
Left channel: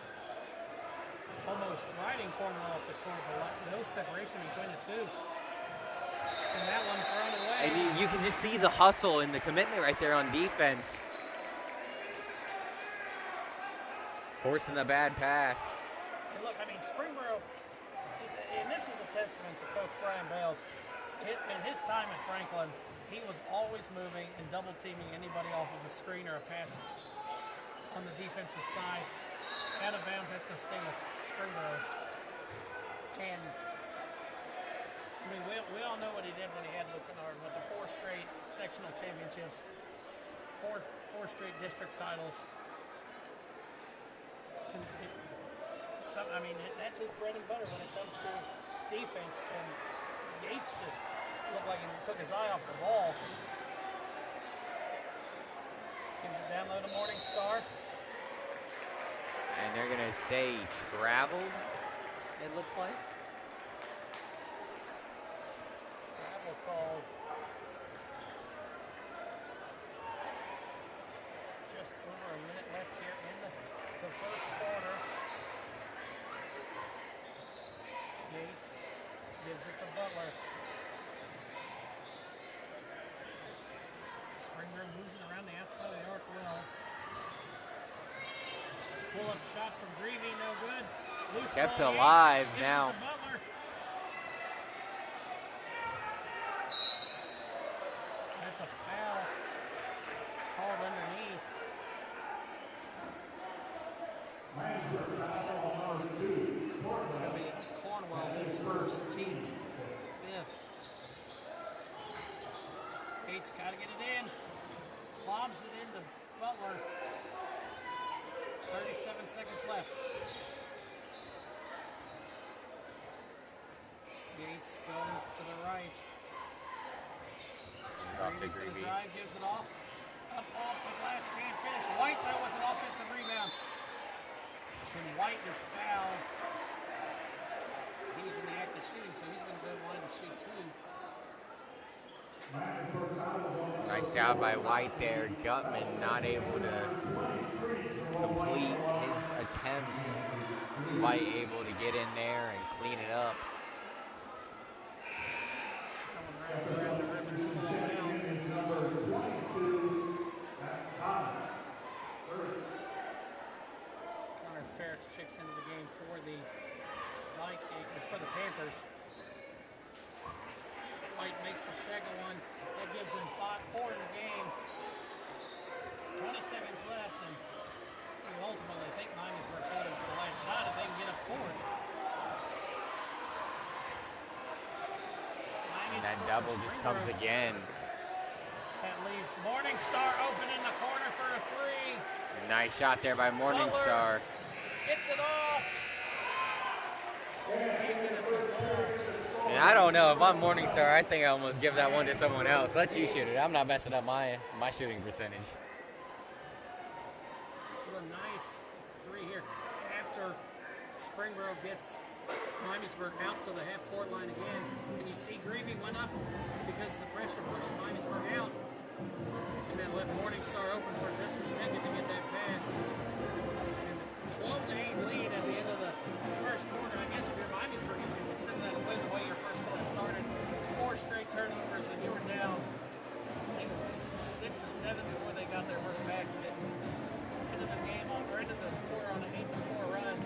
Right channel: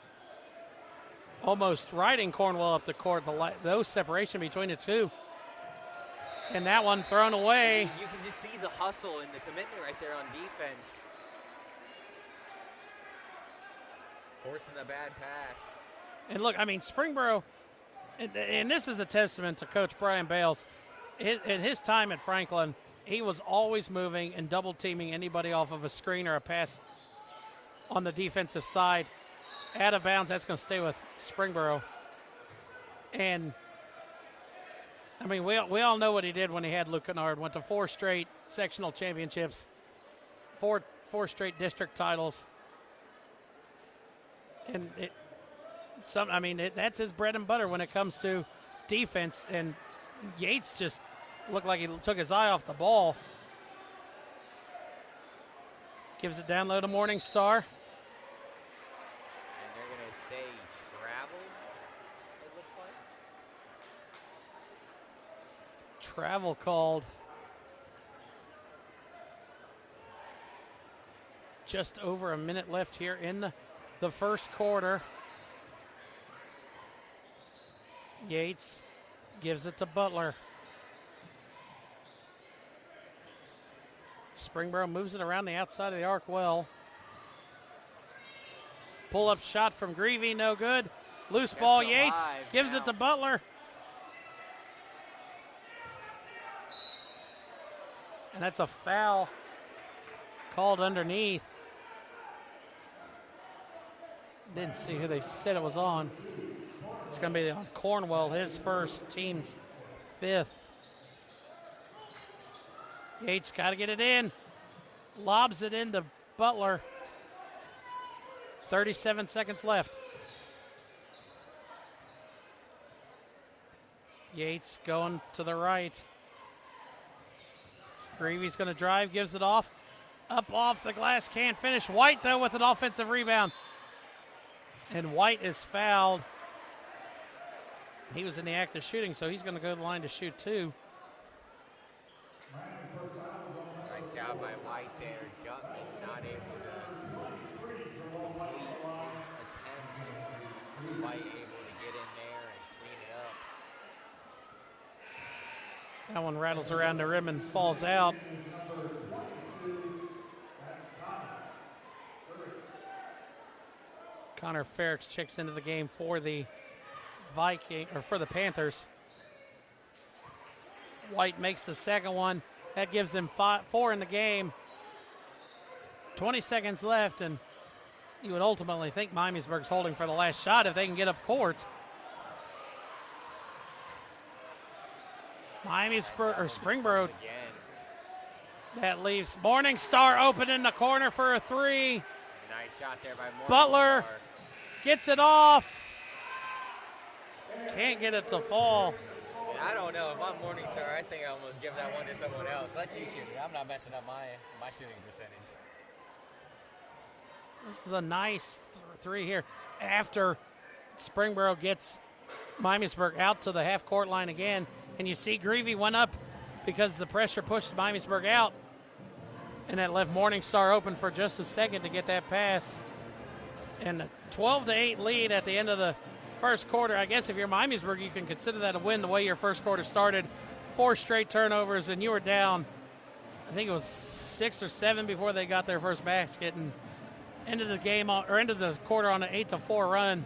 almost riding Cornwell up the court. No separation between the two. And that one thrown away. And you can just see the hustle and the commitment right there on defense. Forcing the bad pass. And look, I mean, Springboro, and this is a testament to Coach Brian Bales. In his time at Franklin, he was always moving and double teaming anybody off of a screen or a pass on the defensive side. Out of bounds, that's going to stay with Springboro. And, I mean, we all know what he did when he had Luke Kennard. Went to 4 straight sectional championships, four straight district titles. And that's his bread and butter when it comes to defense. And Yates just looked like he took his eye off the ball. Gives it down low to Morningstar. And they're going to say traveled, it looked like. Travel called. Just over a minute left here in the first quarter. Yates gives it to Butler. Springboro moves it around the outside of the arc well. Pull-up shot from Greavy, no good. Loose ball, Yates gives it to Butler. And that's a foul called underneath. Didn't see who they said it was on. It's going to be on Cornwell, his first, team's 5th. Yates got to get it in. Lobs it into Butler. 37 seconds left. Yates going to the right. Greavy's going to drive, gives it off. Up off the glass, can't finish. White, though, with an offensive rebound. And White is fouled. He was in the act of shooting, so he's going to go to the line to shoot 2. Nice job by White there. Gutman not able to complete his attempts. White able to get in there and clean it up. That one rattles around the rim and falls out. Connor Ferrix checks into the game for the Panthers. White makes the second one. That gives them 4 in the game. 20 seconds left, and you would ultimately think Miamisburg's holding for the last shot if they can get up court. Miamisburg or Springboro again. That leaves Morningstar open in the corner for a 3. Nice shot there by Morningstar. Butler gets it off. Can't get it to fall. And I don't know. If I'm Morningstar, I think I almost give that one to someone else. Let you shoot it. I'm not messing up my shooting percentage. This is a nice 3 here. After Springboro gets Miamisburg out to the half-court line again, and you see Greavy went up because the pressure pushed Miamisburg out, and that left Morningstar open for just a second to get that pass. And 12-8 lead at the end of the first quarter. I guess if you're Miamisburg, you can consider that a win the way your first quarter started. 4 straight turnovers, and you were down, I think it was 6 or 7 before they got their first basket, and ended the quarter on an 8-4 run.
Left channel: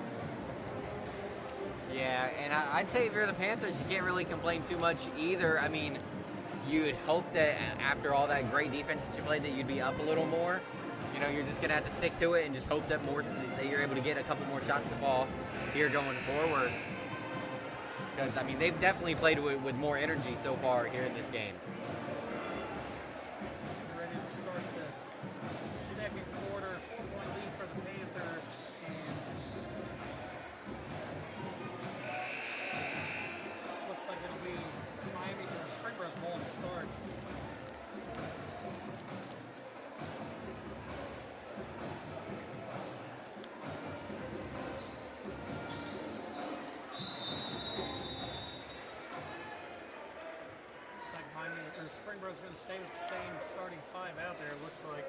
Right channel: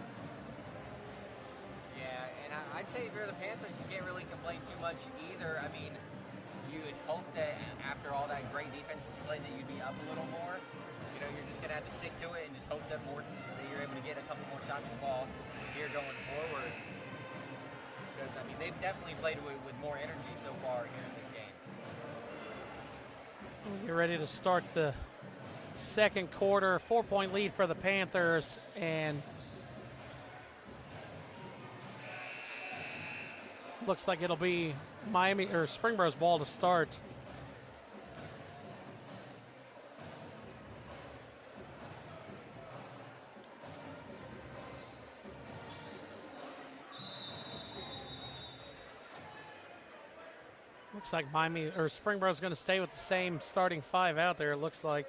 Yeah, and I'd say if you're the Panthers, you can't really complain too much either. I mean, you'd hope that after all that great defense that you played, that you'd be up a little more. You know, you're just going to have to stick to it and just hope that you're able to get a couple more shots to fall here going forward. Because, I mean, they've definitely played with more energy so far here in this game. You're ready to start the second quarter. 4-point lead for the Panthers. And Looks like it'll be Miami or Springboro's ball to start. Looks like Miami or Springboro's going to stay with the same starting 5 out there. It looks like.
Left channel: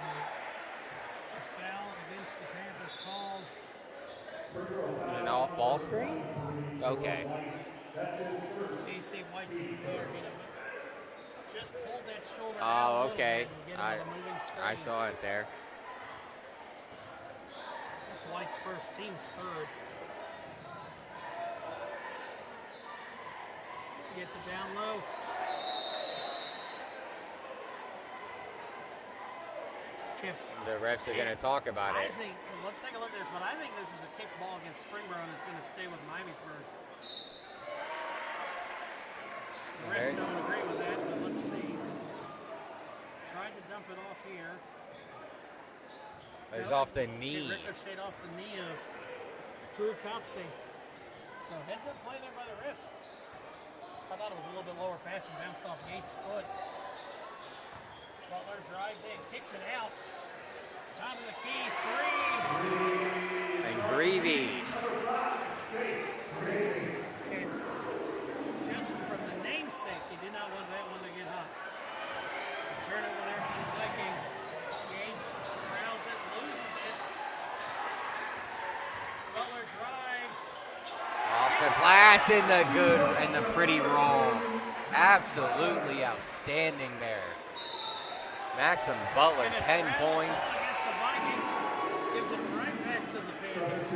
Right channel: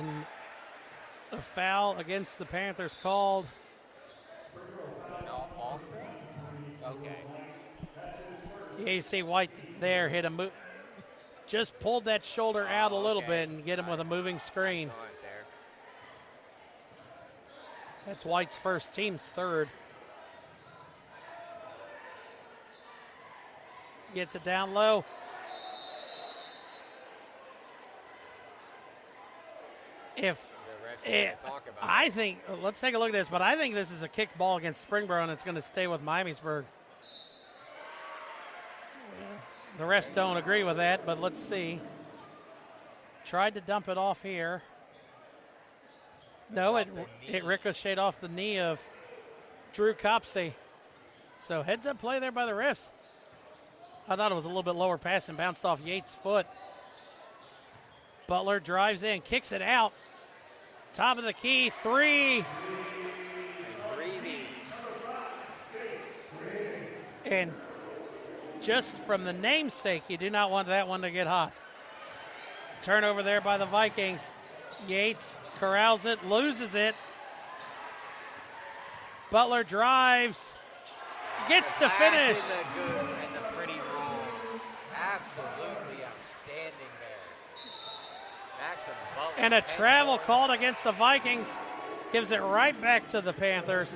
And a foul against the Panthers called. An off-ball screen? Okay. You see White there hit a move. Just pulled that shoulder out a little bit and get him with a moving screen. I saw it there. That's White's first, team's third. Gets it down low. If the refs are going to talk about I it. think, let's take a look at this, but I think this is a kick ball against Springboro, and it's going to stay with Miamisburg. The refs don't agree with that, but let's see. Tried to dump it off here. No, off the knee. It ricocheted off the knee of Drew Copsey. So heads up play there by the refs. I thought it was a little bit lower pass and bounced off Yates' foot. Butler drives in, kicks it out. Top of the key, 3. And Greavy. And just from the namesake, you do not want that one to get hot. Turnover there by the Vikings. Yates corrals it, loses it. Butler drives. Off Gets the the glass finish. in the good and the pretty roll. Absolutely outstanding there. Maxim Butler, And a 10 travel points. called against the Vikings. Gives it right back to the Panthers.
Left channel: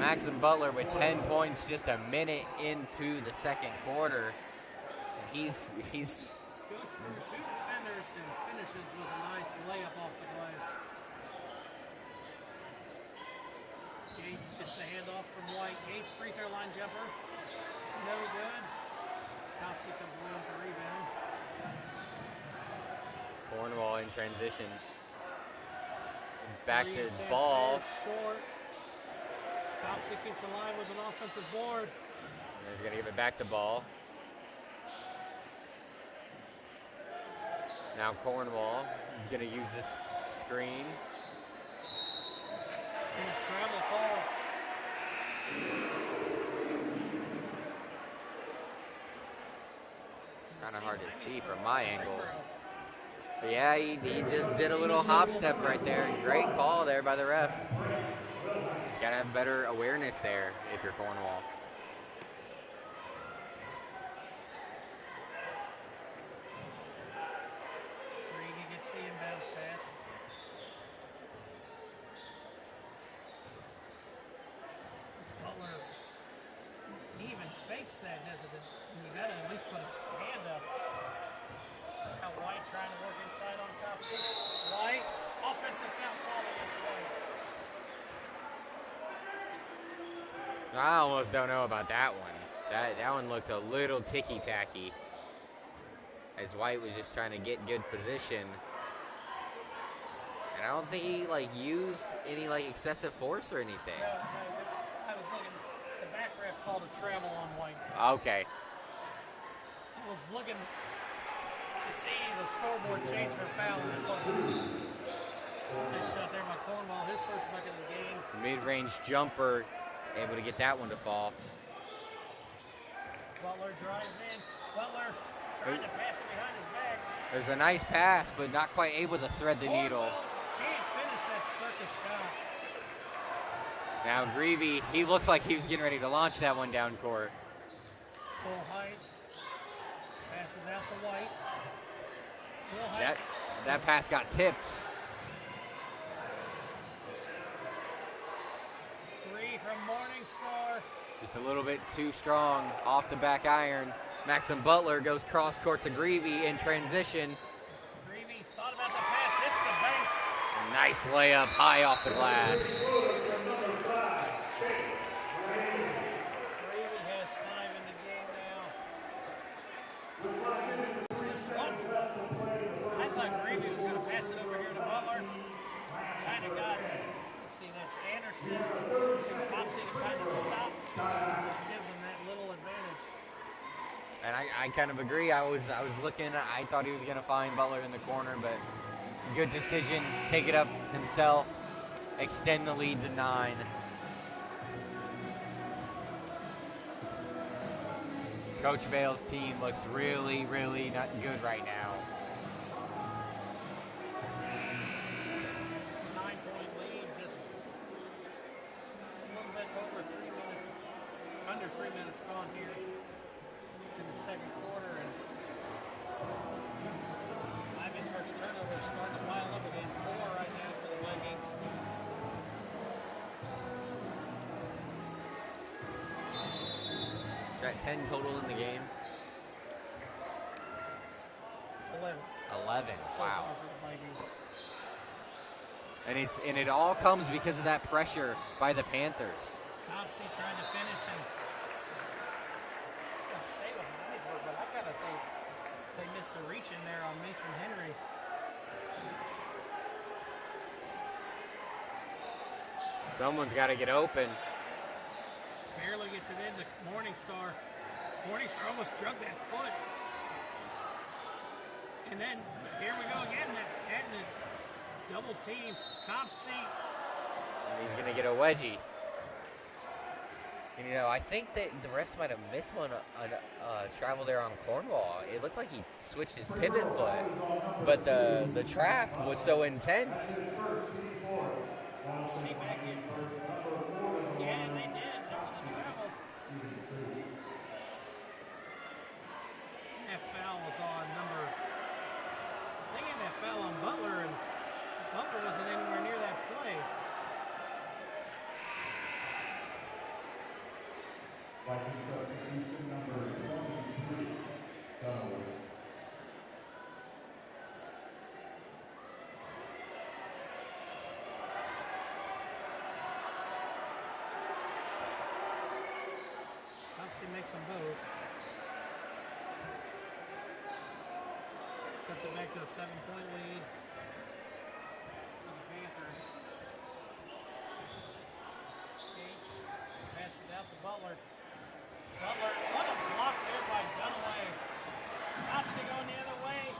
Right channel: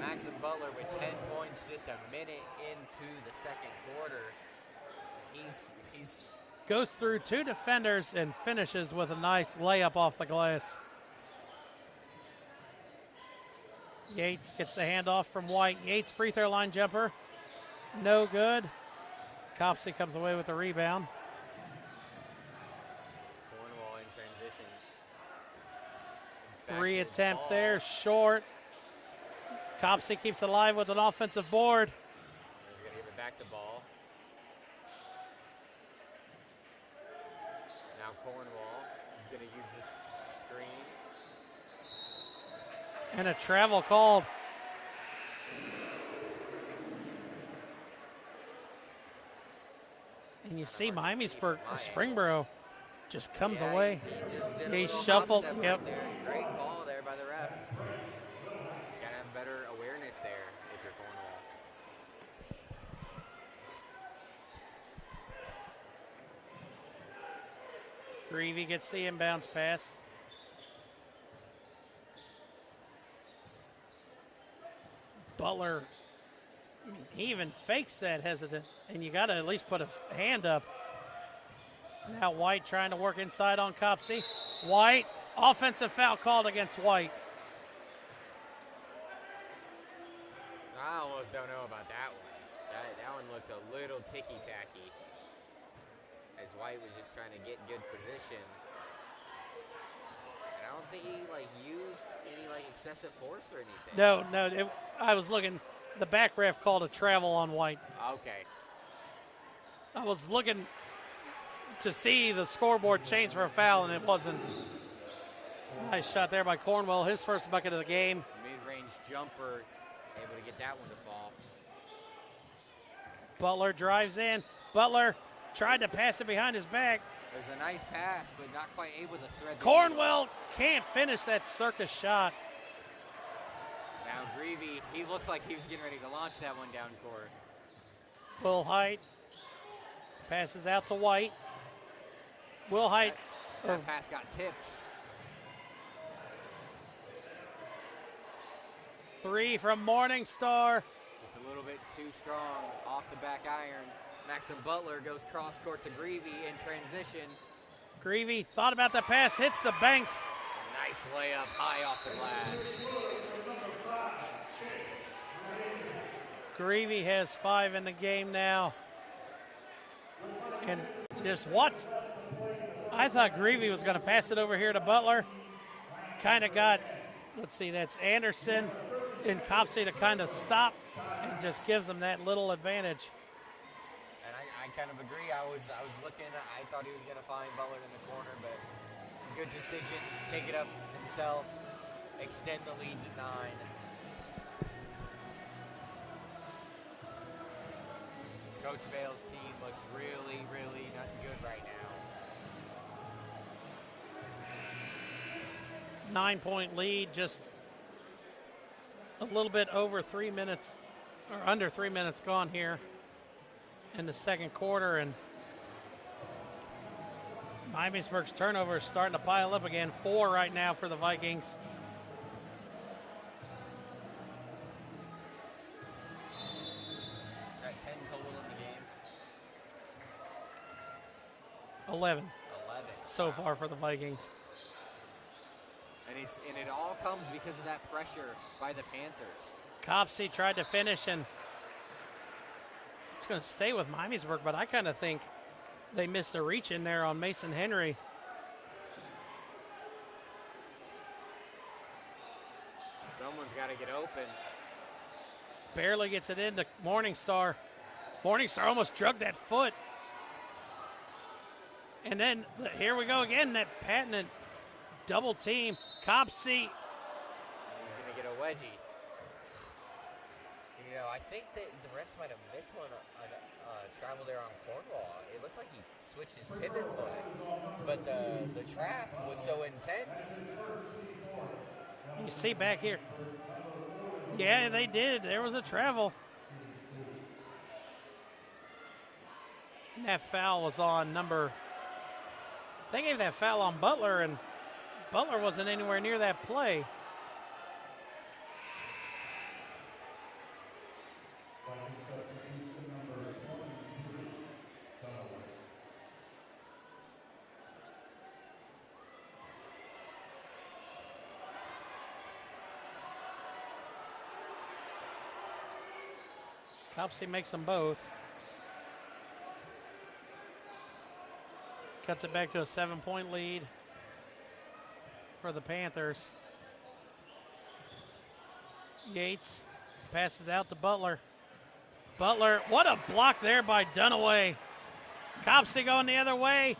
Maxim Butler with 10 points just a minute into the second quarter. He's Goes through 2 defenders and finishes with a nice layup off the glass. Yates gets the handoff from White. Yates free throw line jumper. No good. Copsey comes away with the rebound. Cornwall in transition. Back 3 to the attempt ball. there, short. Copsey keeps it alive with an offensive board. He's going to give it back to Ball. Now Cornwall is going to use this screen. And a travel call. And you Kinda see hard to see Miamisburg, from my angle. Springboro just comes Yeah, away. he just did a He little hop shuffled, step yeah. right there. Great call there by the ref. He's got to have better awareness there if you're Cornwall. Greavy gets the inbounds pass. Butler, he even fakes that hesitant, and you got to at least put a hand up. Now White trying to work inside on Copsey. White, offensive foul called against White. I almost don't know about that one. That one looked a little ticky-tacky. As White was just trying to get good position. And I don't think he used any excessive force or anything. No, I was looking, the back ref called a travel on White. Okay. I was looking to see the scoreboard change for a foul, and it wasn't. Nice shot there by Cornwell, his first bucket of the game. Mid-range jumper, able to get that one to fall. Butler drives in. Butler tried to pass it behind his back. There's a nice pass, but not quite able to thread the needle. Cornwell can't finish that circus shot. Now Greavy, he looks like he was getting ready to launch that one down court. Full height. Passes out to White. Will Height. That pass got tipped. 3 from Morningstar. Just a little bit too strong off the back iron. Maxim Butler goes cross court to Greavy in transition. Greavy thought about the pass, hits the bank. Nice layup high off the glass. Greavy has 5 in the game now. And just what? I thought Greavy was going to pass it over here to Butler. kind of got, let's see, that's Anderson and Copsey to kind of stop and just gives them that little advantage. And I kind of agree. I was looking. I thought he was going to find Butler in the corner, but good decision. Take it up himself. Extend the lead to 9. Coach Bale's team looks really, really not good right now. 9-point lead, just a little bit over 3 minutes, or under 3 minutes gone here in the second quarter, and Miamisburg's turnover is starting to pile up again. 4 right now for the Vikings. Is that 10 total in the game? 11 so Wow. far for the Vikings. And it all comes because of that pressure by the Panthers. Copsey tried to finish, and it's going to stay with Miamisburg, but I kind of think they missed a reach in there on Mason Henry. Someone's got to get open. Barely gets it into Morningstar. Morningstar almost drug that foot. And then here we go again, that patented double team. Copsey. And he's going to get a wedgie. And, you know, I think that the refs might have missed one on travel there on Cornwall. It looked like he switched his pivot foot, but the trap was so intense. You see back here. Yeah, they did. There was a travel. That foul was on number. They gave that foul on Butler, and Butler wasn't anywhere near that play. Substitution number 23, Dunaway. Copsey makes them both. Cuts it back to a 7-point lead for the Panthers. Yates passes out to Butler. Butler, what a block there by Dunaway. Copsey going the other way.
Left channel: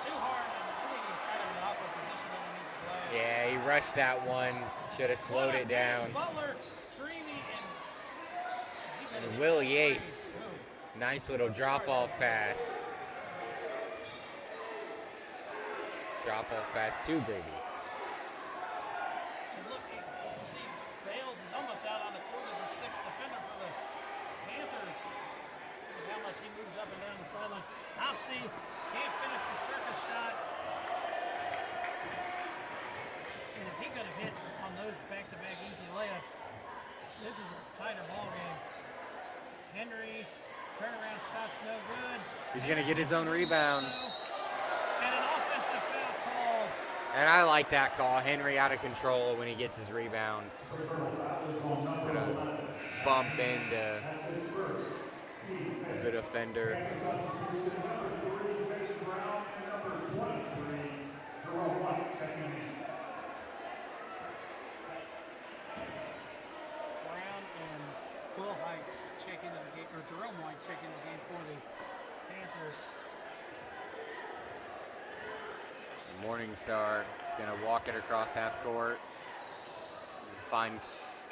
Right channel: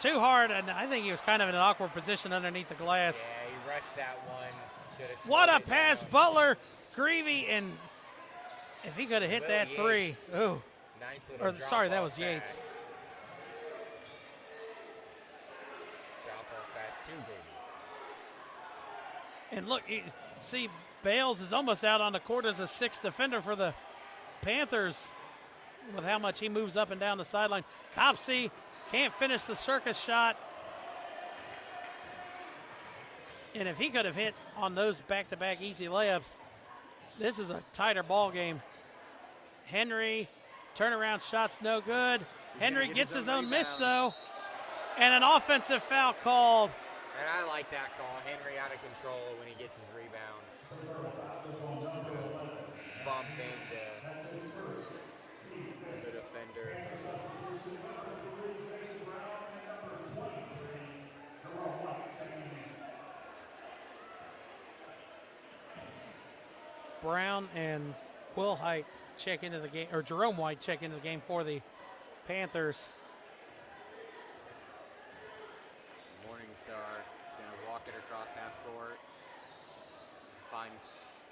Too hard, and I think he was kind of in an awkward position underneath the glass. Yeah, he rushed that one. Should have slowed What a it pass, down. Butler, Greavy, and if he could have hit Will that Yates. three. Ooh. Nice little Sorry, that was drop-off Yates. pass. Drop-off pass to Grady. And look, see, Bales is almost out on the court as a sixth defender for the Panthers with how much he moves up and down the sideline. Copsey can't finish the circus shot. And if he could have hit on those back-to-back easy layups, this is a tighter ball game. Henry, turnaround shot's no good. He's Henry gonna get gets his own miss, rebound. though. And an offensive foul called. And I like that call. Henry out of control when he gets his rebound. Gonna bump into the defender. Brown and Will Height check into the game, or Jerome White check into the game for the Panthers. Morningstar is going to walk it across half court. Find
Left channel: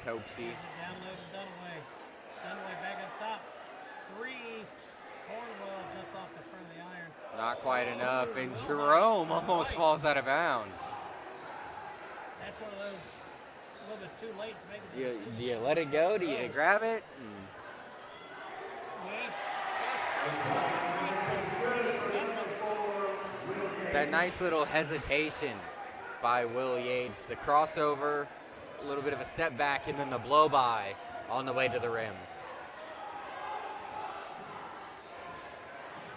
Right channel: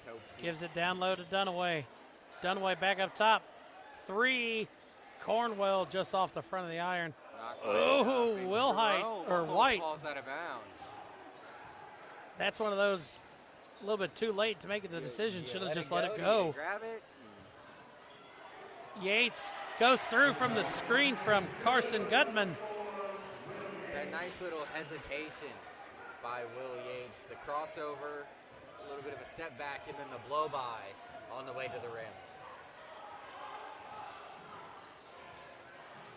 Copsey. Gives it down low to Dunaway. Dunaway back up top. Three. Cornwell just off the front of the iron. Not quite enough. And Will Jerome Height, or almost White. falls out of bounds. That's one of those a little bit too late to make a decision. Do you Should've let just it go? Do you grab it? Yates goes through from the screen from Carson Gutman. That nice little hesitation by Will Yates. The crossover, a little bit of a step back, and then the blow by on the way to the rim.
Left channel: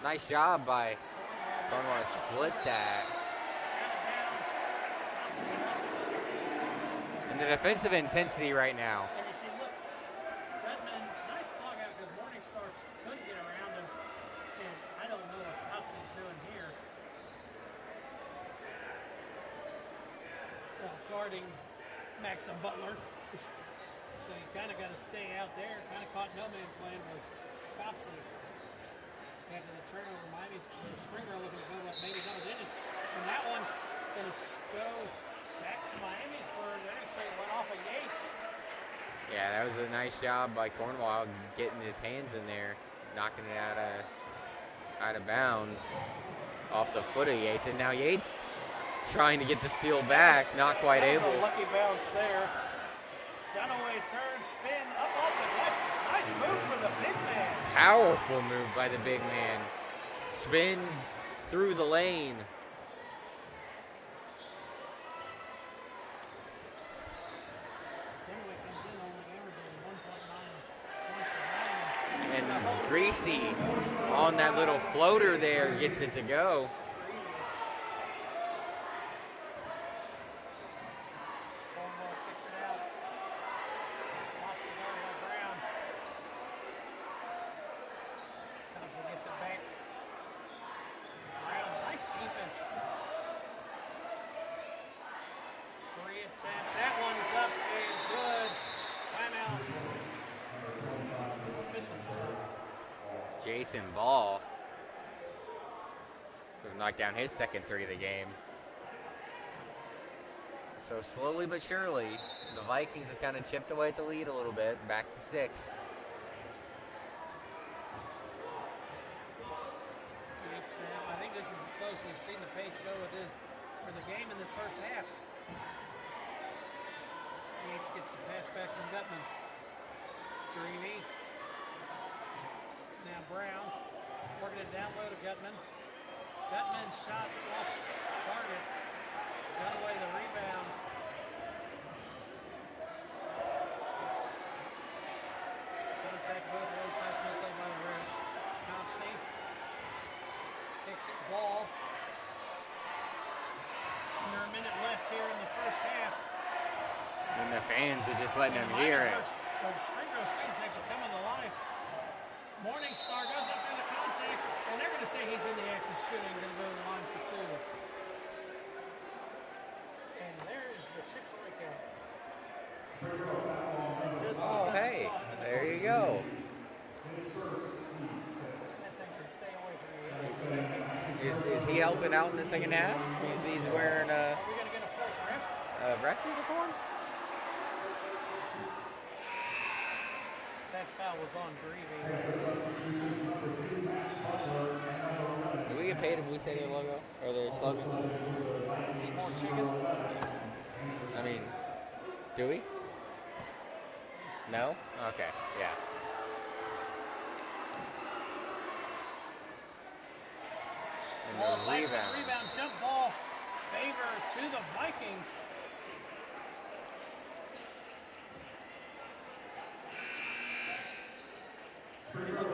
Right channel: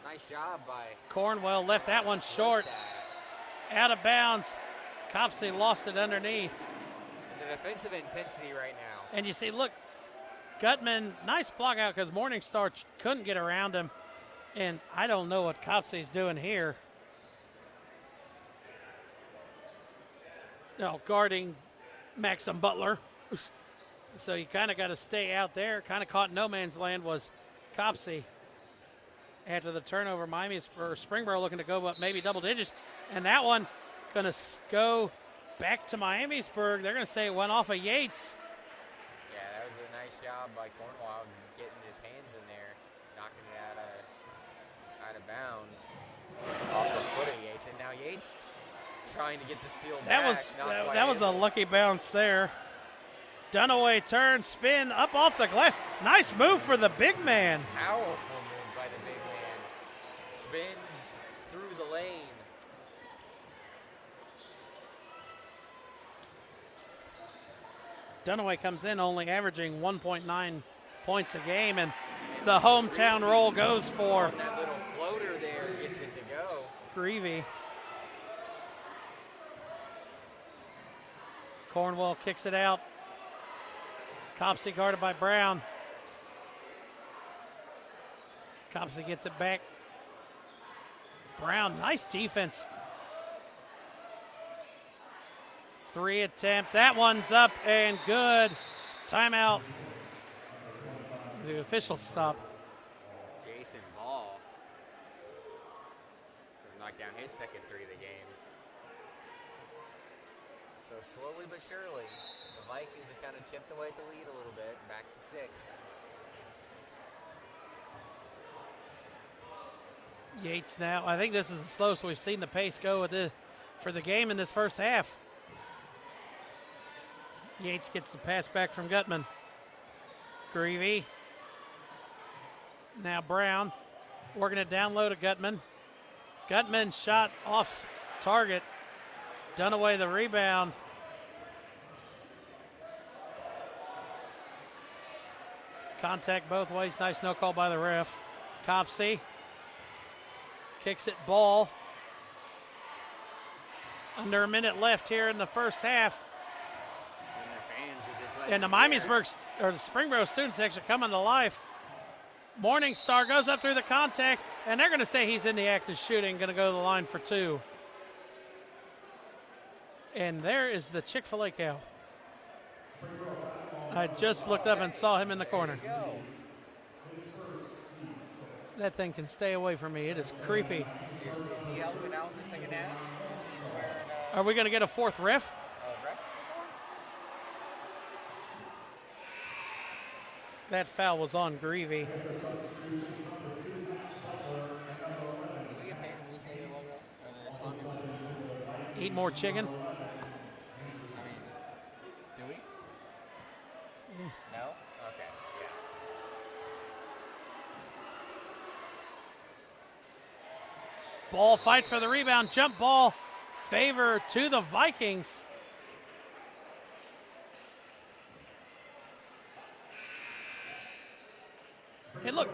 Nice job by Cornwell left that one Split short. that. Out of bounds. Copsey lost it underneath. And the defensive intensity right now. And you see, look, Gutman, nice block out because Morningstar couldn't get around him. And I don't know what Copsey's doing here. guarding Maxim Butler. So you kind of got to stay out there. Kind of caught no man's land was Copsey. After the turnover, Springboro looking to go up maybe double digits. And that one going to go back to Miamisburg. They're going to say it went off of Yates. Yeah, that was a nice job by Cornwall getting his hands in there, knocking it out of bounds off the foot of Yates. And now Yates trying to get the steal back, not quite able. That was a lucky bounce there. Dunaway turn, spin, up off the glass. Nice move for the big man. Powerful move by the big man. Spins through the lane. Dunaway comes in only averaging 1.9 points a game, and the hometown Greasy roll goes for. On that little floater there, gets it to go. Greavy. Cornwall kicks it out. Copsey guarded by Brown. Copsey gets it back. Brown, nice defense. 3 attempt. That one's up and good. Timeout. The official stop. Jason Ball knocked down his second 3 of the game. So slowly but surely, the Vikings have kind of chipped away at the lead a little bit, back to 6. Yates now. I think this is the slowest we've seen the pace go for the game in this first half. Yates gets the pass back from Gutman. Greavy. Now Brown working it down low to Gutman. Gutman shot off target. Dunaway the rebound. Contact both ways. Nice no call by the ref. Copsey kicks it. Ball. Under a minute left here in the first half. And the fans are just letting and the them hear it. Miamisburg or the Springboro student section coming to life. Morningstar goes up through the contact, and they're going to say he's in the act of shooting, going to go to the line for 2. And there is the Chick-fil-A cow. I just looked up and saw him in the corner. There you go. That thing can stay away from me. It is creepy. Is he helping out in the second half? He's wearing Are we going to get a 4th ref? a ref uniform? That foul was on Greavy. Do we get paid if we say their logo or their slogan? Eat more chicken. I mean, do we? No? Okay, yeah. Ball fights for the rebound. Jump ball. Favor to the Vikings. Hey, look.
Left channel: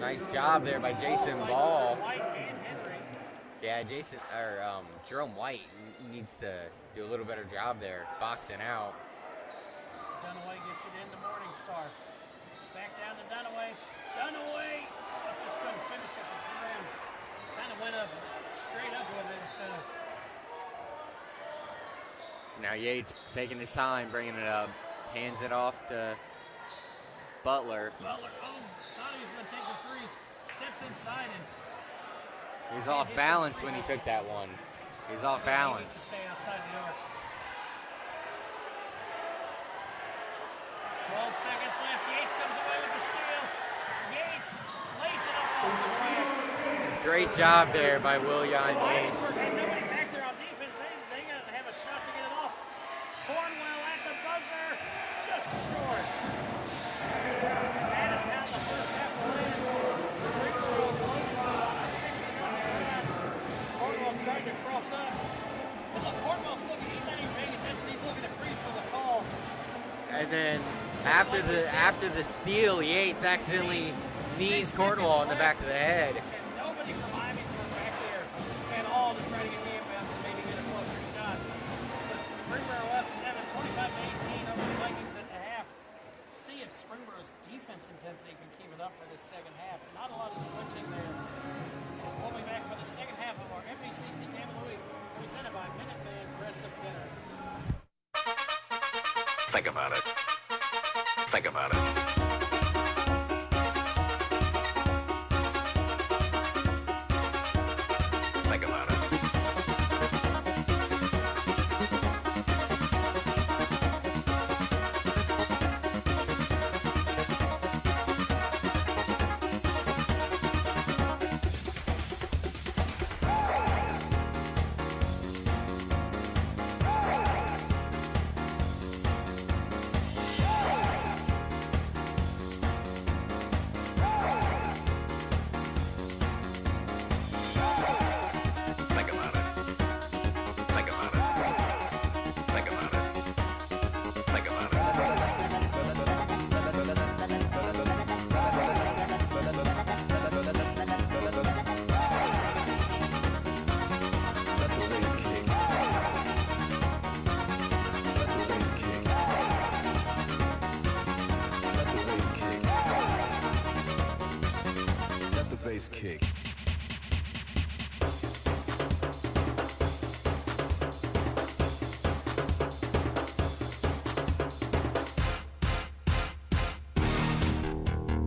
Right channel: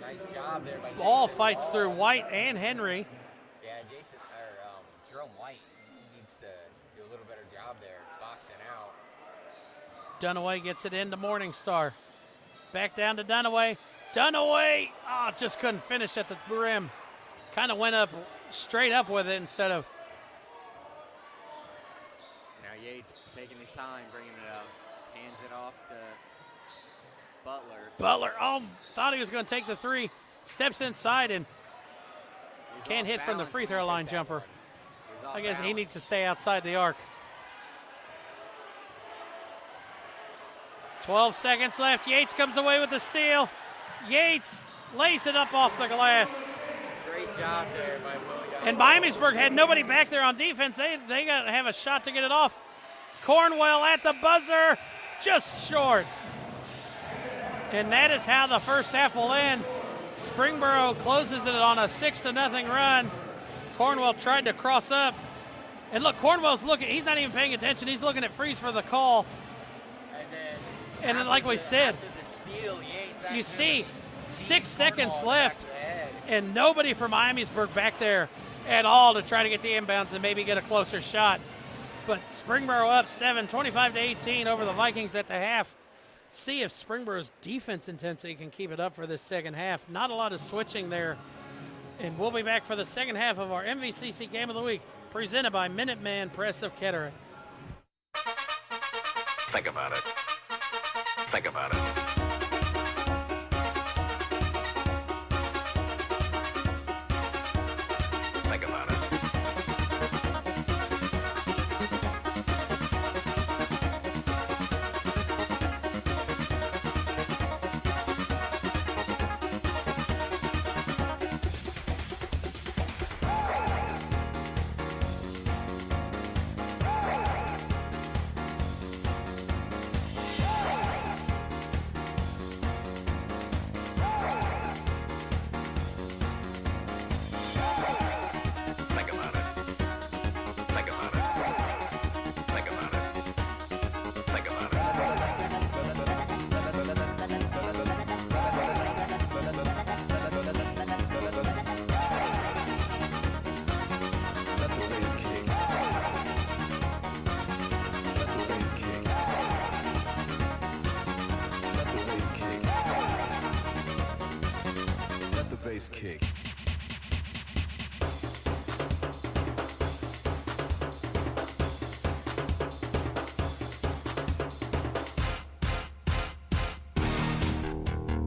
Nice job there by Jason Ball fights Ball. through White and Henry. Yeah, Jerome White needs to do a little better job there, boxing out. Dunaway gets it into Morningstar. Back down to Dunaway. Dunaway! Oh, just couldn't finish at the rim. Kind of went up, straight up with it instead of. Now Yates taking his time, bringing it up. Hands it off to Butler. Butler, thought he was going to take the 3. Steps inside and He's can't off hit balance for the when free he throw took line that jumper. one. He's off I guess balance. he needs to stay outside the arc. 12 seconds left. Yates comes away with the steal. Yates lays it up off the glass. Great job there by William. And Miamisburg had nobody back there on defense. They got to have a shot to get it off. Cornwell at the buzzer, just short. And that is how the first half will end. Springboro closes it on a 6-0 run. Cornwell tried to cross up. And look, Cornwell's looking, he's not even paying attention. He's looking at Freeze for the call. And then And after the steal, Yates accidentally knees 6 Cornwall seconds in the back left. of the head. And nobody from Miamisburg back there at all to try to get the inbounds and maybe get a closer shot. But Springboro up 7, 25-18 over the Vikings at the half. See if Springboro's defense intensity can keep it up for this second half. Not a lot of switching there. And we'll be back for the second half of our MVCC Game of the Week, presented by Minuteman Press of Kettering. Think about it. Think about it. Think about it. Think about it. Think about it. Think about it. Think about it. Let the bass kick. Let the bass kick. Let the bass kick. Let the bass kick.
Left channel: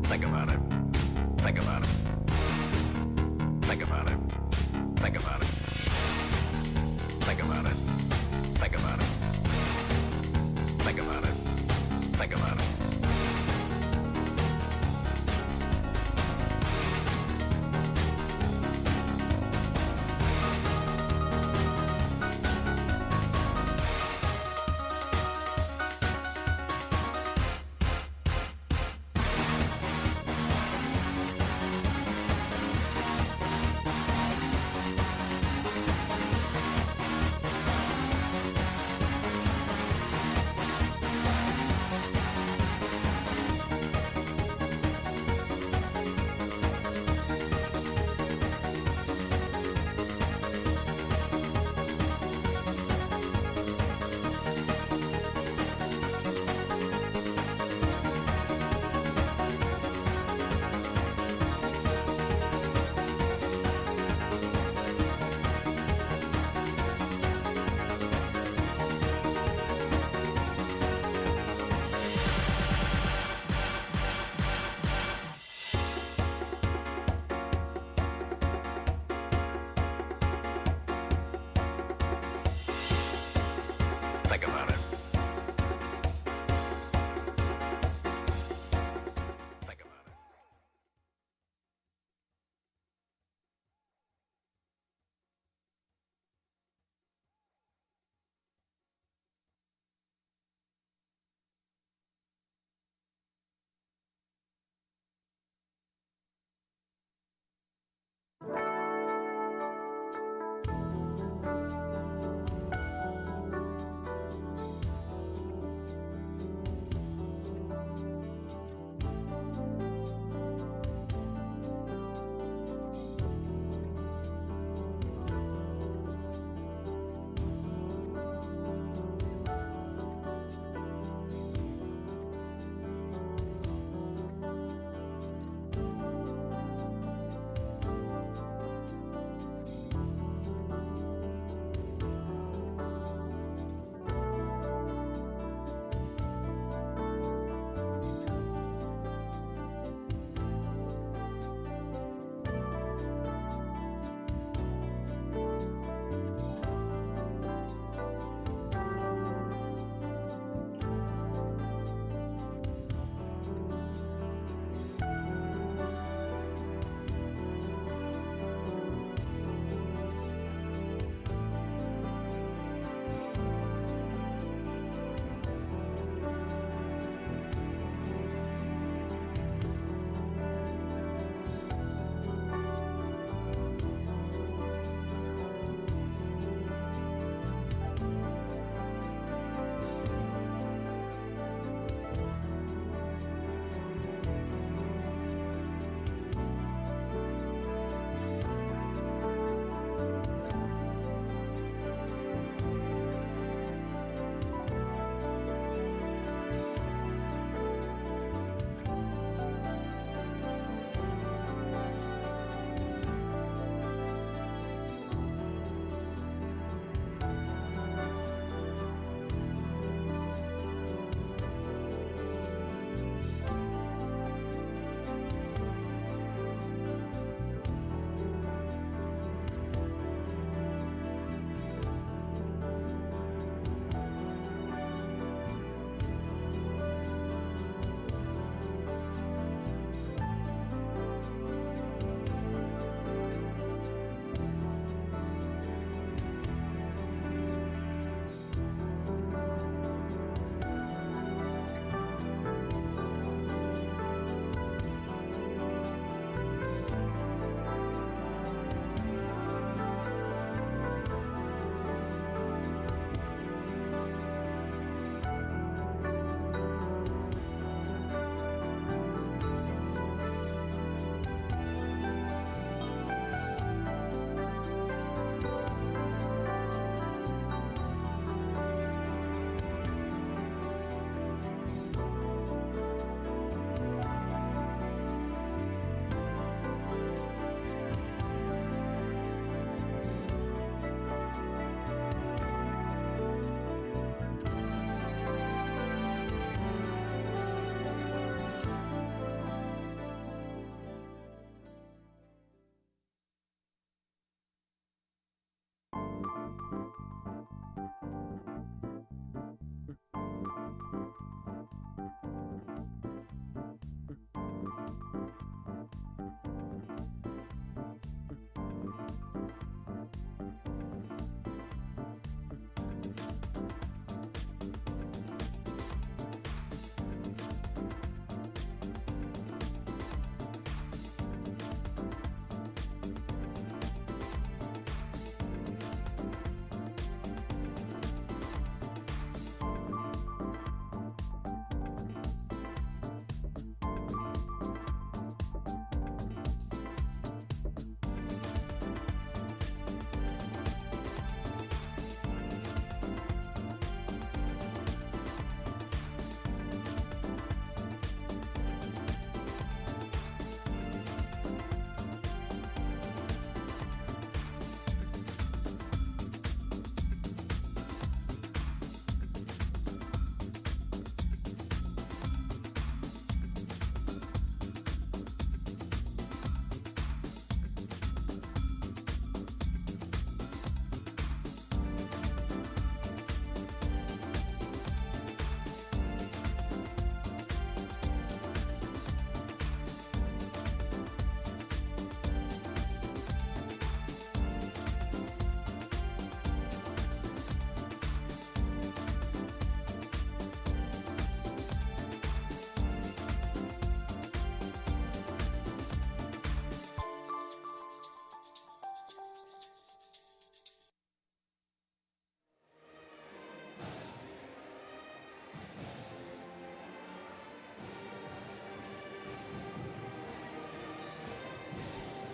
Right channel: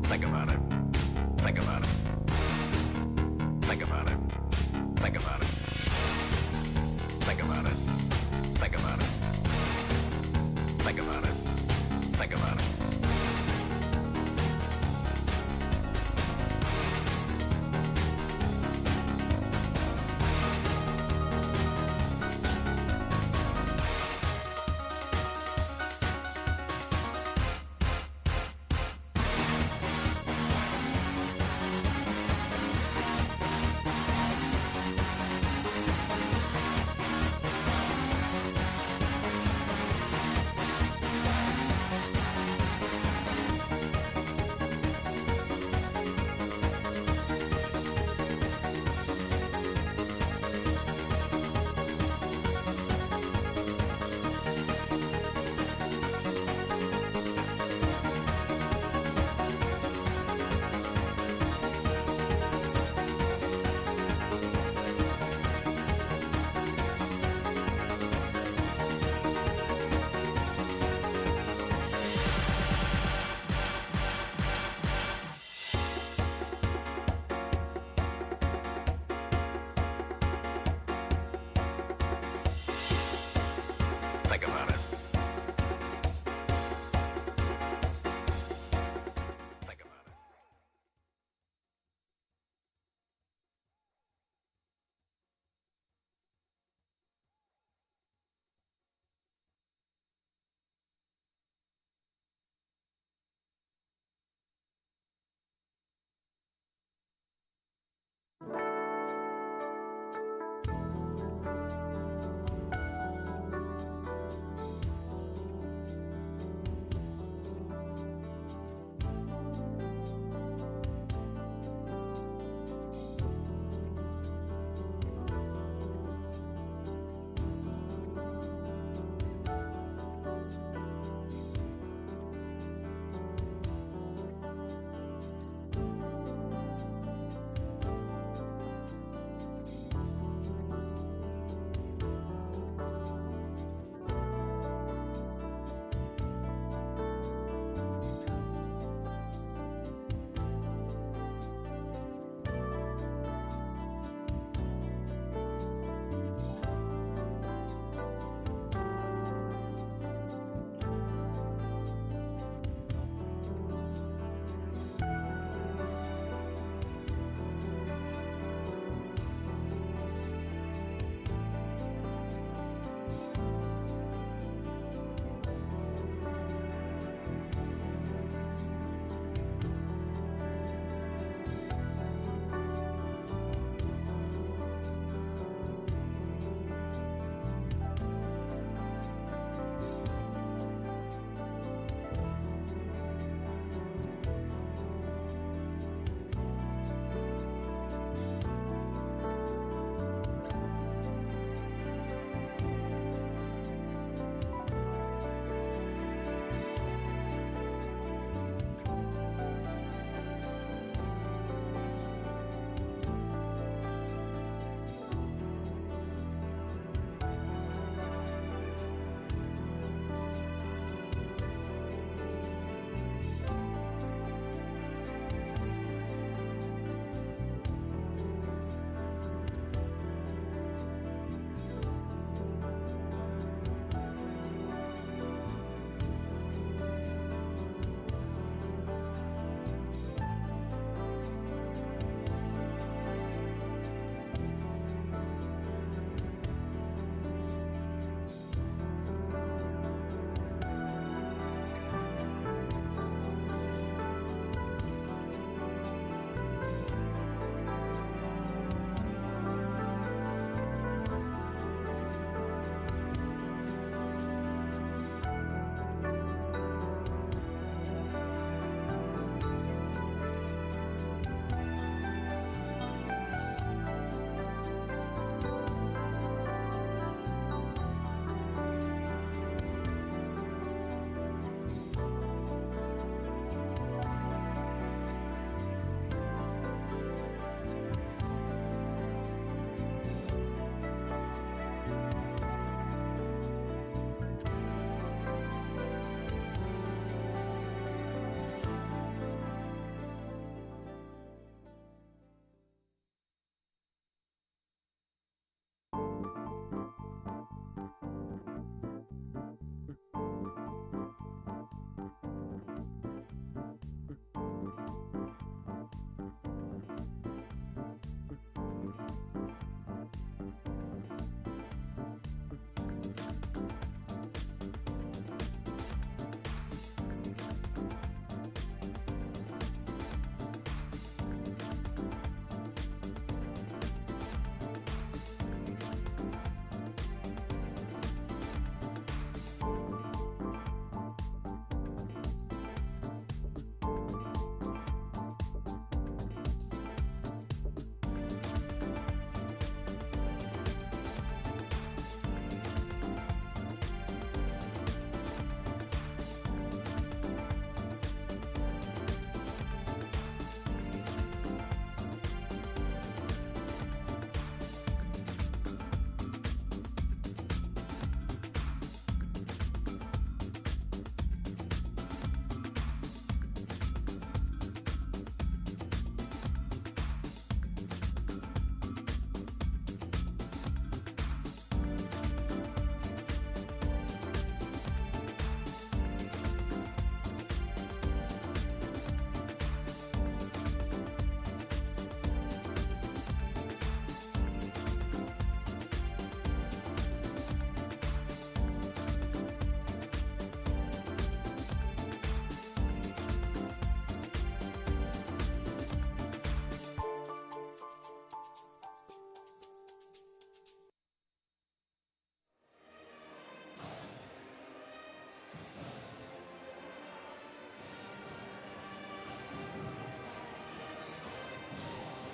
Think about it. Think about it. Think about it. Think about it. Think about it. Think about it. Think about it. Think about it. Think about it. Think about it.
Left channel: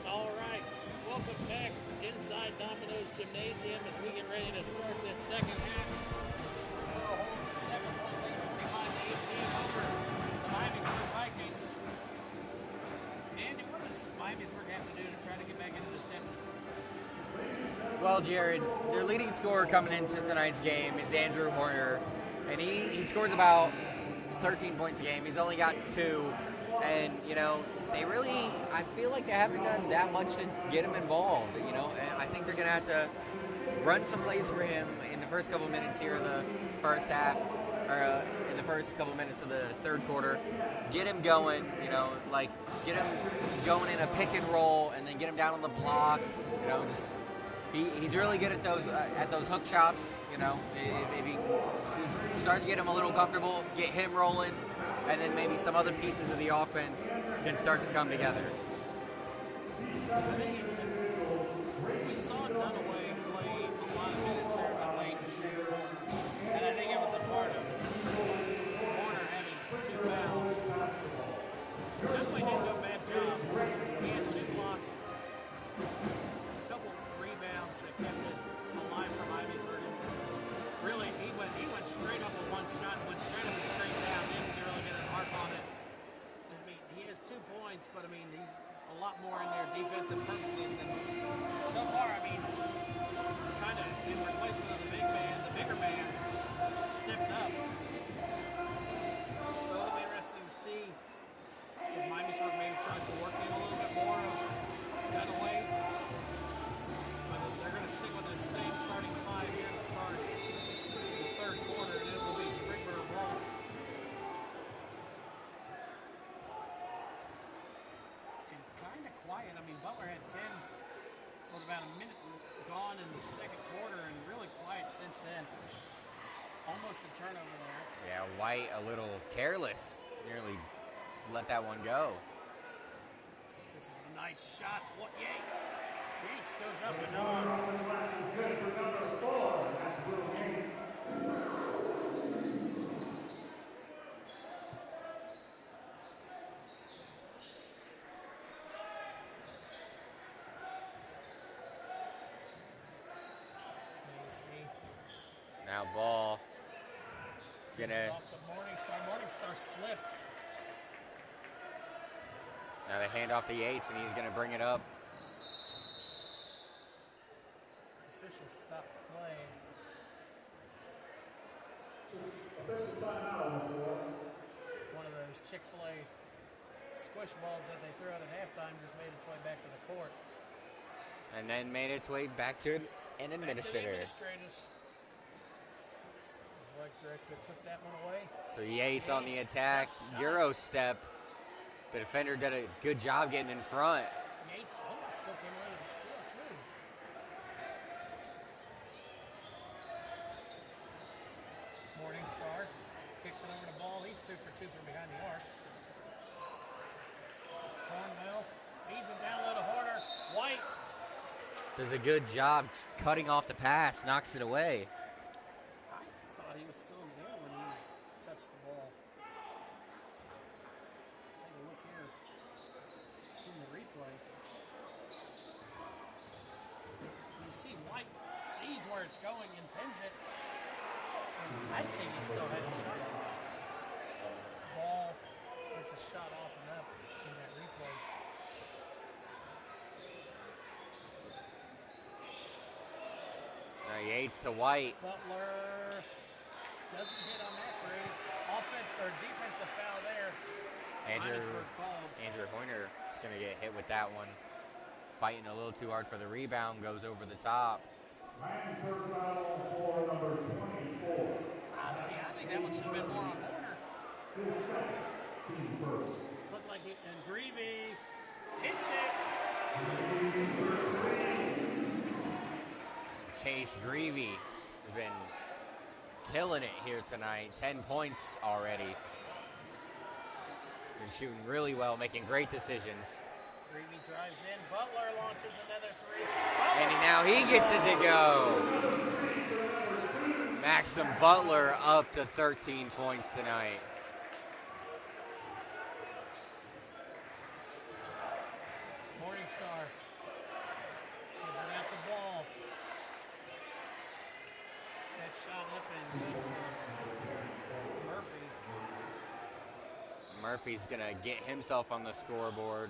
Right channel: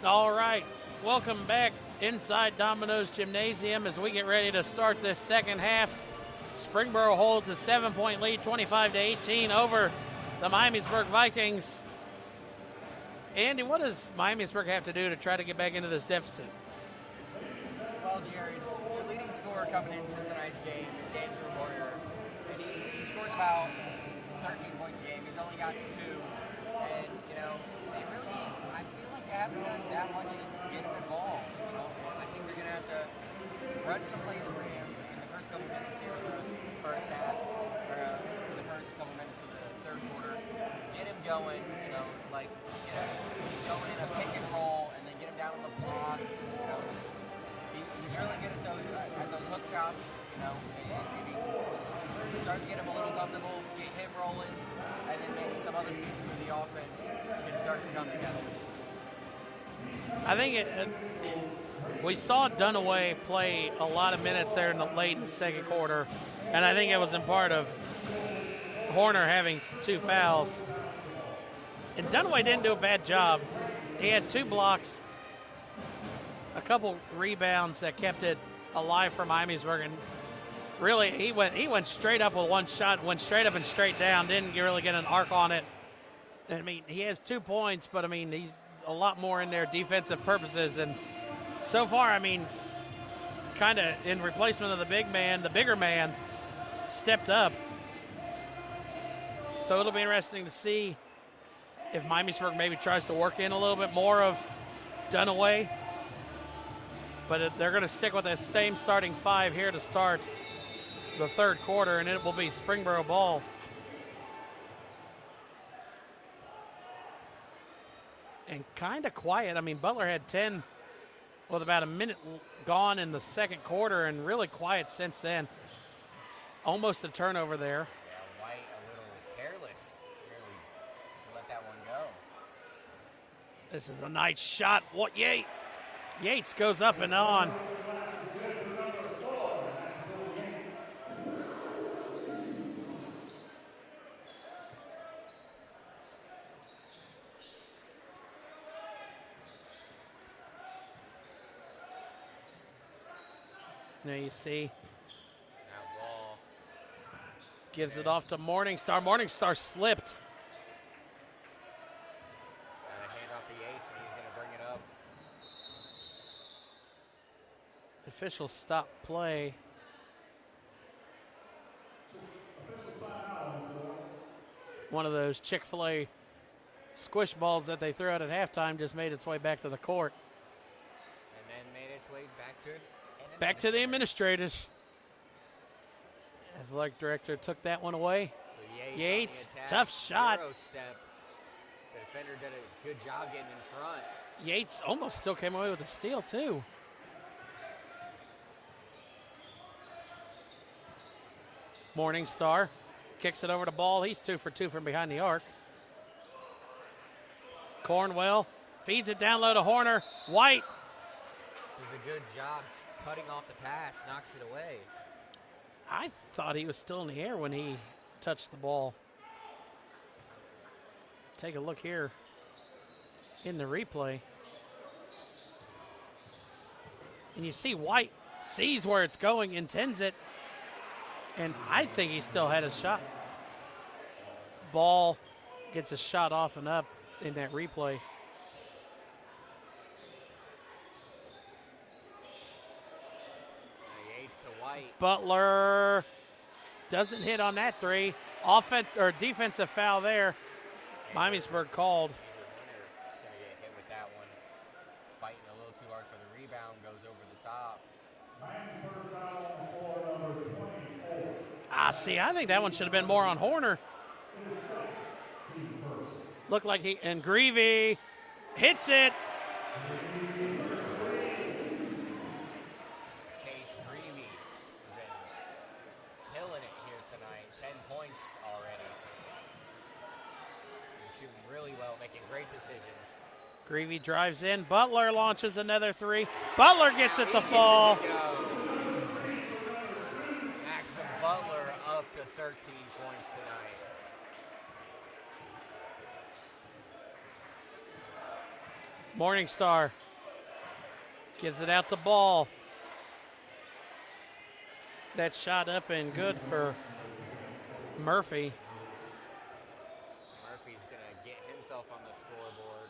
All right, welcome back inside Domino's Gymnasium as we get ready to start this second half. Springboro holds a 7-point lead, 25-18 over the Miamisburg Vikings. Andy, what does Miamisburg have to do to try to get back into this deficit? Well, Jared, their leading scorer coming into tonight's game is Andrew Horner, and he scores about 13 points a game. He's only got 2, and, you know, they really, I feel like they haven't done that much to get him involved, you know. And I think they're going to have to run some plays for him in the first couple minutes here of the first half, or in the first couple minutes of the third quarter. Get him going, you know, like get him going in a pick and roll, and then get him down on the block, you know, just he's really good at those hook shots, you know. If he's start to get him a little comfortable, get him rolling, and then maybe some other pieces of the offense can start to come together. I think we saw Dunaway play a lot of minutes there in the late second quarter, and I think it was in part of Horner having 2 fouls. And Dunaway didn't do a bad job. He had 2 blocks, a couple rebounds that kept it alive for Miamisburg, and really he went straight up with 1 shot, went straight up and straight down, didn't really get an arc on it. I mean, he has 2 points, but I mean, he's a lot more in there defensive purposes, and so far, I mean, kind of in replacement of the bigger man stepped up. So it'll be interesting to see if Miamisburg maybe tries to work in a little bit more of Dunaway. But they're going to stick with the same starting 5 here to start the third quarter, and it will be Springboro ball. And kind of quiet. I mean, Butler had 10 with about a minute gone in the second quarter, and really quiet since then. Almost a turnover there. Yeah, White a little careless. Nearly let that one go. This is a nice shot. What Yates goes up and on. There you see. Now ball. Gives it off to Morningstar. Morningstar slipped. Now they hand off to Yates, and he's going to bring it up. Official stop play. One of those Chick-fil-A squish balls that they threw out at halftime just made its way back to the court. And then made its way back to And Back to the administrator. administrators. Athletic director took that one away. So Yates on the Yates, attack. tough shot. Euro step. The defender did a good job getting in front. Yates almost still came away with a steal, too. Morningstar kicks it over to Ball. He's 2 for 2 from behind the arc. Cornwell feeds it down low to Horner. White. Does a good job cutting off the pass, knocks it away. I thought he was still in the air when he touched the ball. Take a look here in the replay. And you see White sees where it's going, intends it, and I think he still had a shot. Ball gets a shot off and up in that replay. Now Yates to White. Butler doesn't hit on that three. Defensive foul there. Miamisburg called. Andrew Horner is going to get hit with that one. Fighting a little too hard for the rebound, goes over the top. Miamisburg foul for number 24. See, I think that one should have been more on Horner. His second, team first. Looked like and Greavy hits it. Chase Greavy has been killing it here tonight. 10 points already. Been shooting really well, making great decisions. Greavy drives in. Butler launches another three. Butler And gets now it he to gets fall. it to go. Maxim Butler up to 13 points tonight. Morningstar gives it out to Ball. That shot up and good for Murphy. Murphy's going to get himself on the scoreboard.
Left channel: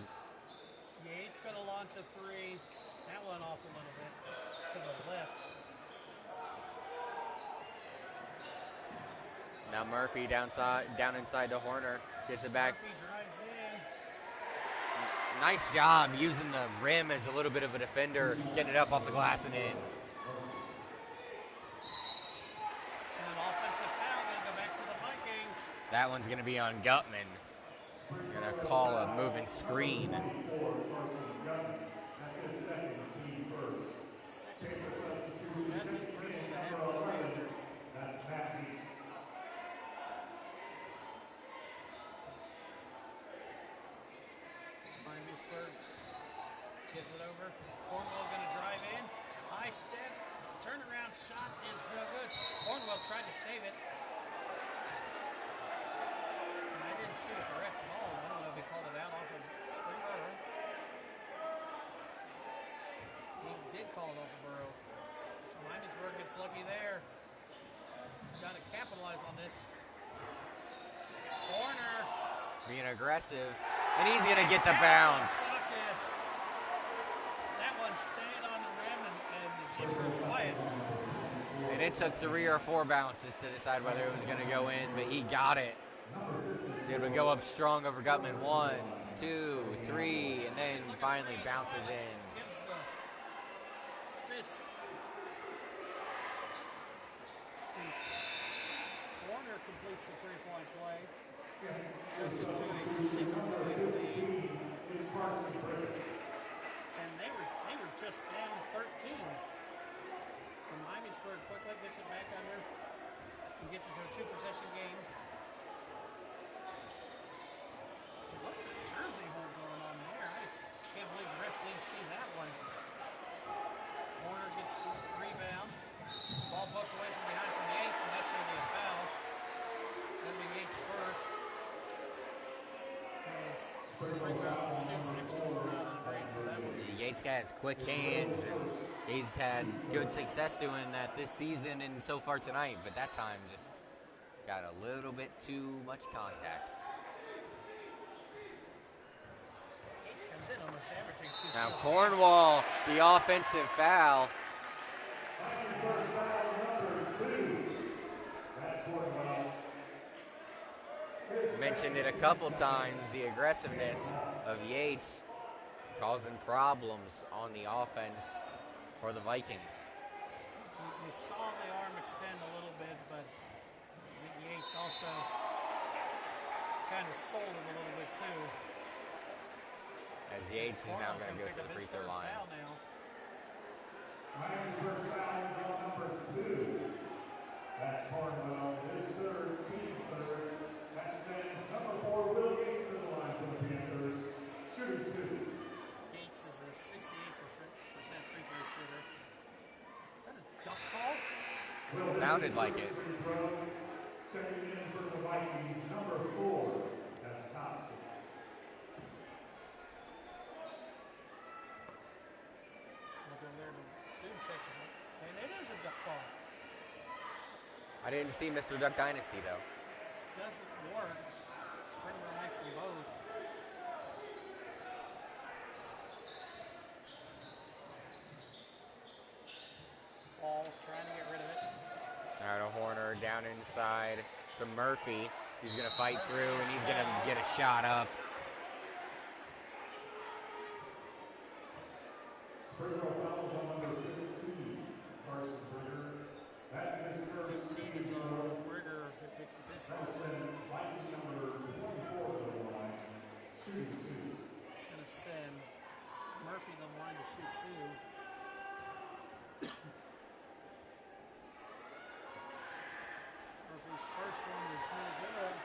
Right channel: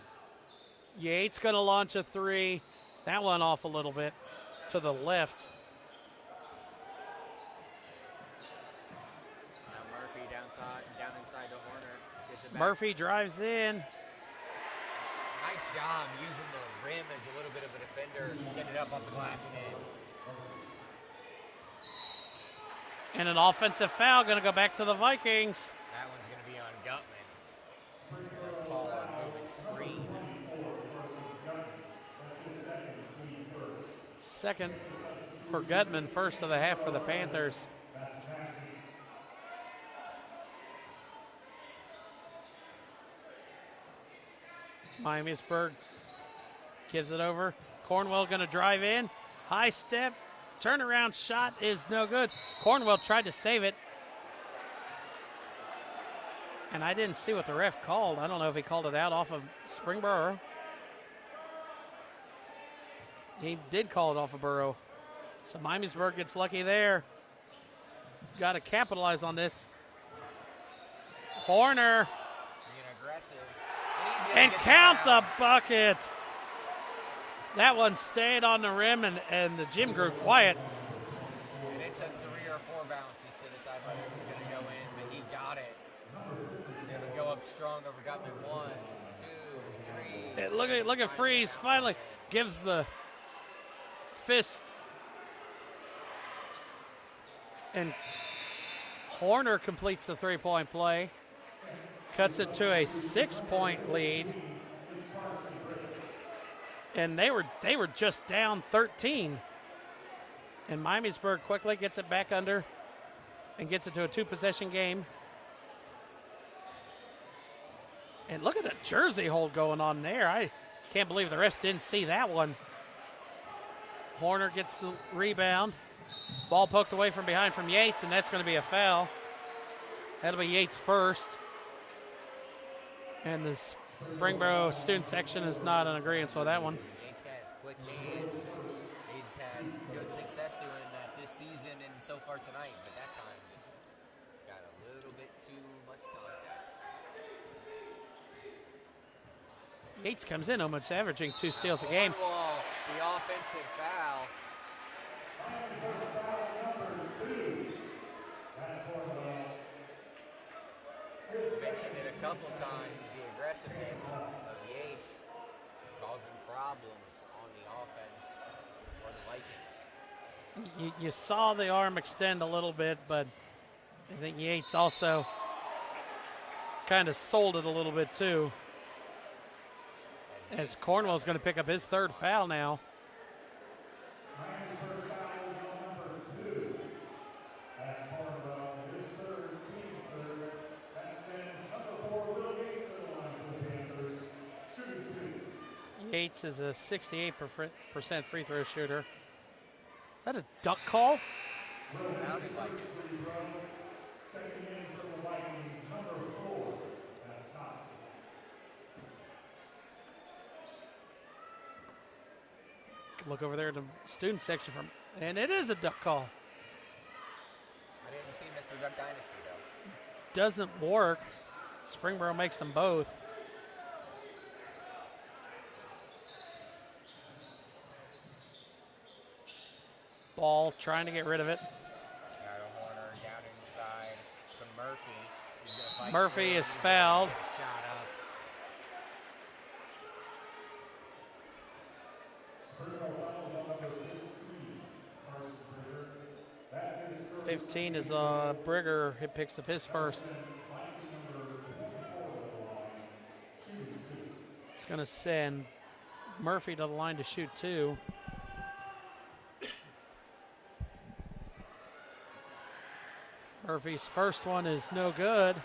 Yates going to launch a three. That one off a little bit to the left. Now Murphy down inside to Horner. Gets it back. Murphy drives in. Nice job using the rim as a little bit of a defender, getting it up off the glass and in. And an offensive foul going to go back to the Vikings. That one's going to be on Gutman. Going to call a moving screen. Second for Gutman, first of the half for the Panthers. Miamisburg gives it over. Cornwell going to drive in. High step. Turnaround shot is no good. Cornwell tried to save it. And I didn't see what the ref called. I don't know if he called it out off of Springboro. He did call it off of Burrow. So Miamisburg gets lucky there. Got to capitalize on this. Horner. Being aggressive. And he's going to get the count bounce. the bucket. That one stayed on the rim, and the gym grew quiet. And it took 3 or 4 bounces to decide whether it was going to go in, but he got it. He was able to go up strong over Gutman. 1, 2, 3. And Look at Freeze bounces finally in. gives the fist. And Horner completes the three-point play. Cuts it to a 6-point lead. And they were just down 13. And Miamisburg quickly gets it back under and gets it to a 2-possession game. And look at the jersey hold going on there. I can't believe the refs didn't see that one. Horner gets the rebound. Ball poked away from behind from Yates, and that's going to be a foul. That'll be Yates first. And the Springboro student section is not in agreement with that one. Yates has quick hands, and he's had good success doing that this season and so far tonight, but that time just got a little bit too much contact. Yates comes in almost averaging 2 Now steals a game. Cornwall, the offensive foul. Mentioned it a couple times, the aggressiveness of Yates causing problems on the offense for the Vikings. You saw the arm extend a little bit, but I think Yates also kind of sold it a little bit too. As Cornwell's going to pick up his third foul now. Miamisburg foul is on number 2. That's Cornwell, his third, team third. That sends number 4, Will Gates to the line for the Panthers. Shooting 2. Yates is a 68% free throw shooter. Is that a duck call? Sounded like it. Checking in for the Vikings, number 4. That's Thompson. Look over there at the student section and it is a duck call. I didn't see Mr. Duck Dynasty, though. Doesn't work. Springboro makes them both. Ball trying to get rid of it. Now to Horner down inside to Murphy. He's going to fight Murphy through, is and he's fouled. Gonna get a shot up. Springboro fouls on number 15, Carson Brigger. That's his first. 15 is Brigger. He picks up his first. Viking number 24 to the line, shooting 2. It's going to send Murphy to the line to shoot 2. Murphy's first one is no good.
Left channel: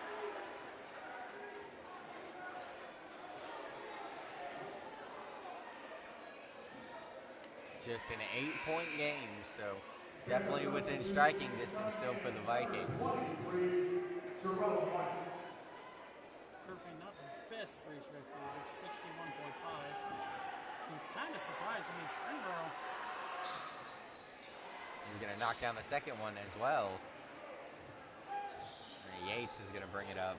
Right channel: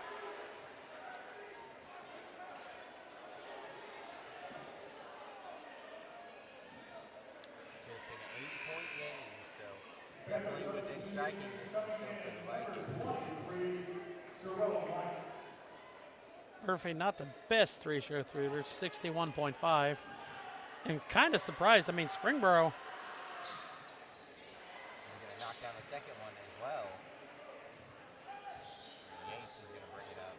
Just an 8-point game, so definitely within striking distance still for the Vikings. Murphy, not the best three-shooter, 61.5. And kind of surprised. I mean, Springboro. He's going to knock down the second one as well. Yates is going to bring it up.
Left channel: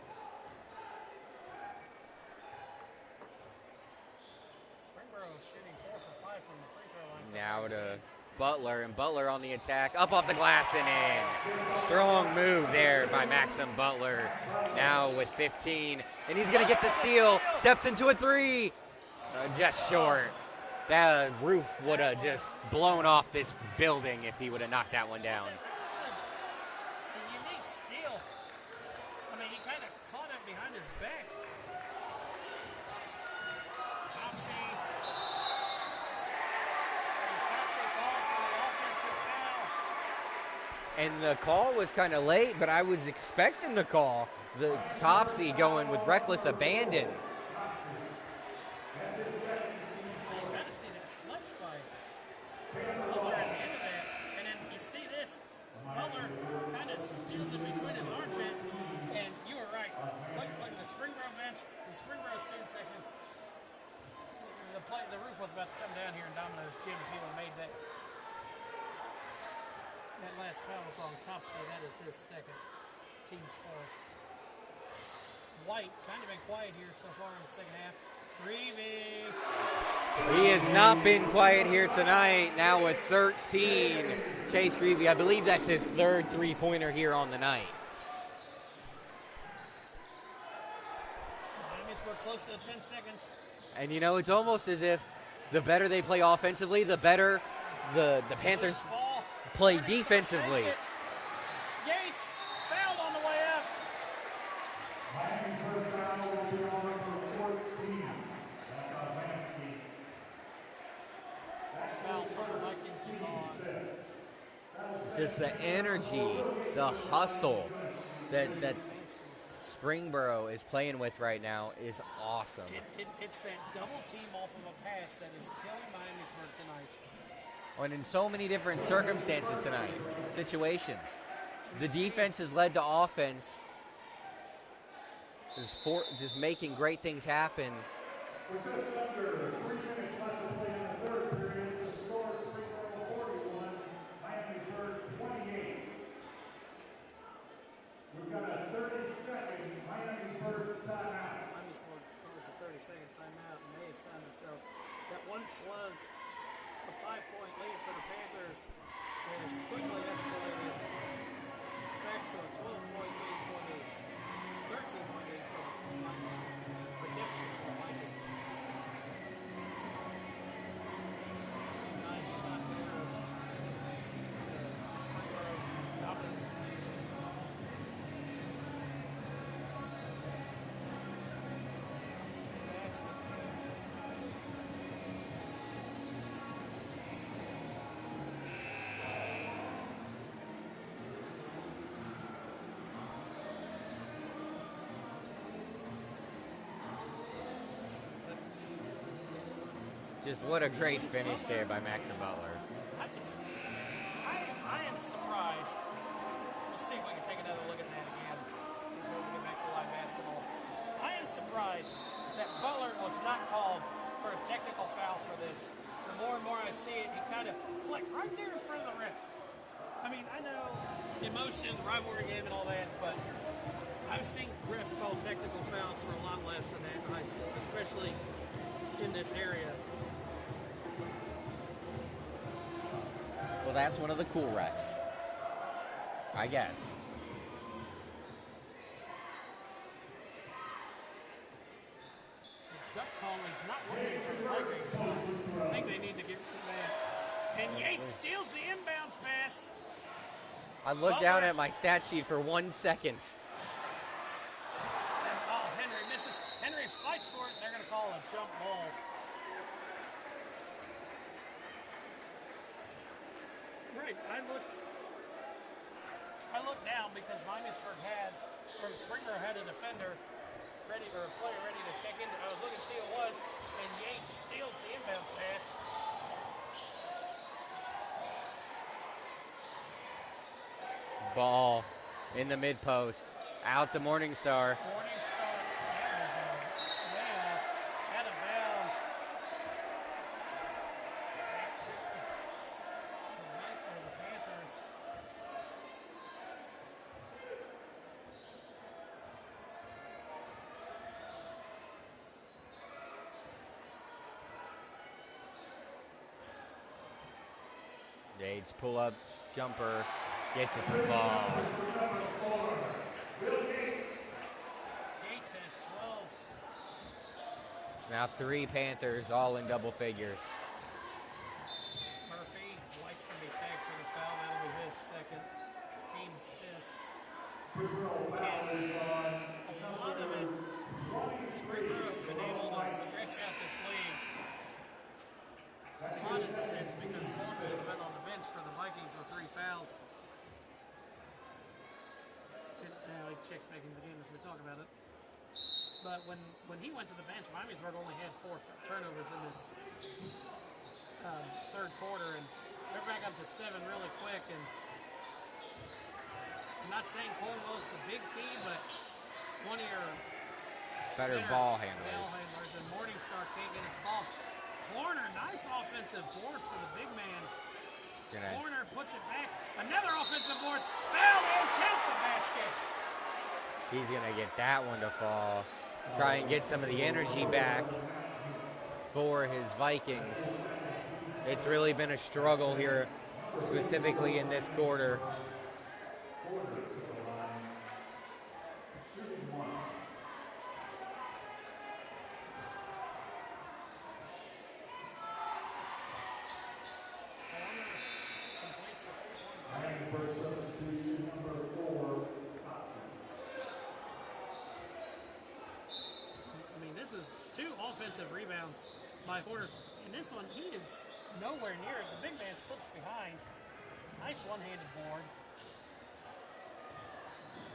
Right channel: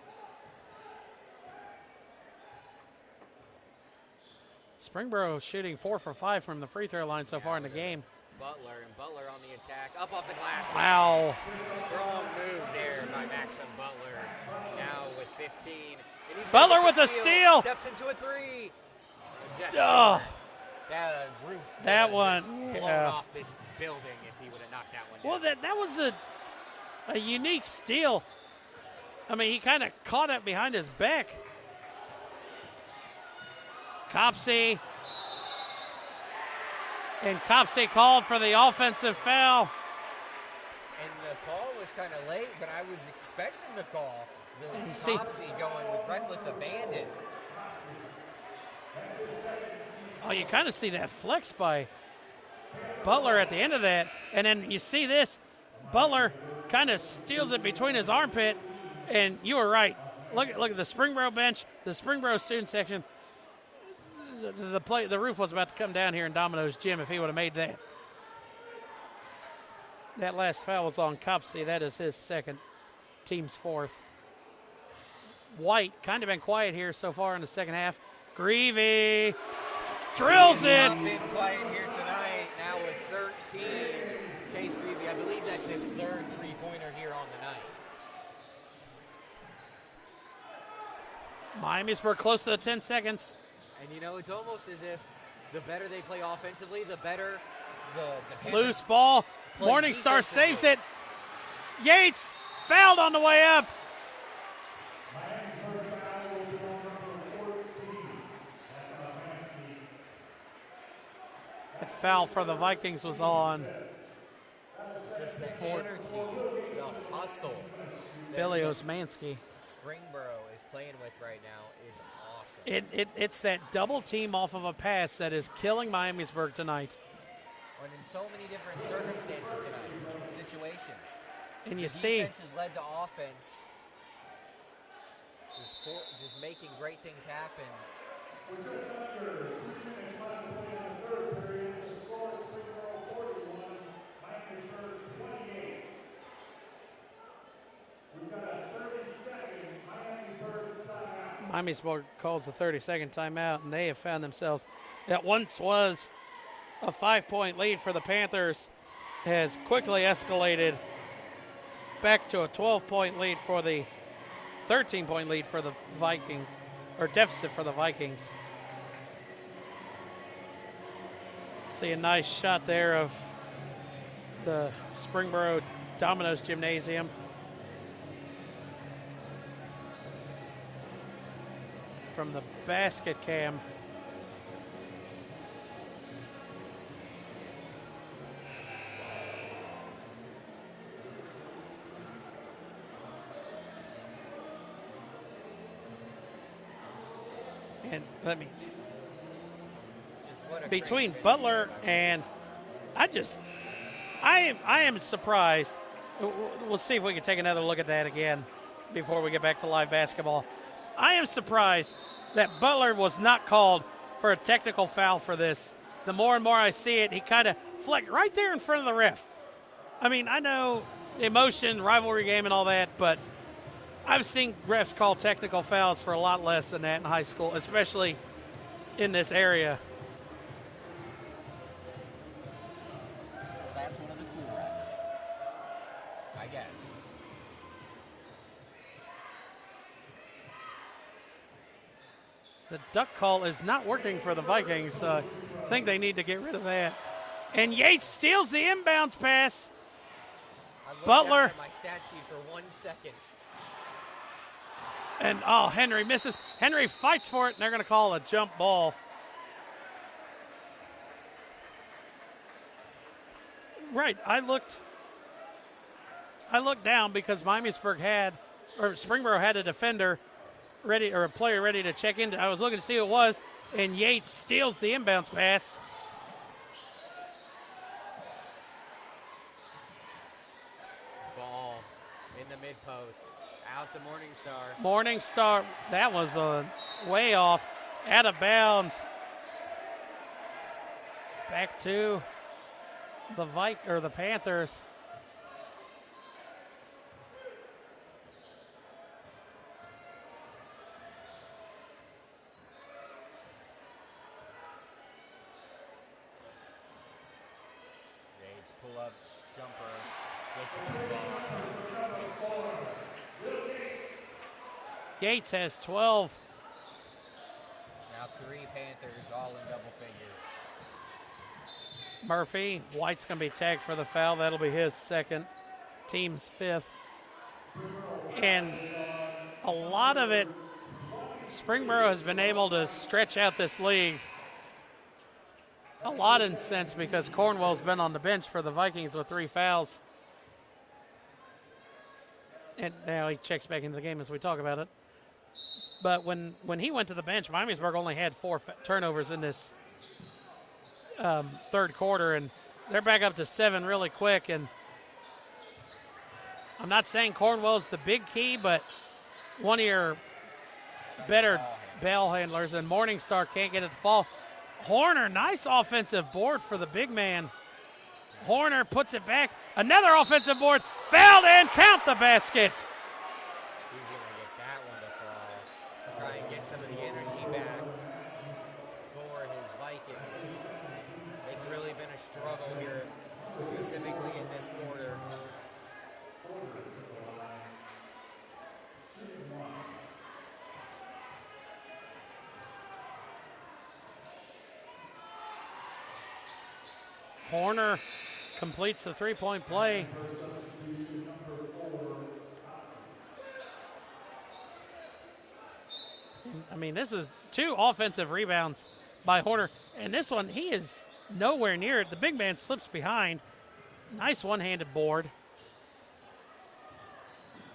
Springboro shooting 4 for 5 from the free throw line so far in the game. Butler, and Butler on the attack. Up off the glass. Ow. Strong move there by Maxim Butler. Now with 15. And he's going to get the with steal. the steal. Steps into a 3. Just short. That roof would have just blown off this building if he would have knocked that one down. Well, that was a unique steal. I mean, he kind of caught it behind his back. Copsey. And Copsey called for the offensive foul. And the call was kind of late, but I was expecting the call. The Copsey going with reckless abandon. Oh, you kind of see that flex by Butler at the end of that. And then you see this. Butler kind of steals it between his armpit. And you were right. Look at the Springboro bench, the Springboro student section. The roof was about to come down here in Domino's Gym if he would have made that. That last foul was on Copsey. That is his second, team's fourth. White kind of been quiet here so far in the second half. Greavy drills He has not been quiet here tonight. Now with 13, Chase Greavy. I believe that's his third three-pointer here on the night. Miamisburg close to the 10 seconds. And, you know, it's almost as if the better they play offensively, the better the Panthers Loose ball. play Morningstar defensively. saves it. Yates fouled on the way up. That foul for the Vikings was on. Just the energy, the hustle that Elios Mansky. Springboro is playing with right now is awesome. It's that double team off of a pass that is killing Miamisburg tonight. And in so many different circumstances tonight, situations. And The you see, defense has led to offense. Just making great things happen. With just under 3 minutes left to play in the third period, the score is Springboro 41, Miamisburg 28. We've got a 30-second Miamisburg timeout. Miamisburg calls a 30-second timeout, and they have found themselves that once was a 5-point lead for the Panthers has quickly escalated back to a 12-point lead for the 13-point lead for the Vikings, or deficit for the Vikings. See a nice shot there of the Springboro Domino's Gymnasium. From the basket cam. And let me Just what a between great finish Butler there by Max and Butler. I am surprised. We'll see if we can take another look at that again before we get back to live basketball. I am surprised that Butler was not called for a technical foul for this. The more and more I see it, he kind of flicked right there in front of the ref. I mean, I know emotion, rivalry game and all that, but I've seen refs call technical fouls for a lot less than that in high school, especially in this area. Well, that's one of the cool refs, I guess. The duck call is not working for the Vikings, so I think they need to get rid of that. And Yates steals the inbounds pass. I looked Butler. down at my stat sheet for 1 second. And, oh, Henry misses. Henry fights for it, and they're going to call a jump ball. Right, I looked down because Miamisburg had, or Springboro had a defender ready, or a player ready to check in. I was looking to see who it was, and Yates steals the inbounds pass. Ball in the mid post. Out to Morningstar. Morningstar, that was way off, out of bounds. Back to the Panthers. Yates pull up jumper, gets it to fall. Yates has 12. Now 3 Panthers, all in double figures. Murphy, White's going to be tagged for the foul. That'll be his second, team's 5th. And a lot of it, Springboro has been able to stretch out this league a lot in sense because Cornwell's been on the bench for the Vikings with 3 fouls. And now he checks back into the game as we talk about it. But when he went to the bench, Miamisburg only had 4 turnovers in this third quarter, and they're back up to 7 really quick. And I'm not saying Cornwell's the big key, but one of your better ball handlers, and Morningstar can't get it to fall. Horner, nice offensive board for the big man. Horner puts it back. Another offensive board, fouled and count the basket. He's going to get that one to fall. Try and get some of the energy back for his Vikings. It's really been a struggle here, specifically in this quarter. Horner completes the three-point play. I mean, this is 2 offensive rebounds by Horner. And this one, he is nowhere near it. The big man slips behind. Nice one-handed board.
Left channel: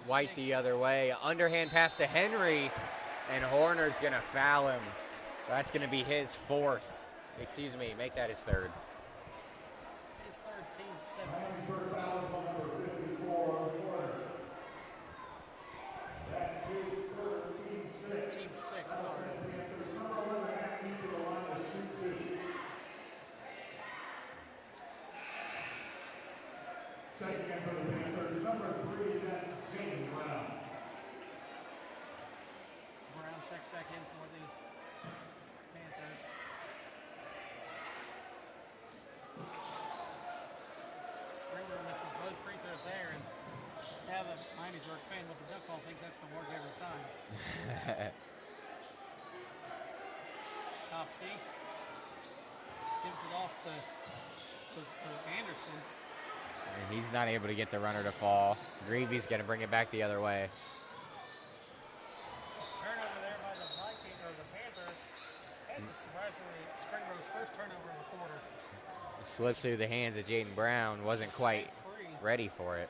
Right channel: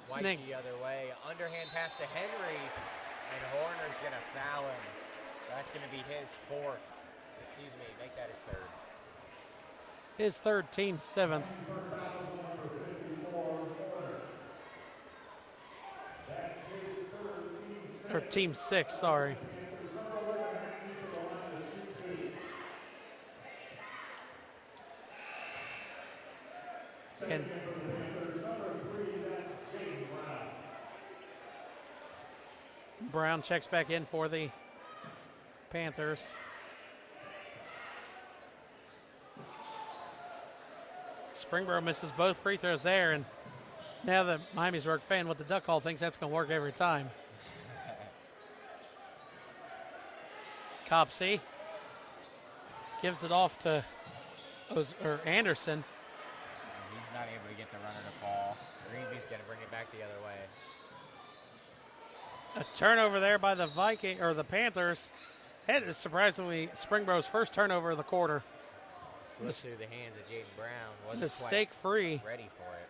White the other way. Underhand pass to Henry, and Horner's going to foul him. That's going to be his 4th. Excuse me, make that his 3rd. His 3rd, team 7th. Or team 6, sorry. And Brown checks back in for the Panthers. Springboro misses both free throws there, and now the Miamisburg fan with the duck call thinks that's going to work every time. Copsey gives it off to Anderson. And he's not able to get the runner to fall. Greavy's going to bring it back the other way. A turnover there by the Panthers. That is surprisingly Springboro's first turnover of the quarter. Slips through the hands of Jaden Brown. Wasn't quite free. Ready for it.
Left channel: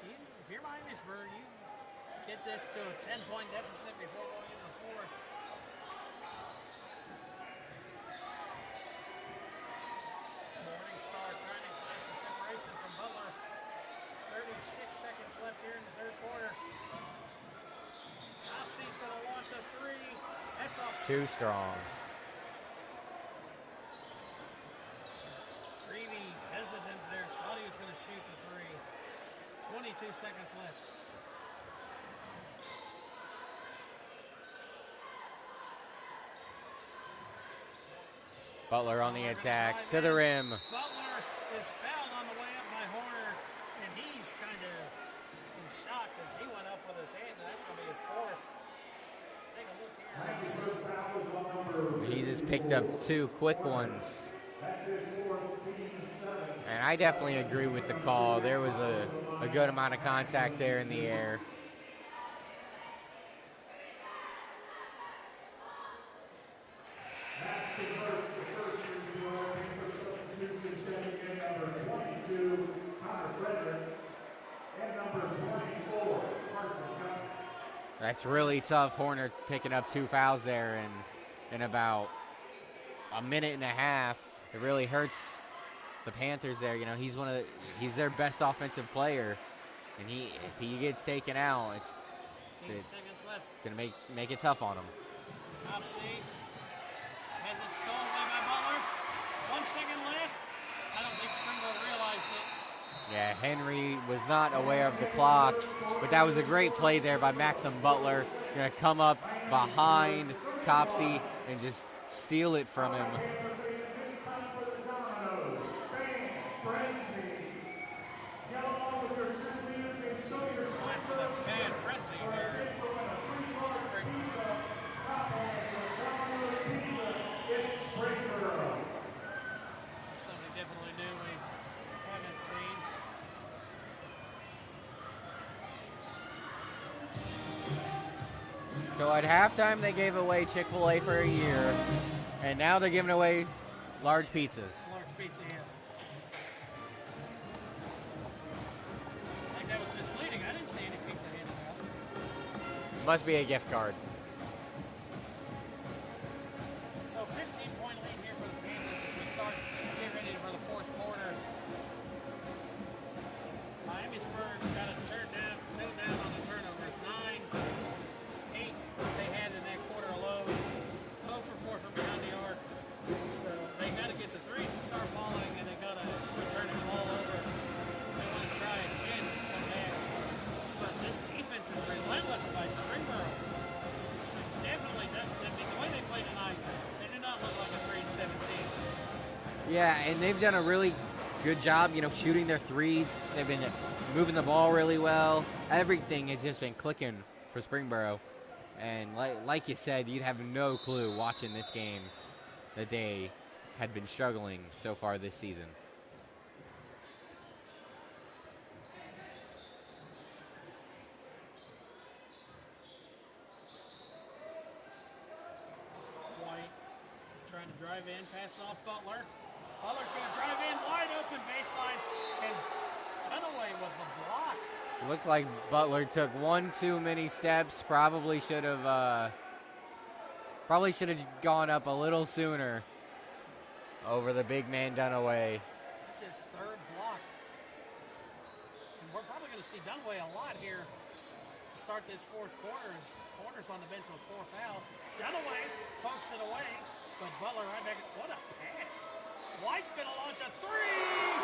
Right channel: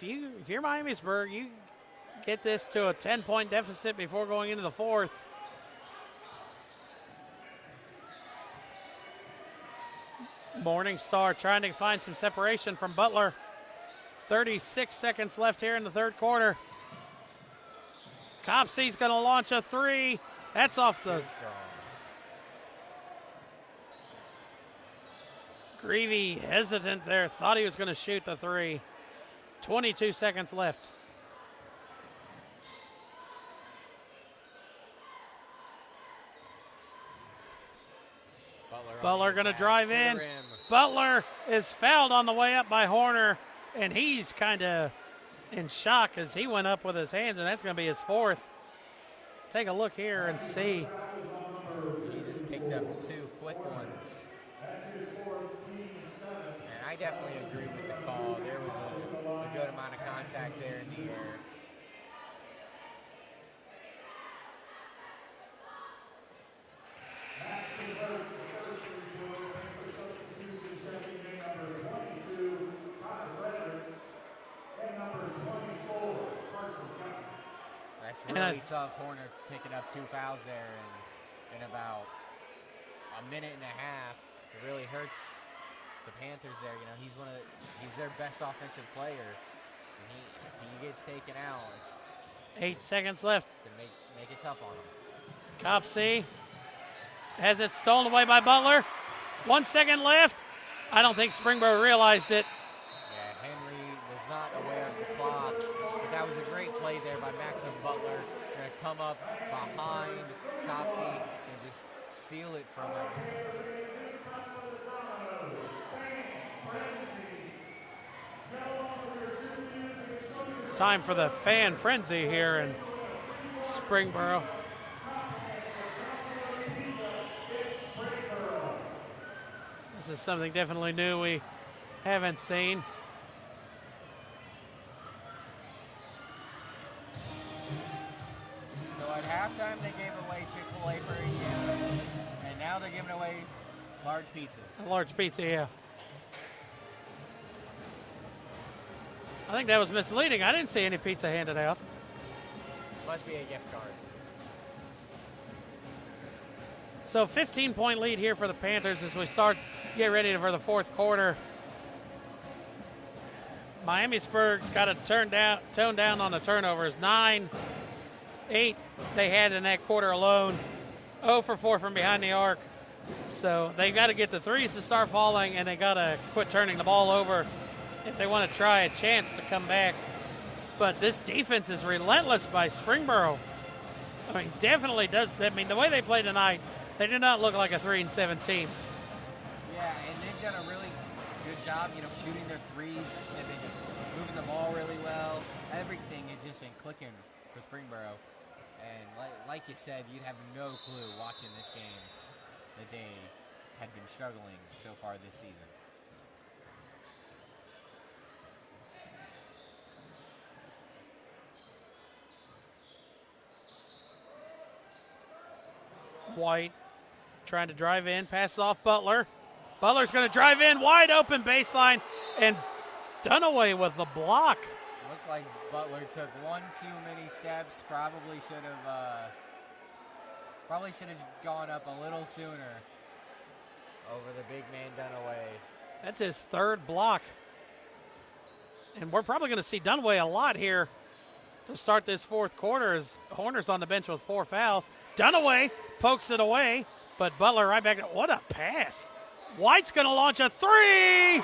If you're Miamisburg, you get this to a 10-point deficit before going into the fourth. Morningstar trying to find some separation from Butler. 36 seconds left here in the third quarter. Copsey's going to launch a three. That's off the... Too strong. Greavy hesitant there. Thought he was going to shoot the three. 22 seconds left. Butler going to drive to in. the rim. Butler is fouled on the way up by Horner, and he's kind of in shock as he went up with his hands, and that's going to be his fourth. Let's take a look here and see. He just picked up two quick ones. And I definitely agree with the call. There was a good amount of contact there in the air. That's really tough. Horner picking up two fouls there in about a minute and a half. It really hurts the Panthers there. You know, he's their best offensive player, and if he gets taken out, it's 8 seconds left. Gonna make it tough on him. Copsey has it stolen away by Butler. 1 second left. I don't think Springboro realized it. Yeah, Henry was not aware of the clock, but that was a great play there by Maxim Butler. Gonna come up behind Copsey and just steal it from him. Time for the fan frenzy here in Springboro. This is something definitely new we haven't seen. So at halftime, they gave away Chick-fil-A for a year, and now they're giving away large pizzas. A large pizza, yeah. I think that was misleading. I didn't see any pizza handed out. Must be a gift card. So 15-point lead here for the Panthers as we get ready for the fourth quarter. Miamisburg's got to tone down on the turnovers. 9-8 they had in that quarter alone. 0 for 4 from behind the arc. So they've got to get the threes to start falling, and they got to quit turning the ball over if they want to try a chance to come back. But this defense is relentless by Springboro. I mean, definitely does. I mean, the way they play tonight, they do not look like a 3-7 team. Yeah, and they've done a really good job, shooting their threes. They've been moving the ball really well. Everything has just been clicking for Springboro. And like you said, you'd have no clue watching this game that they had been struggling so far this season. White trying to drive in, passes off Butler. Butler's going to drive in, wide open baseline, and Dunaway with the block. Looks like Butler took one too many steps. Probably should have gone up a little sooner over the big man Dunaway. That's his third block. And we're probably going to see Dunaway a lot here to start this fourth quarter as Horner's on the bench with 4 fouls. Dunaway pokes it away, but Butler right back. What a pass. White's going to launch a three.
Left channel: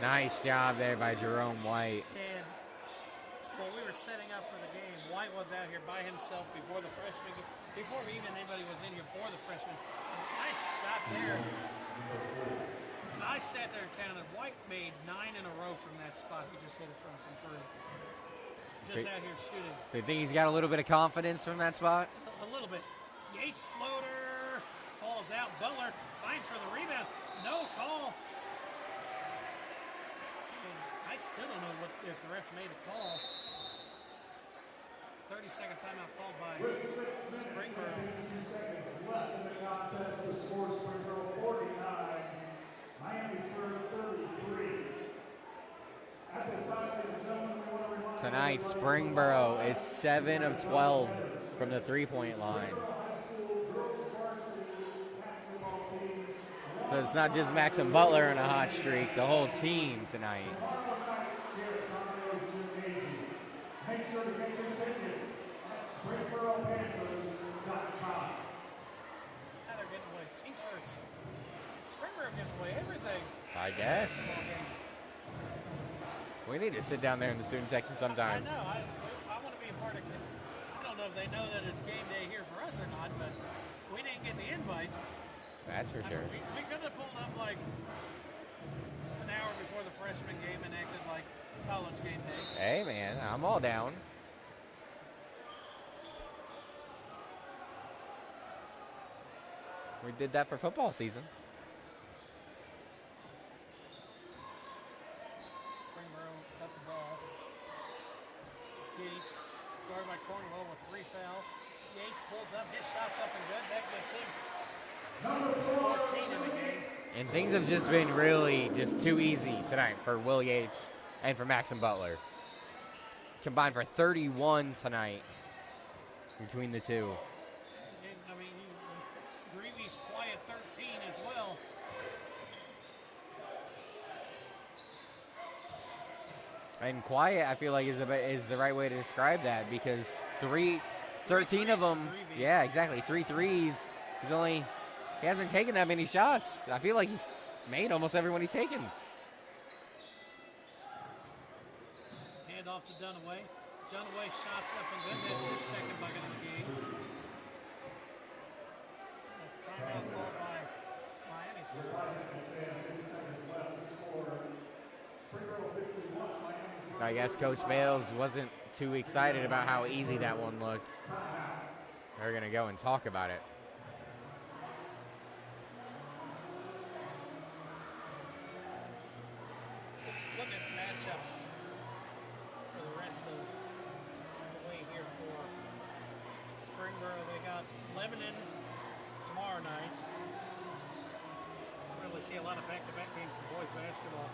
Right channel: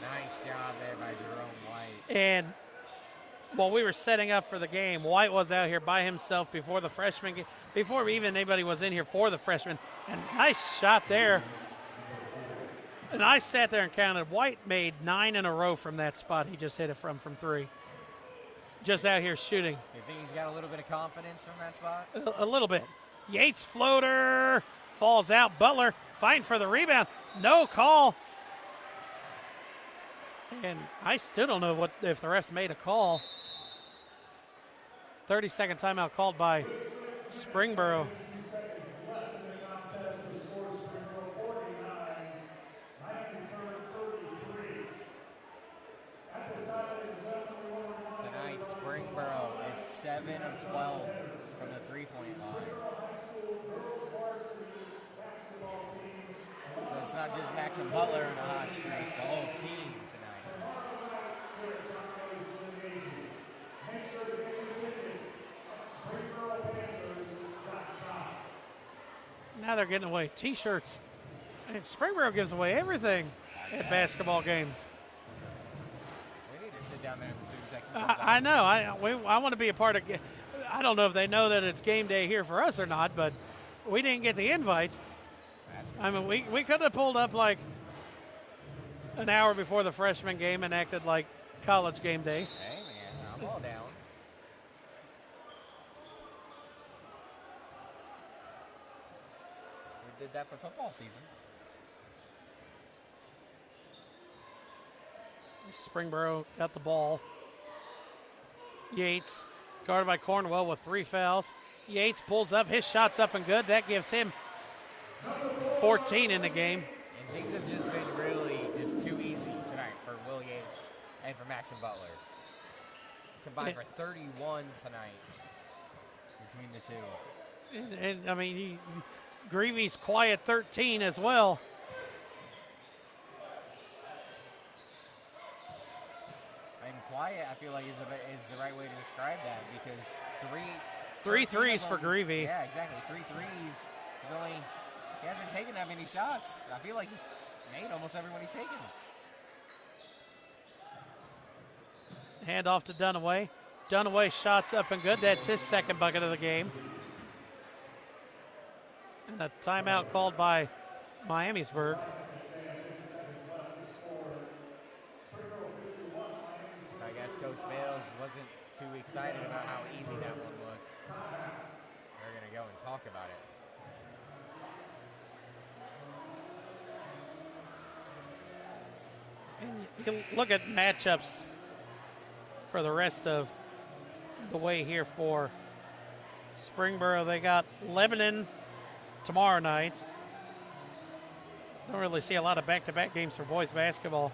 Nice job there by Jerome White. And while we were setting up for the game, White was out here by himself before the freshman, before even anybody was in here for the freshman. And nice shot there. And I sat there and counted. White made 9 in a row from that spot he just hit it from 3. Just out here shooting. So you think he's got a little bit of confidence from that spot? A little bit. Yates floater falls out. Butler fighting for the rebound. No call. And I still don't know if the refs made a call. 30-second timeout called by Springboro. Tonight, Springboro is 7 of 12 from the three-point line. So it's not just Maxim Butler in a hot streak, the whole team tonight. Now they're getting away T-shirts. And Springboro gives away everything in guess. basketball games. We need to sit down there in the student section sometime. I know. I want to be a part of. I don't know if they know that it's game day here for us or not, but we didn't get the invite. That's for I sure. mean, we could have pulled up like an hour before the freshman game and acted like college game day. Hey, man, I'm all down. We did that for football season. Springboro got the ball. Yates, guarded by Cornwell with 3 fouls. Yates pulls up. His shot's up and good. That gives him 14 in the game. And things have just been really just too easy tonight for Will Yates and for Maxim Butler. Combined for 31 tonight between the two. And I mean, Greavy's quiet 13 as well. And quiet, I feel like, is the right way to describe that, because Three 13 threes of them, for Greavy. Yeah, exactly. 3 threes. He hasn't taken that many shots. I feel like he's made almost every one he's taken. Hand off to Dunaway. Dunaway shots up and good. That's his second bucket of the game. And a timeout called by Miamisburg. I guess Coach Bales wasn't too excited about how easy that one looked. They're going to go and talk about it. You can look at matchups for the rest of the way here for Springboro. They got Lebanon tomorrow night. Don't really see a lot of back-to-back games for boys basketball.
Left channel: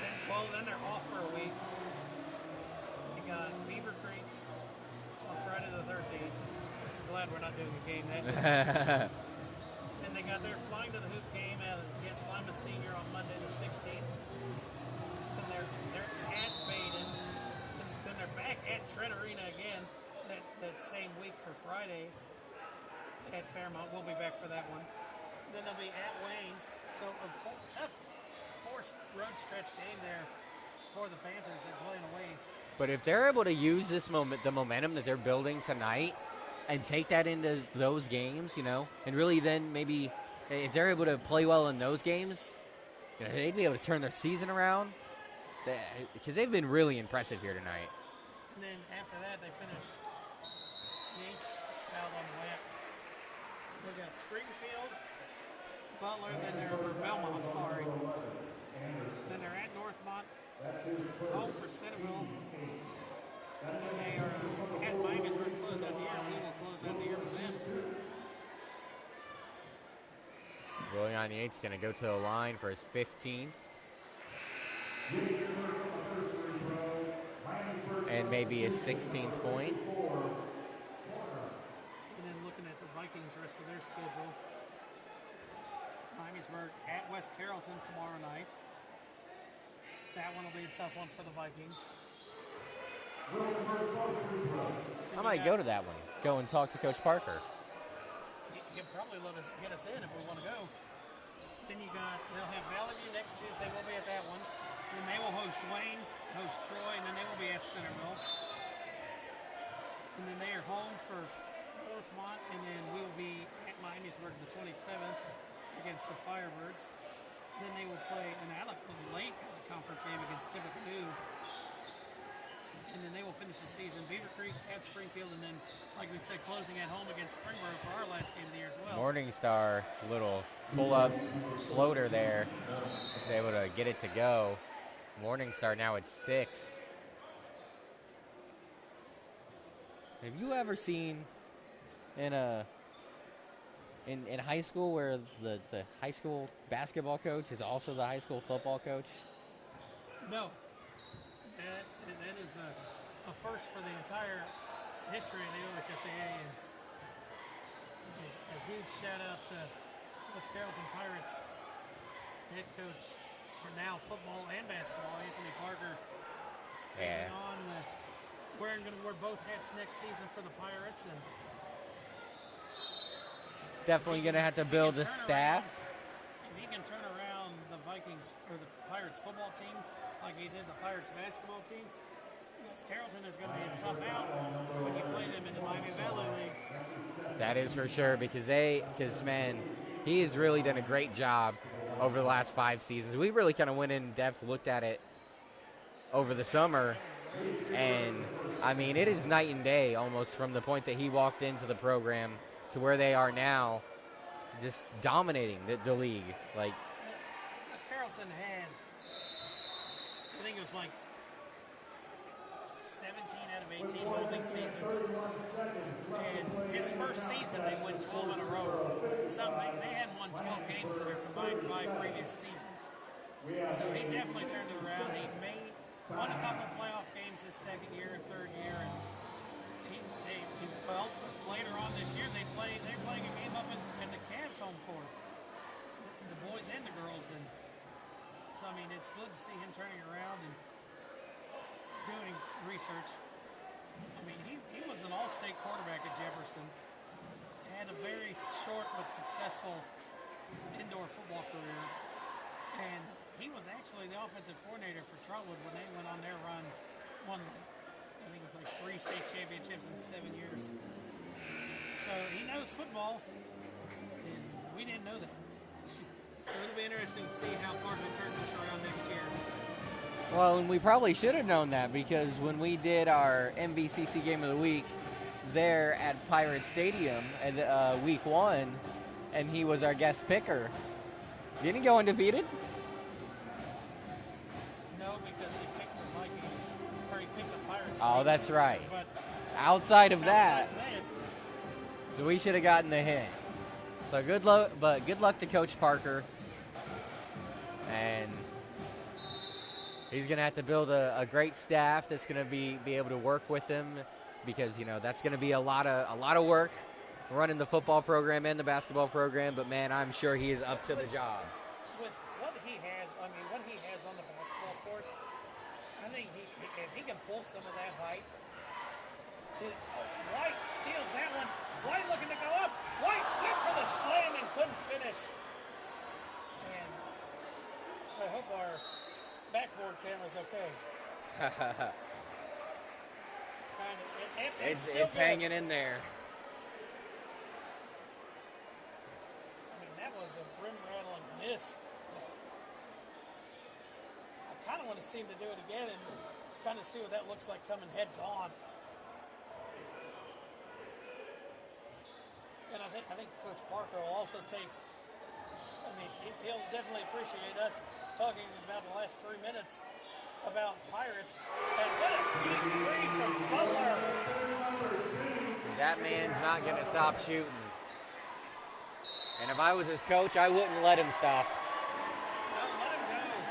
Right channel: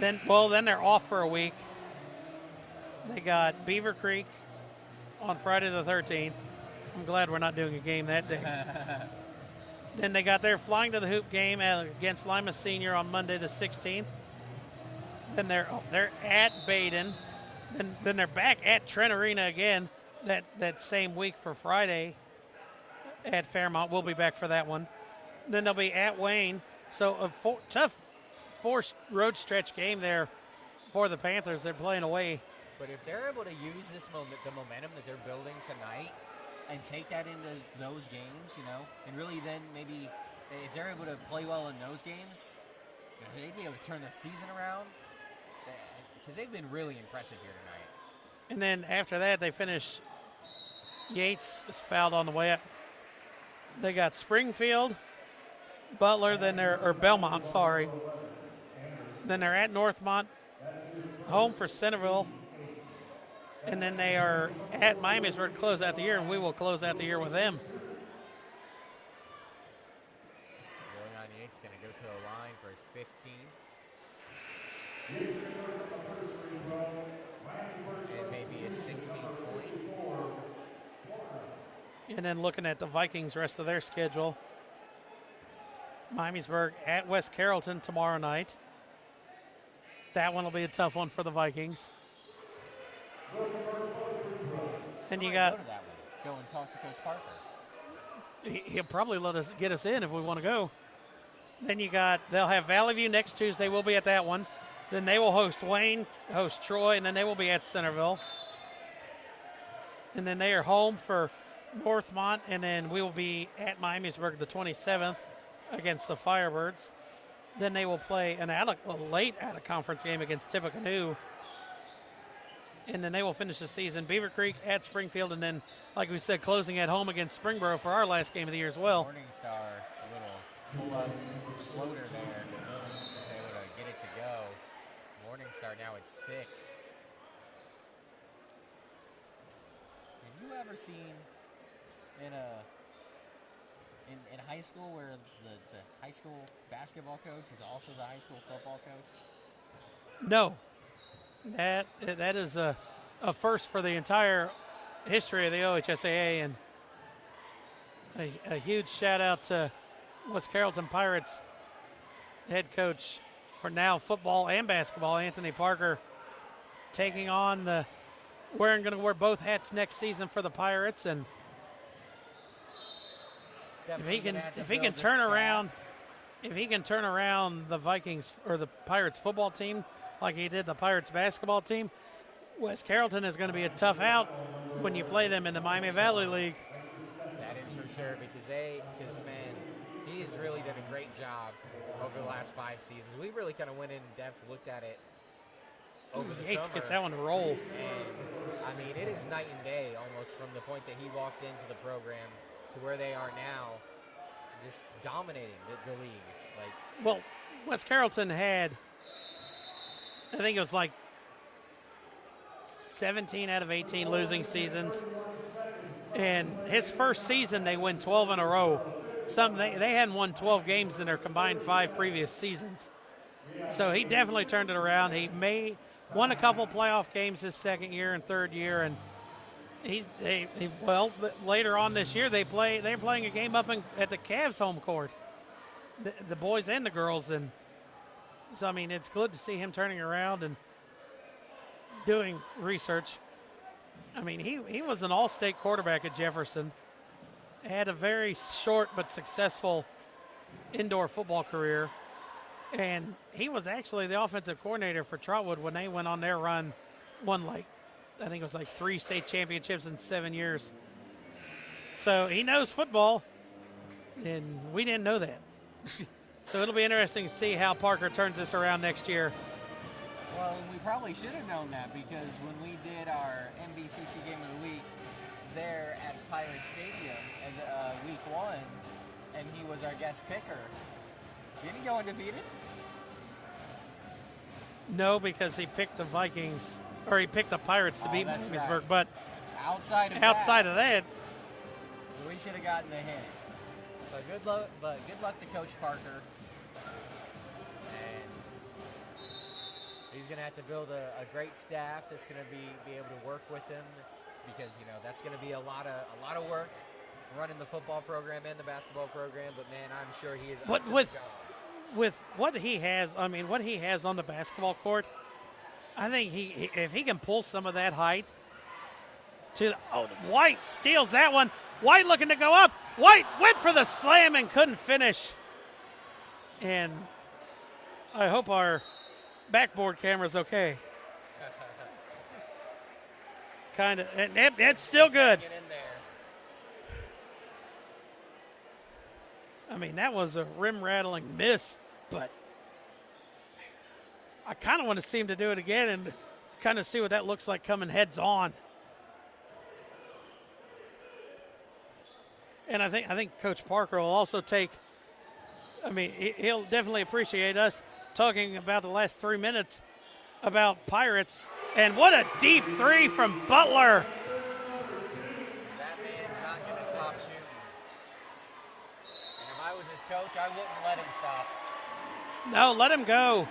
Then they're off for a week. They got Beaver Creek on Friday the 13th. I'm glad we're not doing a game that day. Then they got their Flying to the Hoop game against Lima Senior on Monday the 16th. Then they're at Baden. Then they're back at Trent Arena again that same week for Friday at Fairmont. We'll be back for that one. Then they'll be at Wayne. So a tough road stretch game there for the Panthers. They're playing away. But if they're able to use the momentum that they're building tonight and take that into those games, and really then maybe if they're able to play well in those games, they'd be able to turn their season around, because they've been really impressive here tonight. And then after that, they finish. Yates is fouled on the way up. They got Springfield, Butler, Belmont, sorry. Then they're at Northmont, home for Centerville. And then they are at Miamisburg to close out the year, and we will close out the year with them. William Yates going to go to the line for his 15th. And maybe his 16th point. And then looking at the Vikings' rest of their schedule. Miamisburg at West Carrollton tomorrow night. That one will be a tough one for the Vikings. Then I might go to that one. Go and talk to Coach Parker. He'll probably get us in if we want to go. Then they'll have Valley View next Tuesday. We'll be at that one. Then they will host Wayne, host Troy, and then they will be at Centerville. And then they are home for Northmont, and then we will be at Miamisburg the 27th against the Firebirds. Then they will play a late out-of-conference game against Tippecanoe. and then they will finish the season. Beaver Creek at Springfield, and then, like we said, closing at home against Springboro for our last game of the year as well. Morningstar, little pull-up floater there. Was able to get it to go. Morningstar now at 6. Have you ever seen in high school where the high school basketball coach is also the high school football coach? No. That is a first for the entire history of the OHSAA, and a huge shout out to West Carrollton Pirates head coach for now football and basketball, Anthony Parker, taking on going to wear both hats next season for the Pirates, and definitely going to have to build the staff. staff. If he can turn around the Vikings or the Pirates football team like he did the Pirates basketball team, West Carrollton is going to be a tough out when you play them in the Miami Valley League. That is for sure, because man, he has really done a great job over the last 5 seasons. We really kind of went in depth, looked at it over the summer. That one to roll. And I mean, it is night and day almost from the point that he walked into the program to where they are now, just dominating the league. Like, well, West Carrollton had, I think it was like 17 out of 18 losing seasons. And his first season, they win 12 in a row. They hadn't won 12 games in their combined 5 previous seasons. So he definitely turned it around. He won a couple playoff games his second year and third year, and later on this year they're playing a game up at the Cavs home court, the boys and the girls, and so I mean it's good to see him turning around and doing research. I mean he was an all-state quarterback at Jefferson, had a very short but successful indoor football career, and he was actually the offensive coordinator for Trotwood when they went on their run, won I think it was 3 state championships in 7 years. So he knows football, and we didn't know that. So it'll be interesting to see how Parker turns this around next year. well, and we probably should have known that, because when we did our MVCC Game of the Week there at Pirate Stadium at week 1, and he was our guest picker, didn't he go undefeated? No, because he picked the Vikings, or he picked the Pirates to beat that's Miamisburg, right. But Outside of that. So we should have gotten the hint. So good luck to Coach Parker. And he's going to have to build a great staff that's going to be able to work with him, because that's going to be a lot of work running the football program and the basketball program. But man, I'm sure he is up to the job. With what he has on the basketball court, I think if he can pull some of that height White steals that one. White looking to go up. White went for the slam and couldn't finish. And I hope our backboard camera's okay. Kind of. It's still good. Hanging in there. I mean, that was a rim-rattling miss, but I kind of want to see him to do it again and kind of see what that looks like coming heads on. And I think Coach Parker will also take, I mean, he'll definitely appreciate us talking about the last 3 minutes about Pirates. And what a deep three from Butler. That man's not going to stop shooting. And if I was his coach, I wouldn't let him stop. No, let him go.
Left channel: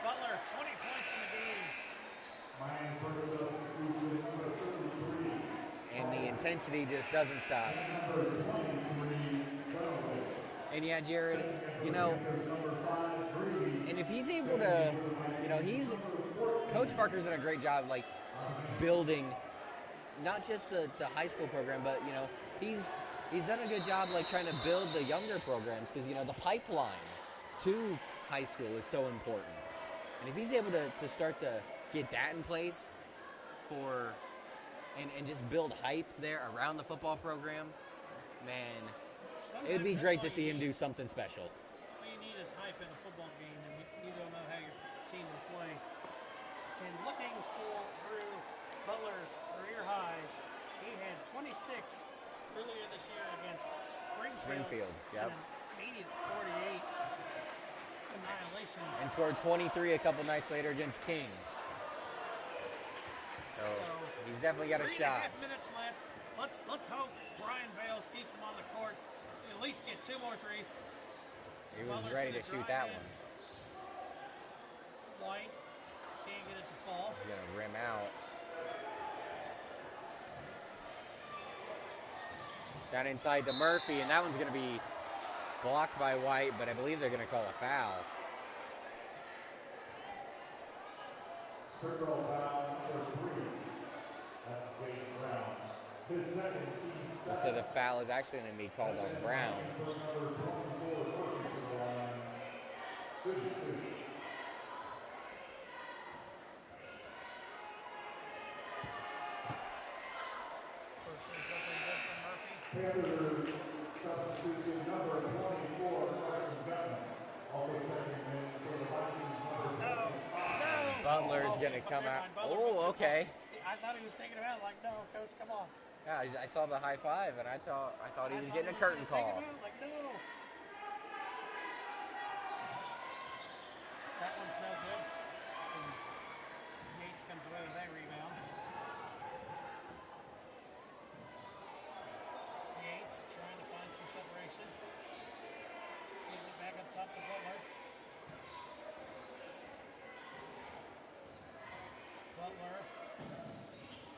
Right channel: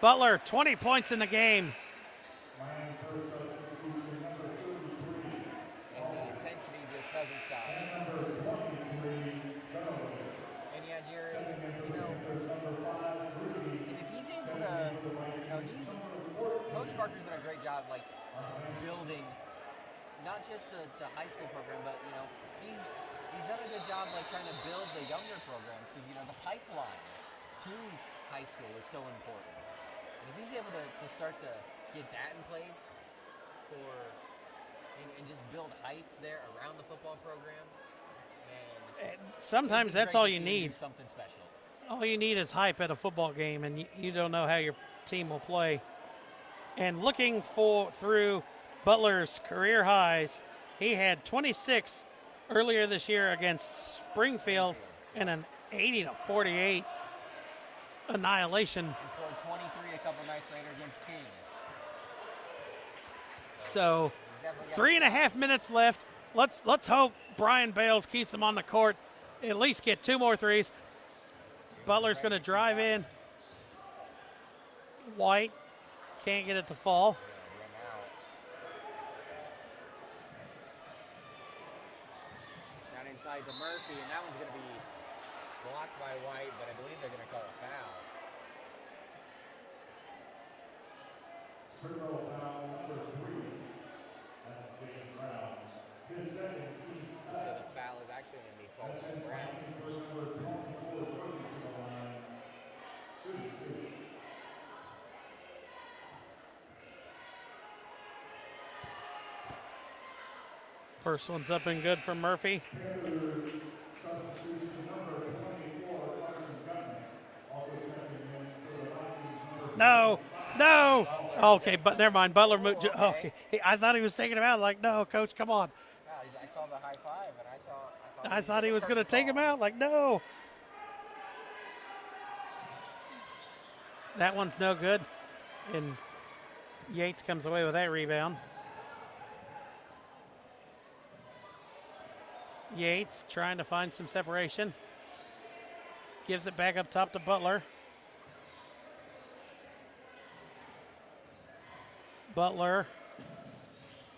Butler, 20 points in the game. And the intensity just doesn't stop. And yeah, Jared, and if he's able to, Coach Parker's done a great job, like, building not just the high school program, but, he's done a good job, like, trying to build the younger programs, because, the pipeline to high school is so important. And if he's able to start to get that in place and just build hype there around the football program, man, sometimes that's all you need. Do something special. All you need is hype at a football game, and you don't know how your team will play. And looking through Butler's career highs. He had 26 earlier this year against Springfield, Yep. and an 80-48 annihilation. And scored 23 a couple nights later against Kings. So he's definitely got 3.5 minutes left. Let's hope Brian Bales keeps them on the court. At least get 2 more threes. Butler's going to drive in. White can't get it to fall. He's going to rim out. Down inside to Murphy, and that one's going to be blocked by White, but I believe they're going to call a foul. Springboro foul number 3. That's Jaden Brown. His second team sack. So the foul is actually going to be called on Brown. Number 24 working to the line. Shooting 2. First one's up and good for Murphy. Panther substitution number 24, Carson Gutman. Also checking in for the Vikings number No. Butler's Okay, gonna but come never out. mind. Butler Oh, moved. okay. I thought he was taking him out. Like, no, coach, come on. Yeah, I saw the high five, and I thought He was going to take him out. Like, no. That one's no good. And Yates comes away with that rebound. Yates trying to find some separation. Gives it back up top to Butler. Butler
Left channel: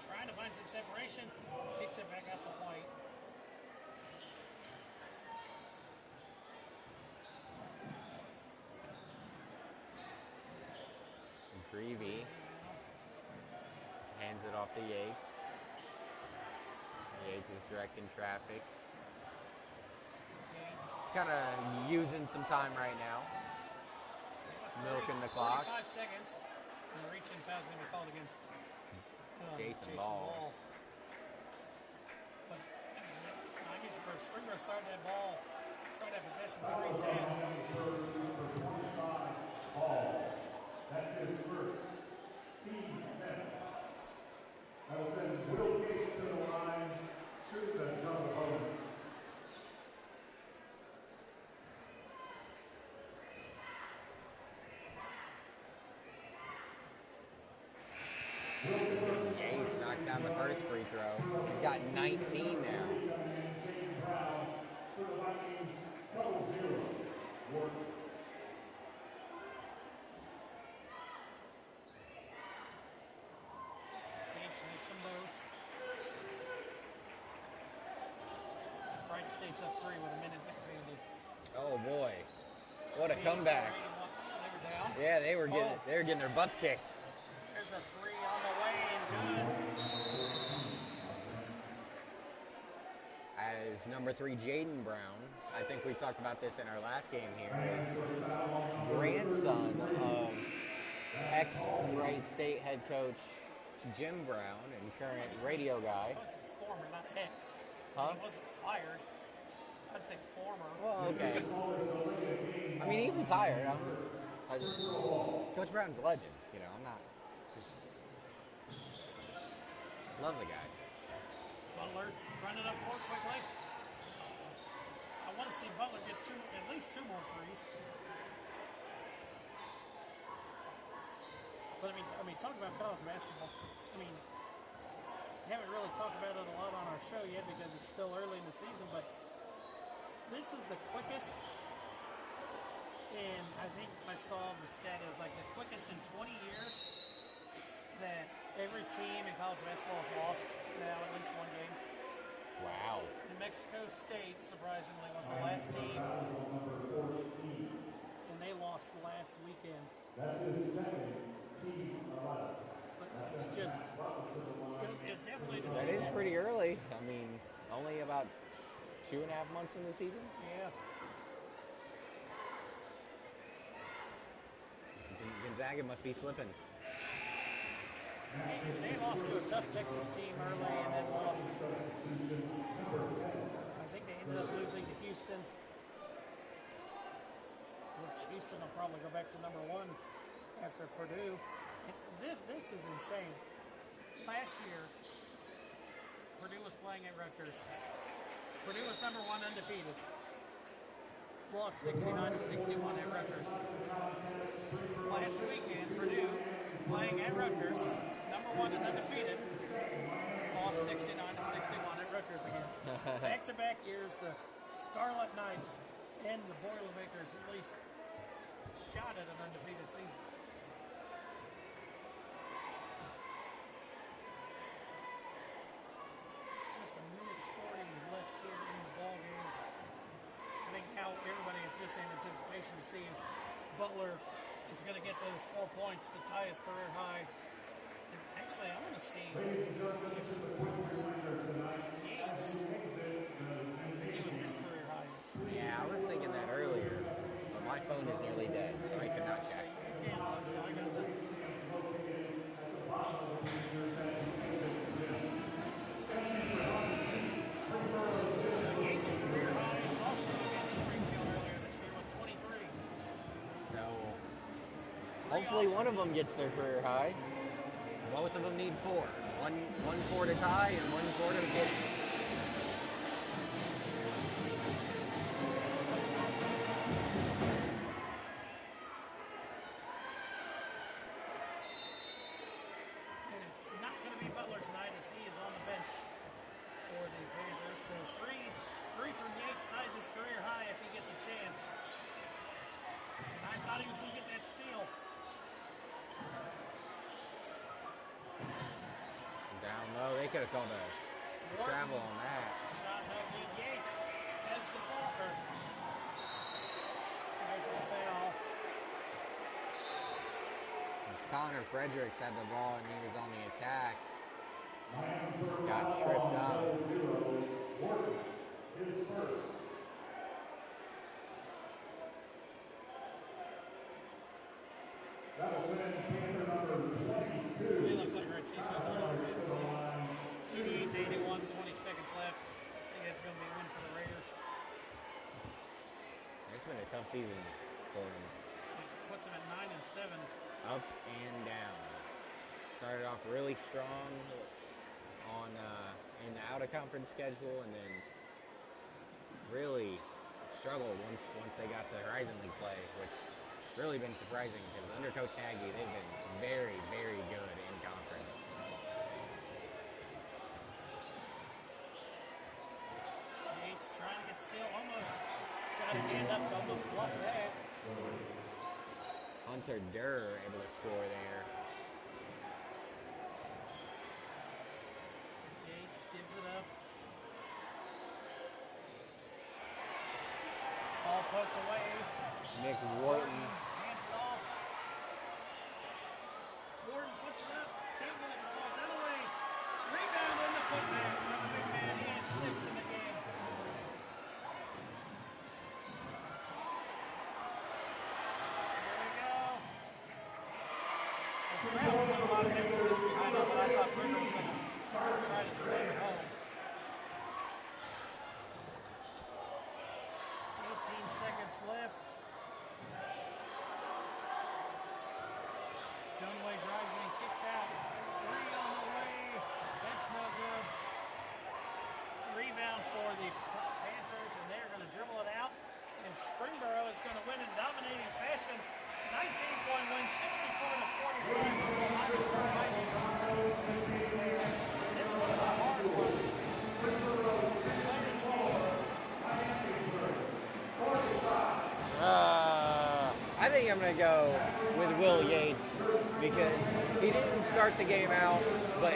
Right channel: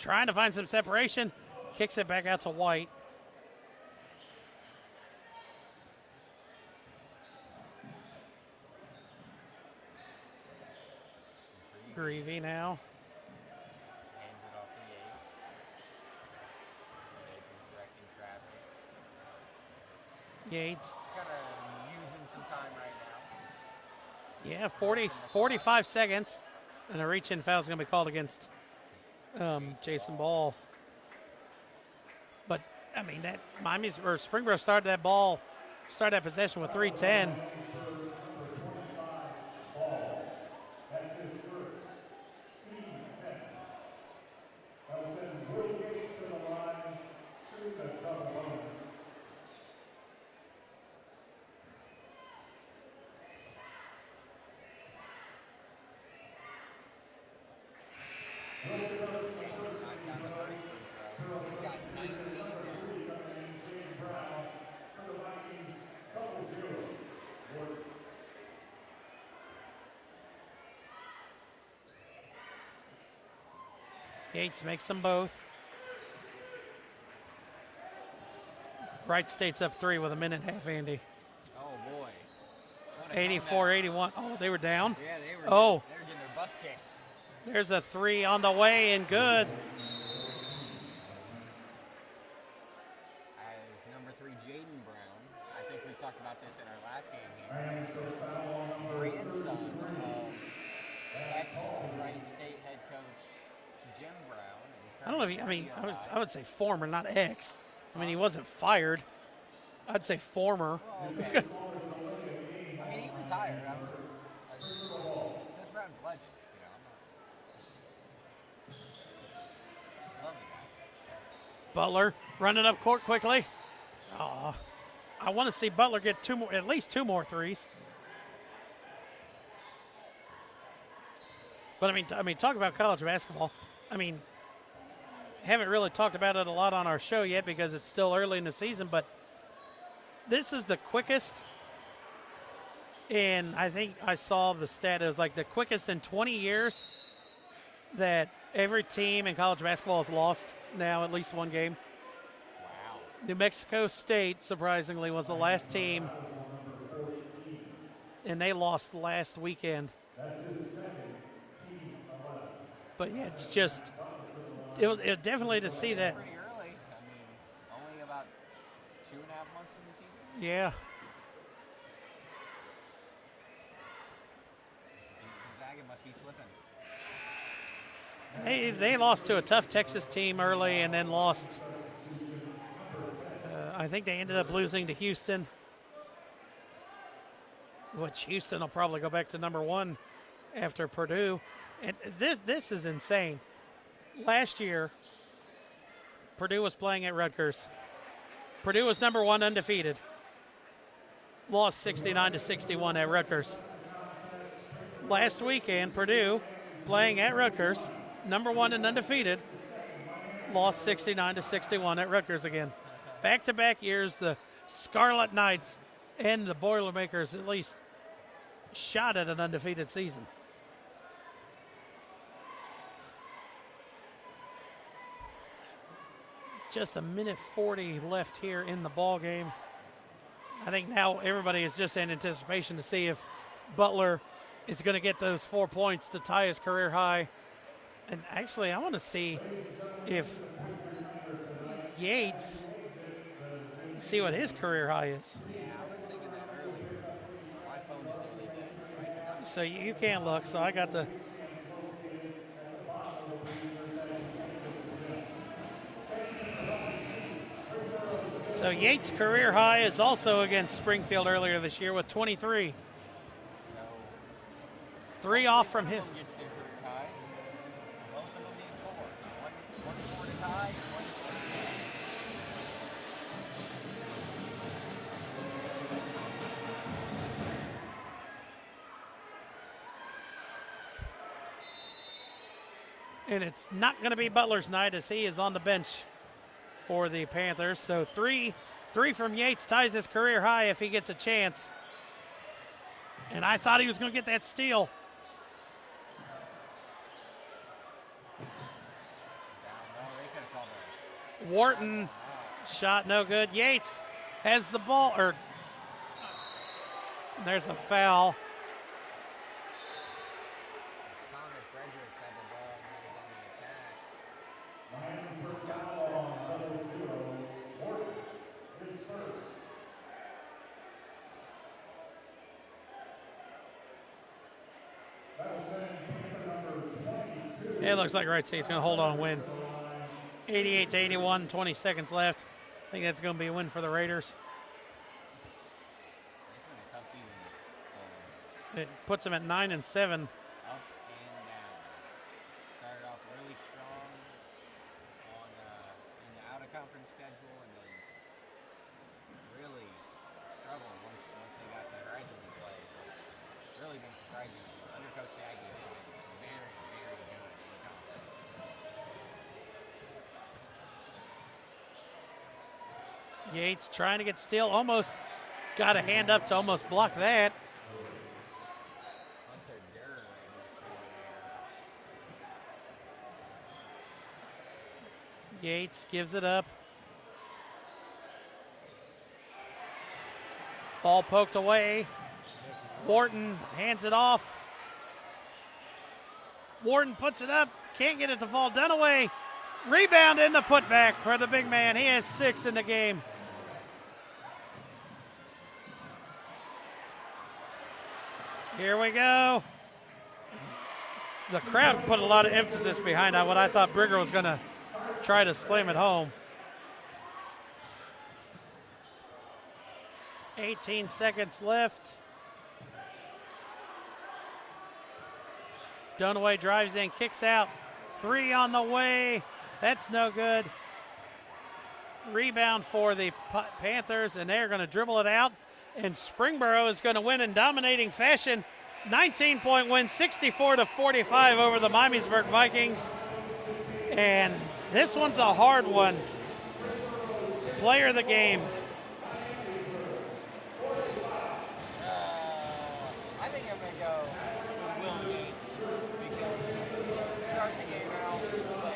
trying to find some separation. Kicks it back out to White. Greavy now. Hands it off to Yates. Yates is directing traffic. Yates. He's kind of using some time right now. Yeah, Milking the 45 clock. seconds. And a reach-in foul is going to be called against Jason Ball. But, I mean, that Springboro started that possession with 3:10. That's his first. Team 10. That will send Will Gates to the line. Shoot the double bonus. Yates knocks down the first free throw. He's got 19 now. Jaden Brown for the Vikings. Double 0. Work. Yates makes them both. Wright State's up 3 with a minute and a half, Andy. Oh boy. What a 84-81. Oh, they were down? Yeah, they were getting their butts kicked. There's a 3 on the way and good. As number 3, Jaden Brown, I think we talked about this in our last game here, is grandson of ex-Wright State head coach Jim Brown and I don't know if current radio guy. I would say former, not ex. I mean, he Huh? wasn't fired. I'd say former. Well, okay. I mean, he retired. Coach Brown's a legend. You know, I'm not. Love the guy. Butler running up court quickly. I want to see Butler get at least two more threes. But I mean, talk about college basketball. I mean, haven't really talked about it a lot on our show yet because it's still early in the season. But this is the quickest, and I think I saw the stat as like the quickest in 20 years that every team in college basketball has lost now at least one game. Wow. New Mexico State, surprisingly, was the last team, and they lost last weekend. That's his second team 11. But yeah, it's just, it was definitely to see It's that. pretty early. I mean, only about 2.5 months in the season. Yeah, Gonzaga must be slipping. they lost to a tough Texas team early and then lost. I think they ended up losing to Houston, which Houston will probably go back to number one after Purdue. And this is insane. last year, Purdue was playing at Rutgers. Purdue was number 1 undefeated. Lost 69-61 at Rutgers. Last weekend, Purdue playing at Rutgers, number 1 and undefeated, lost 69-61 at Rutgers again. Back-to-back years, the Scarlet Knights and the Boilermakers at least shot at an undefeated season. Just a minute 40 left here in the ball game. I think now everybody is just in anticipation to see if Butler is going to get those 4 points to tie his career high. And actually, I want to see if Yates, see what his career high is. Yeah, I was thinking that earlier. My phone is nearly dead, so I cannot. So you can't look, so I got the. So Yates' career high is also against Springfield earlier this year with 23. So 3 off from one his. of them gets their career high. Both of them need 4. One 4 to tie and 1 4 to get. And it's not going to be Butler's night as he is on the bench for the Panthers. So three from Yates ties his career high if he gets a chance. And I thought he was going to get that steal. Down low, they could have called a Wharton travel on that. shot no good. Yates has the ball, or there's a foul. Connor Fredericks had the ball and he was on the attack. Got tripped up. It looks like Right State's going to hold on and win. 88-81, 20 seconds left. I think that's going to be a win for the Raiders. It's been a tough season for them. It puts them at 9-7. Up and down. Started off really strong on in the out-of-conference schedule, and then really struggled once they got to Horizon League play, which really been surprising because under Coach Nagy, they've been very, very good in conference. Yates trying to get steal, almost got a hand up to almost block that. Hunter Durr able to score there. Yates gives it up. Ball poked away. Nick Wharton hands it off. Wharton puts it up. Can't get it to fall. Dunaway. Rebound in the putback for the big man. He has 6 in the game. Here we go. The crowd put a lot of emphasis behind that, what I thought Brigger was going to try to slam it home. 18 seconds left. Dunaway drives in, kicks out. 3 on the way. That's no good. Rebound for the Panthers, and they're going to dribble it out. And Springboro is going to win in dominating fashion. 19-point win, 64-45 over the Miamisburg Vikings. And this one's a hard one. Player of the game. I think I'm going to go with Will Yates because he didn't start the game out, but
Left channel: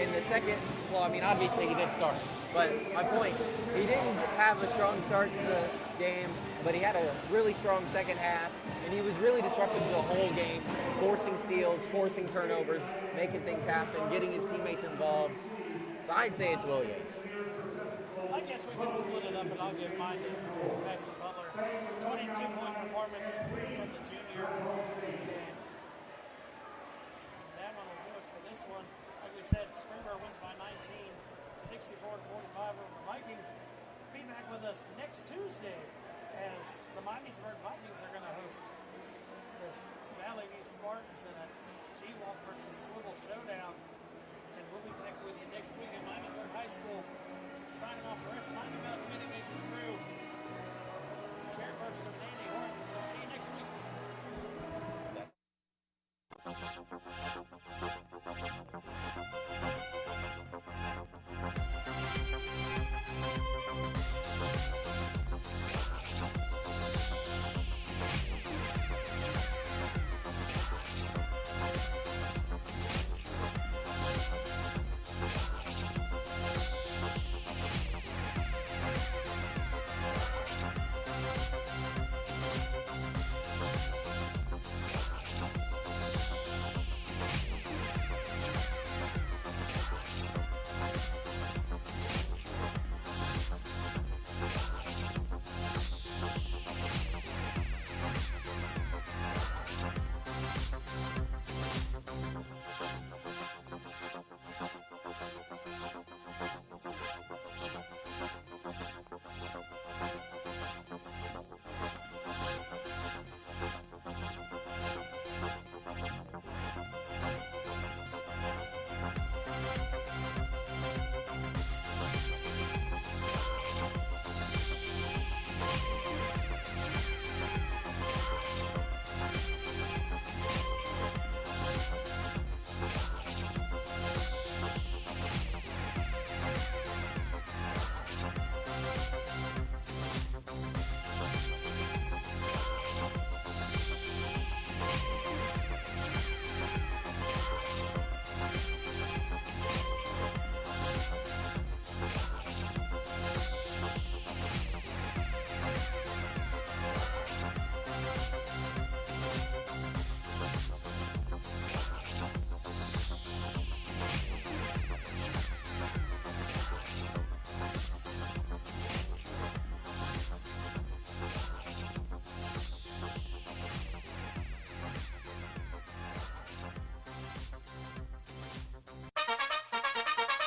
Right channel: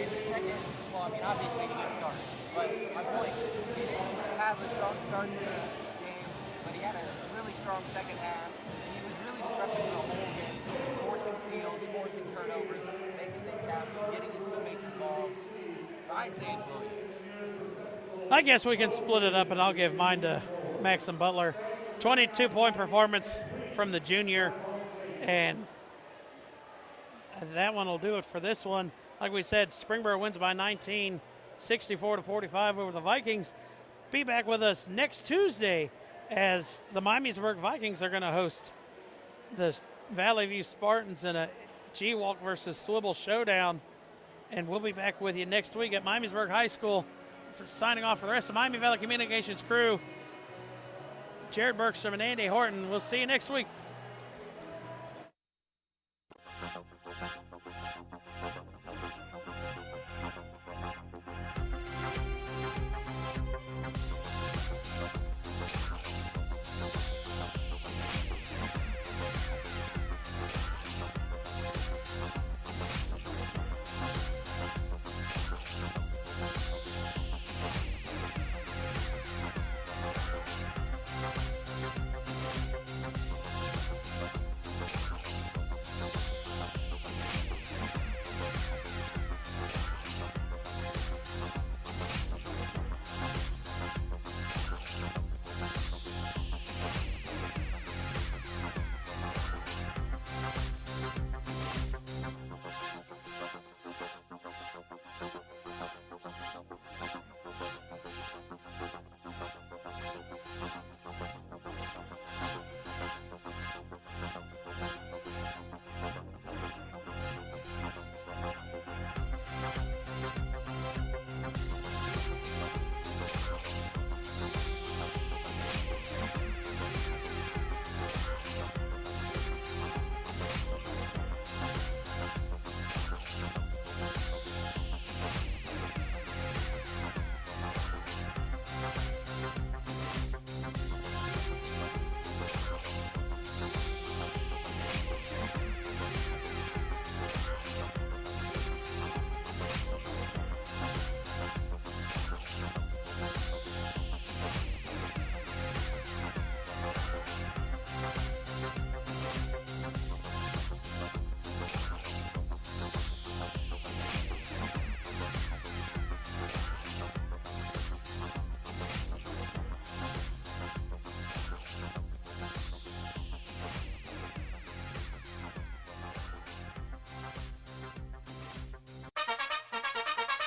in the second, well, I mean, obviously he did start. But my point, he didn't have a strong start to the game, but he had a really strong second half, and he was really disruptive to the whole game, forcing steals, forcing turnovers, making things happen, getting his teammates involved. So I'd say it's Will Yates. I guess we can split it up, and I'll give mine to Maxim Butler. 22-point performance from the junior, and that one will do it for this one. Like we said, Springboro wins by 19, 64-45 over the Vikings. Be back with us next Tuesday as the Miamisburg Vikings are going to host the Valley View Spartans in a G-Walk versus Swivel showdown. And we'll be back with you next week at Miamisburg High School. Signing off for the rest of Miami Valley Communications crew, Jared Bergstrom and Andy Horton. We'll see you next week.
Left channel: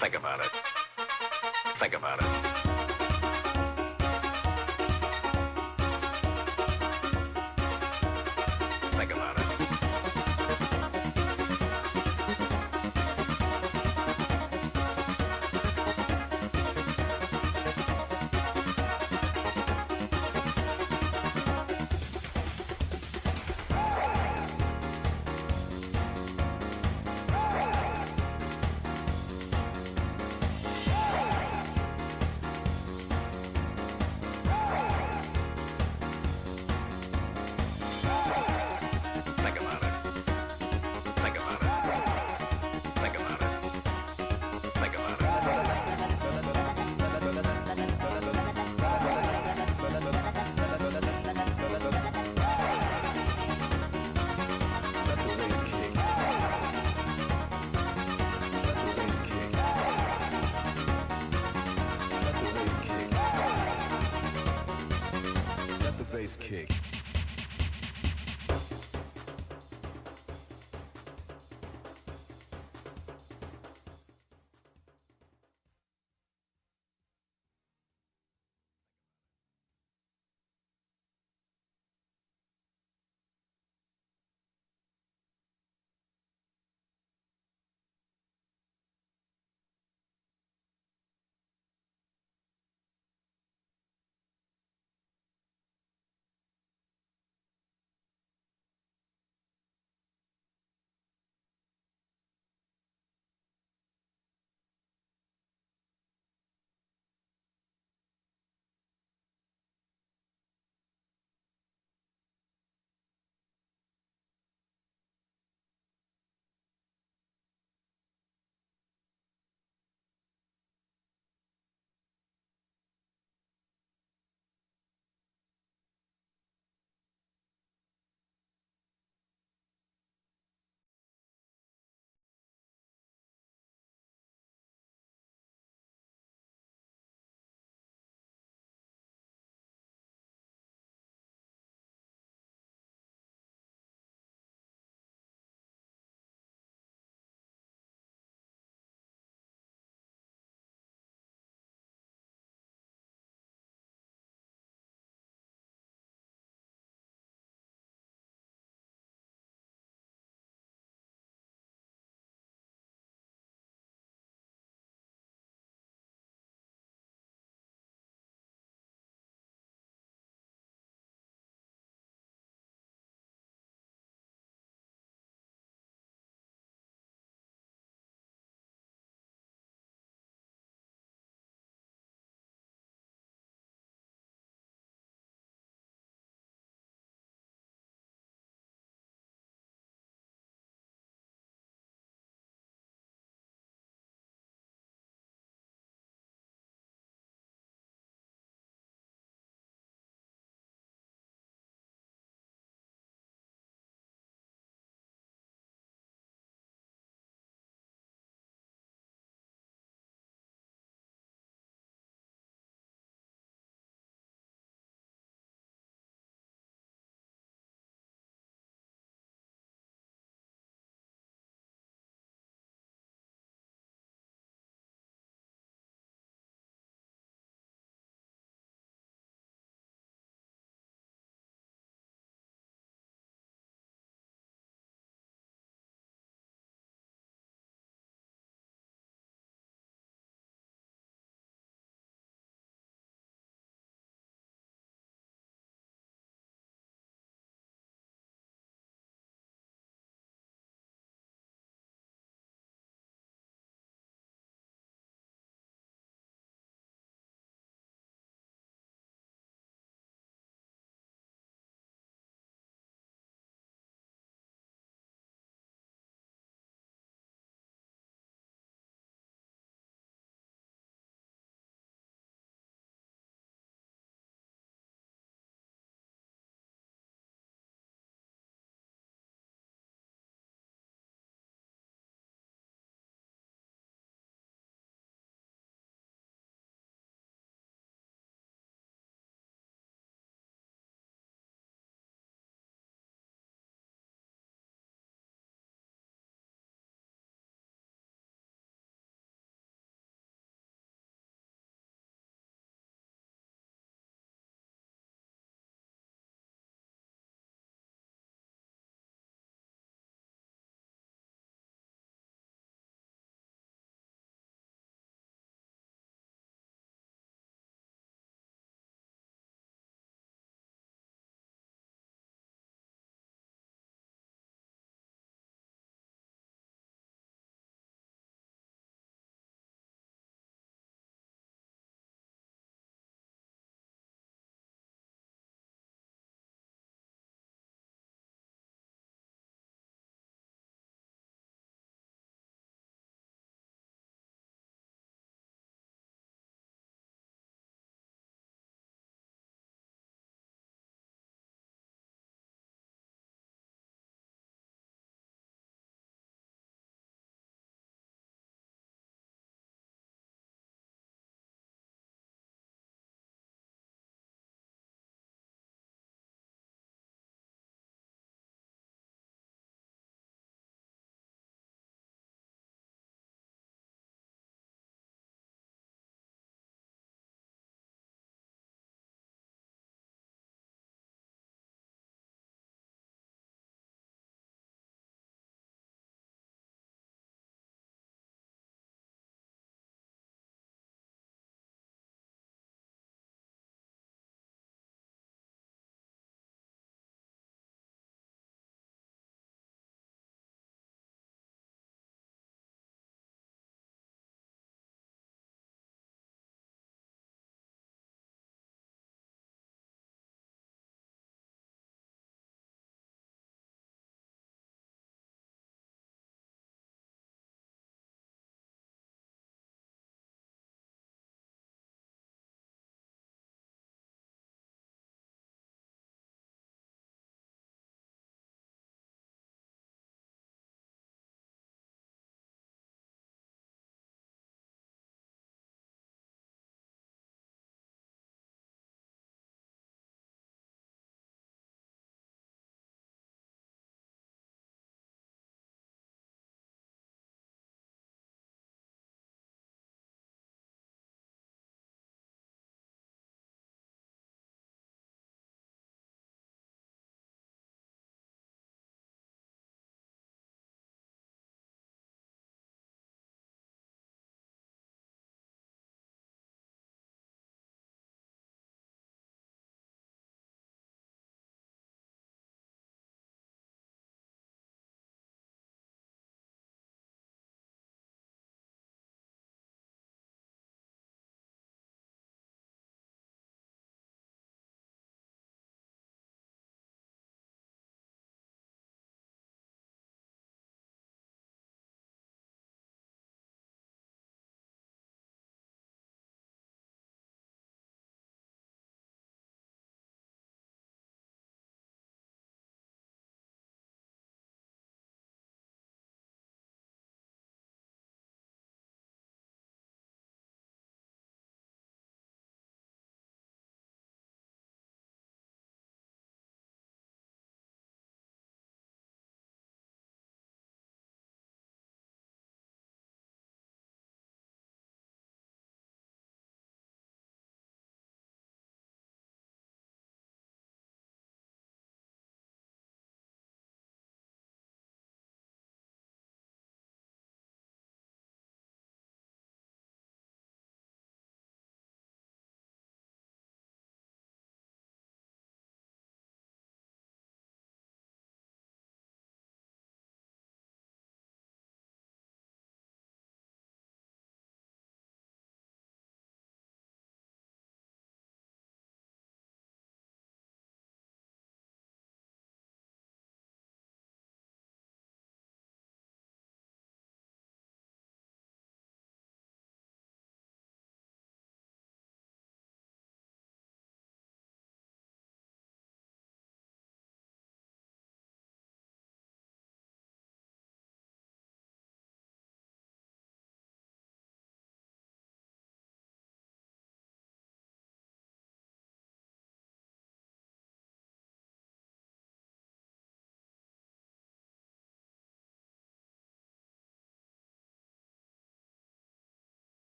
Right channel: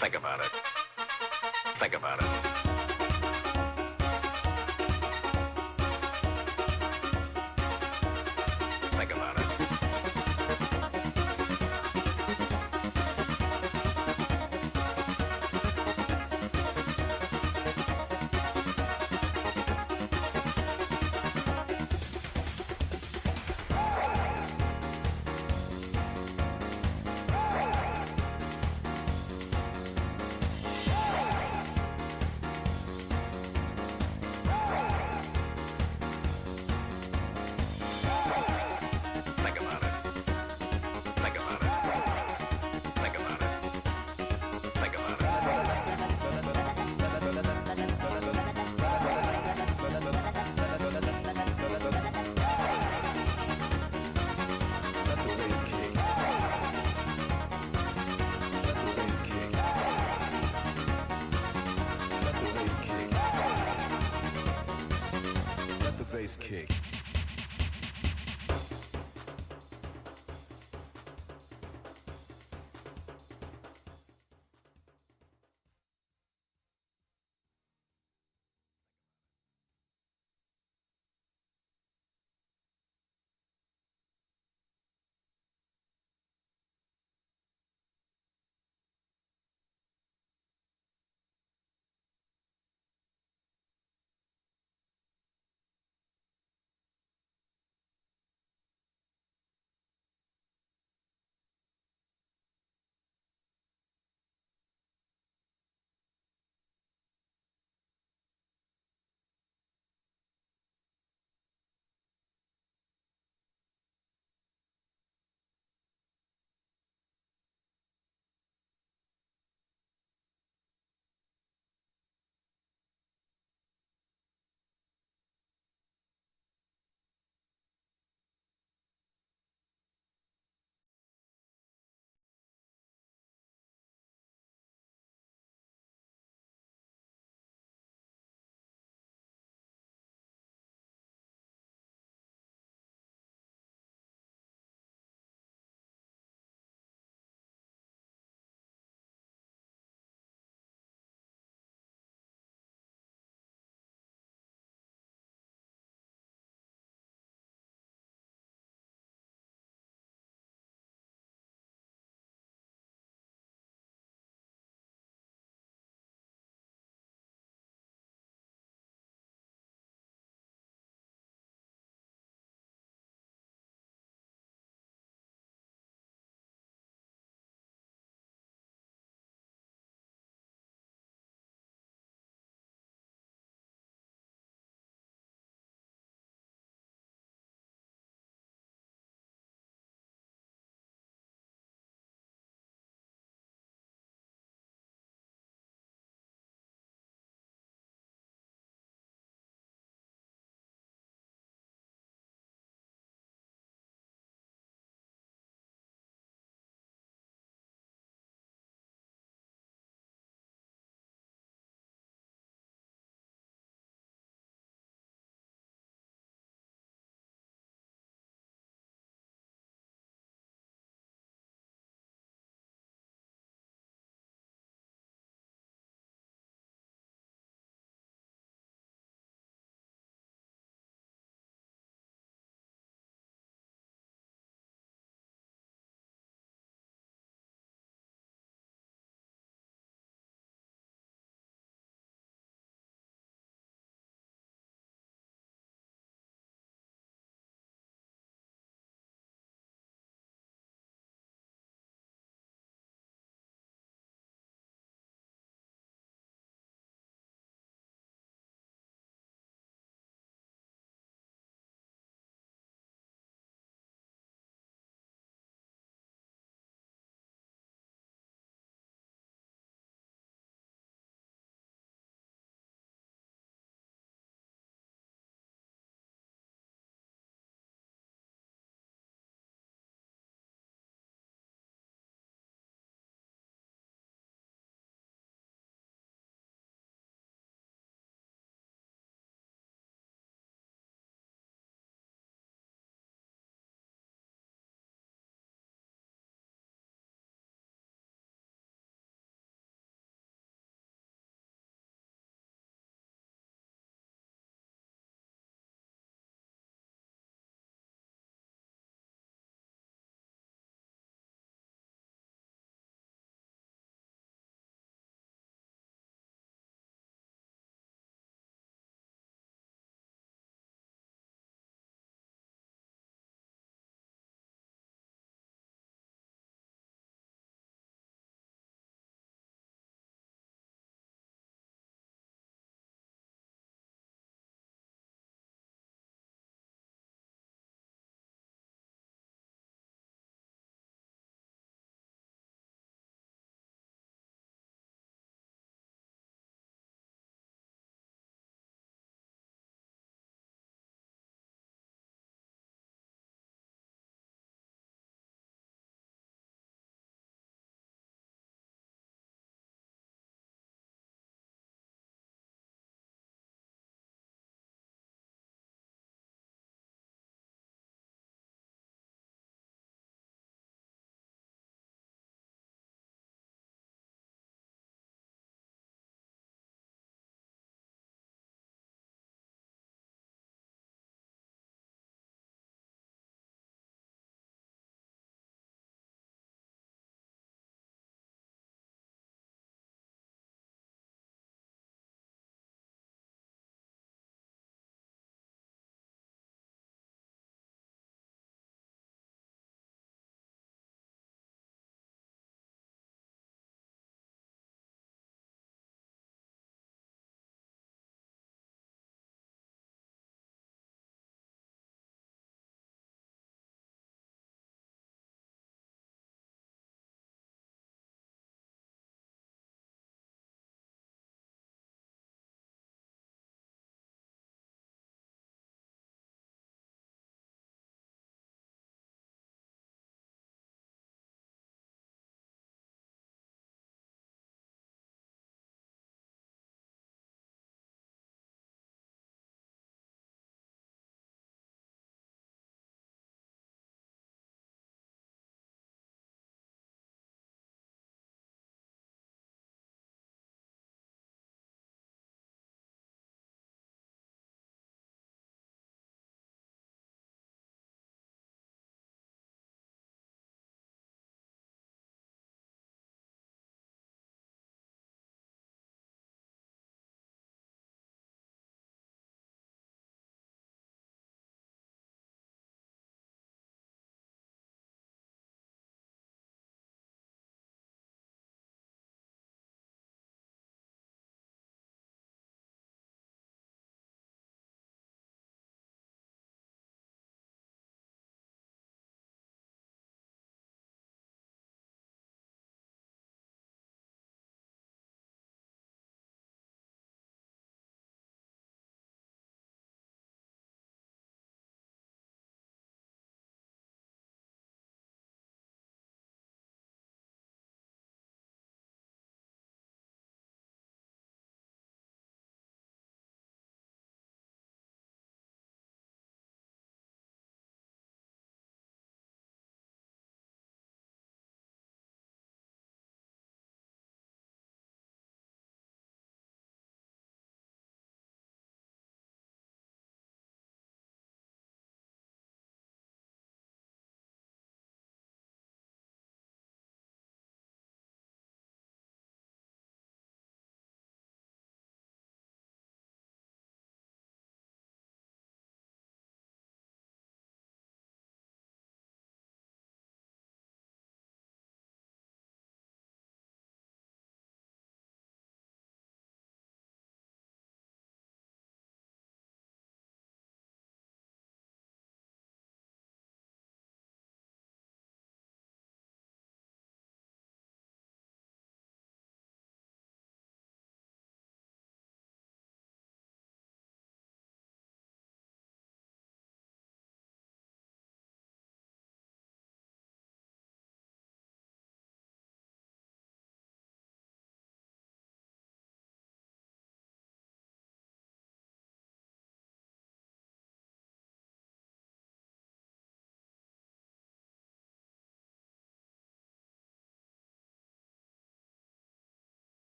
Think about it. Think about it. Think about it. Think about it. Think about it. Think about it. Think about Let the bass kick. Let the bass kick. Let the bass kick. Let the bass kick.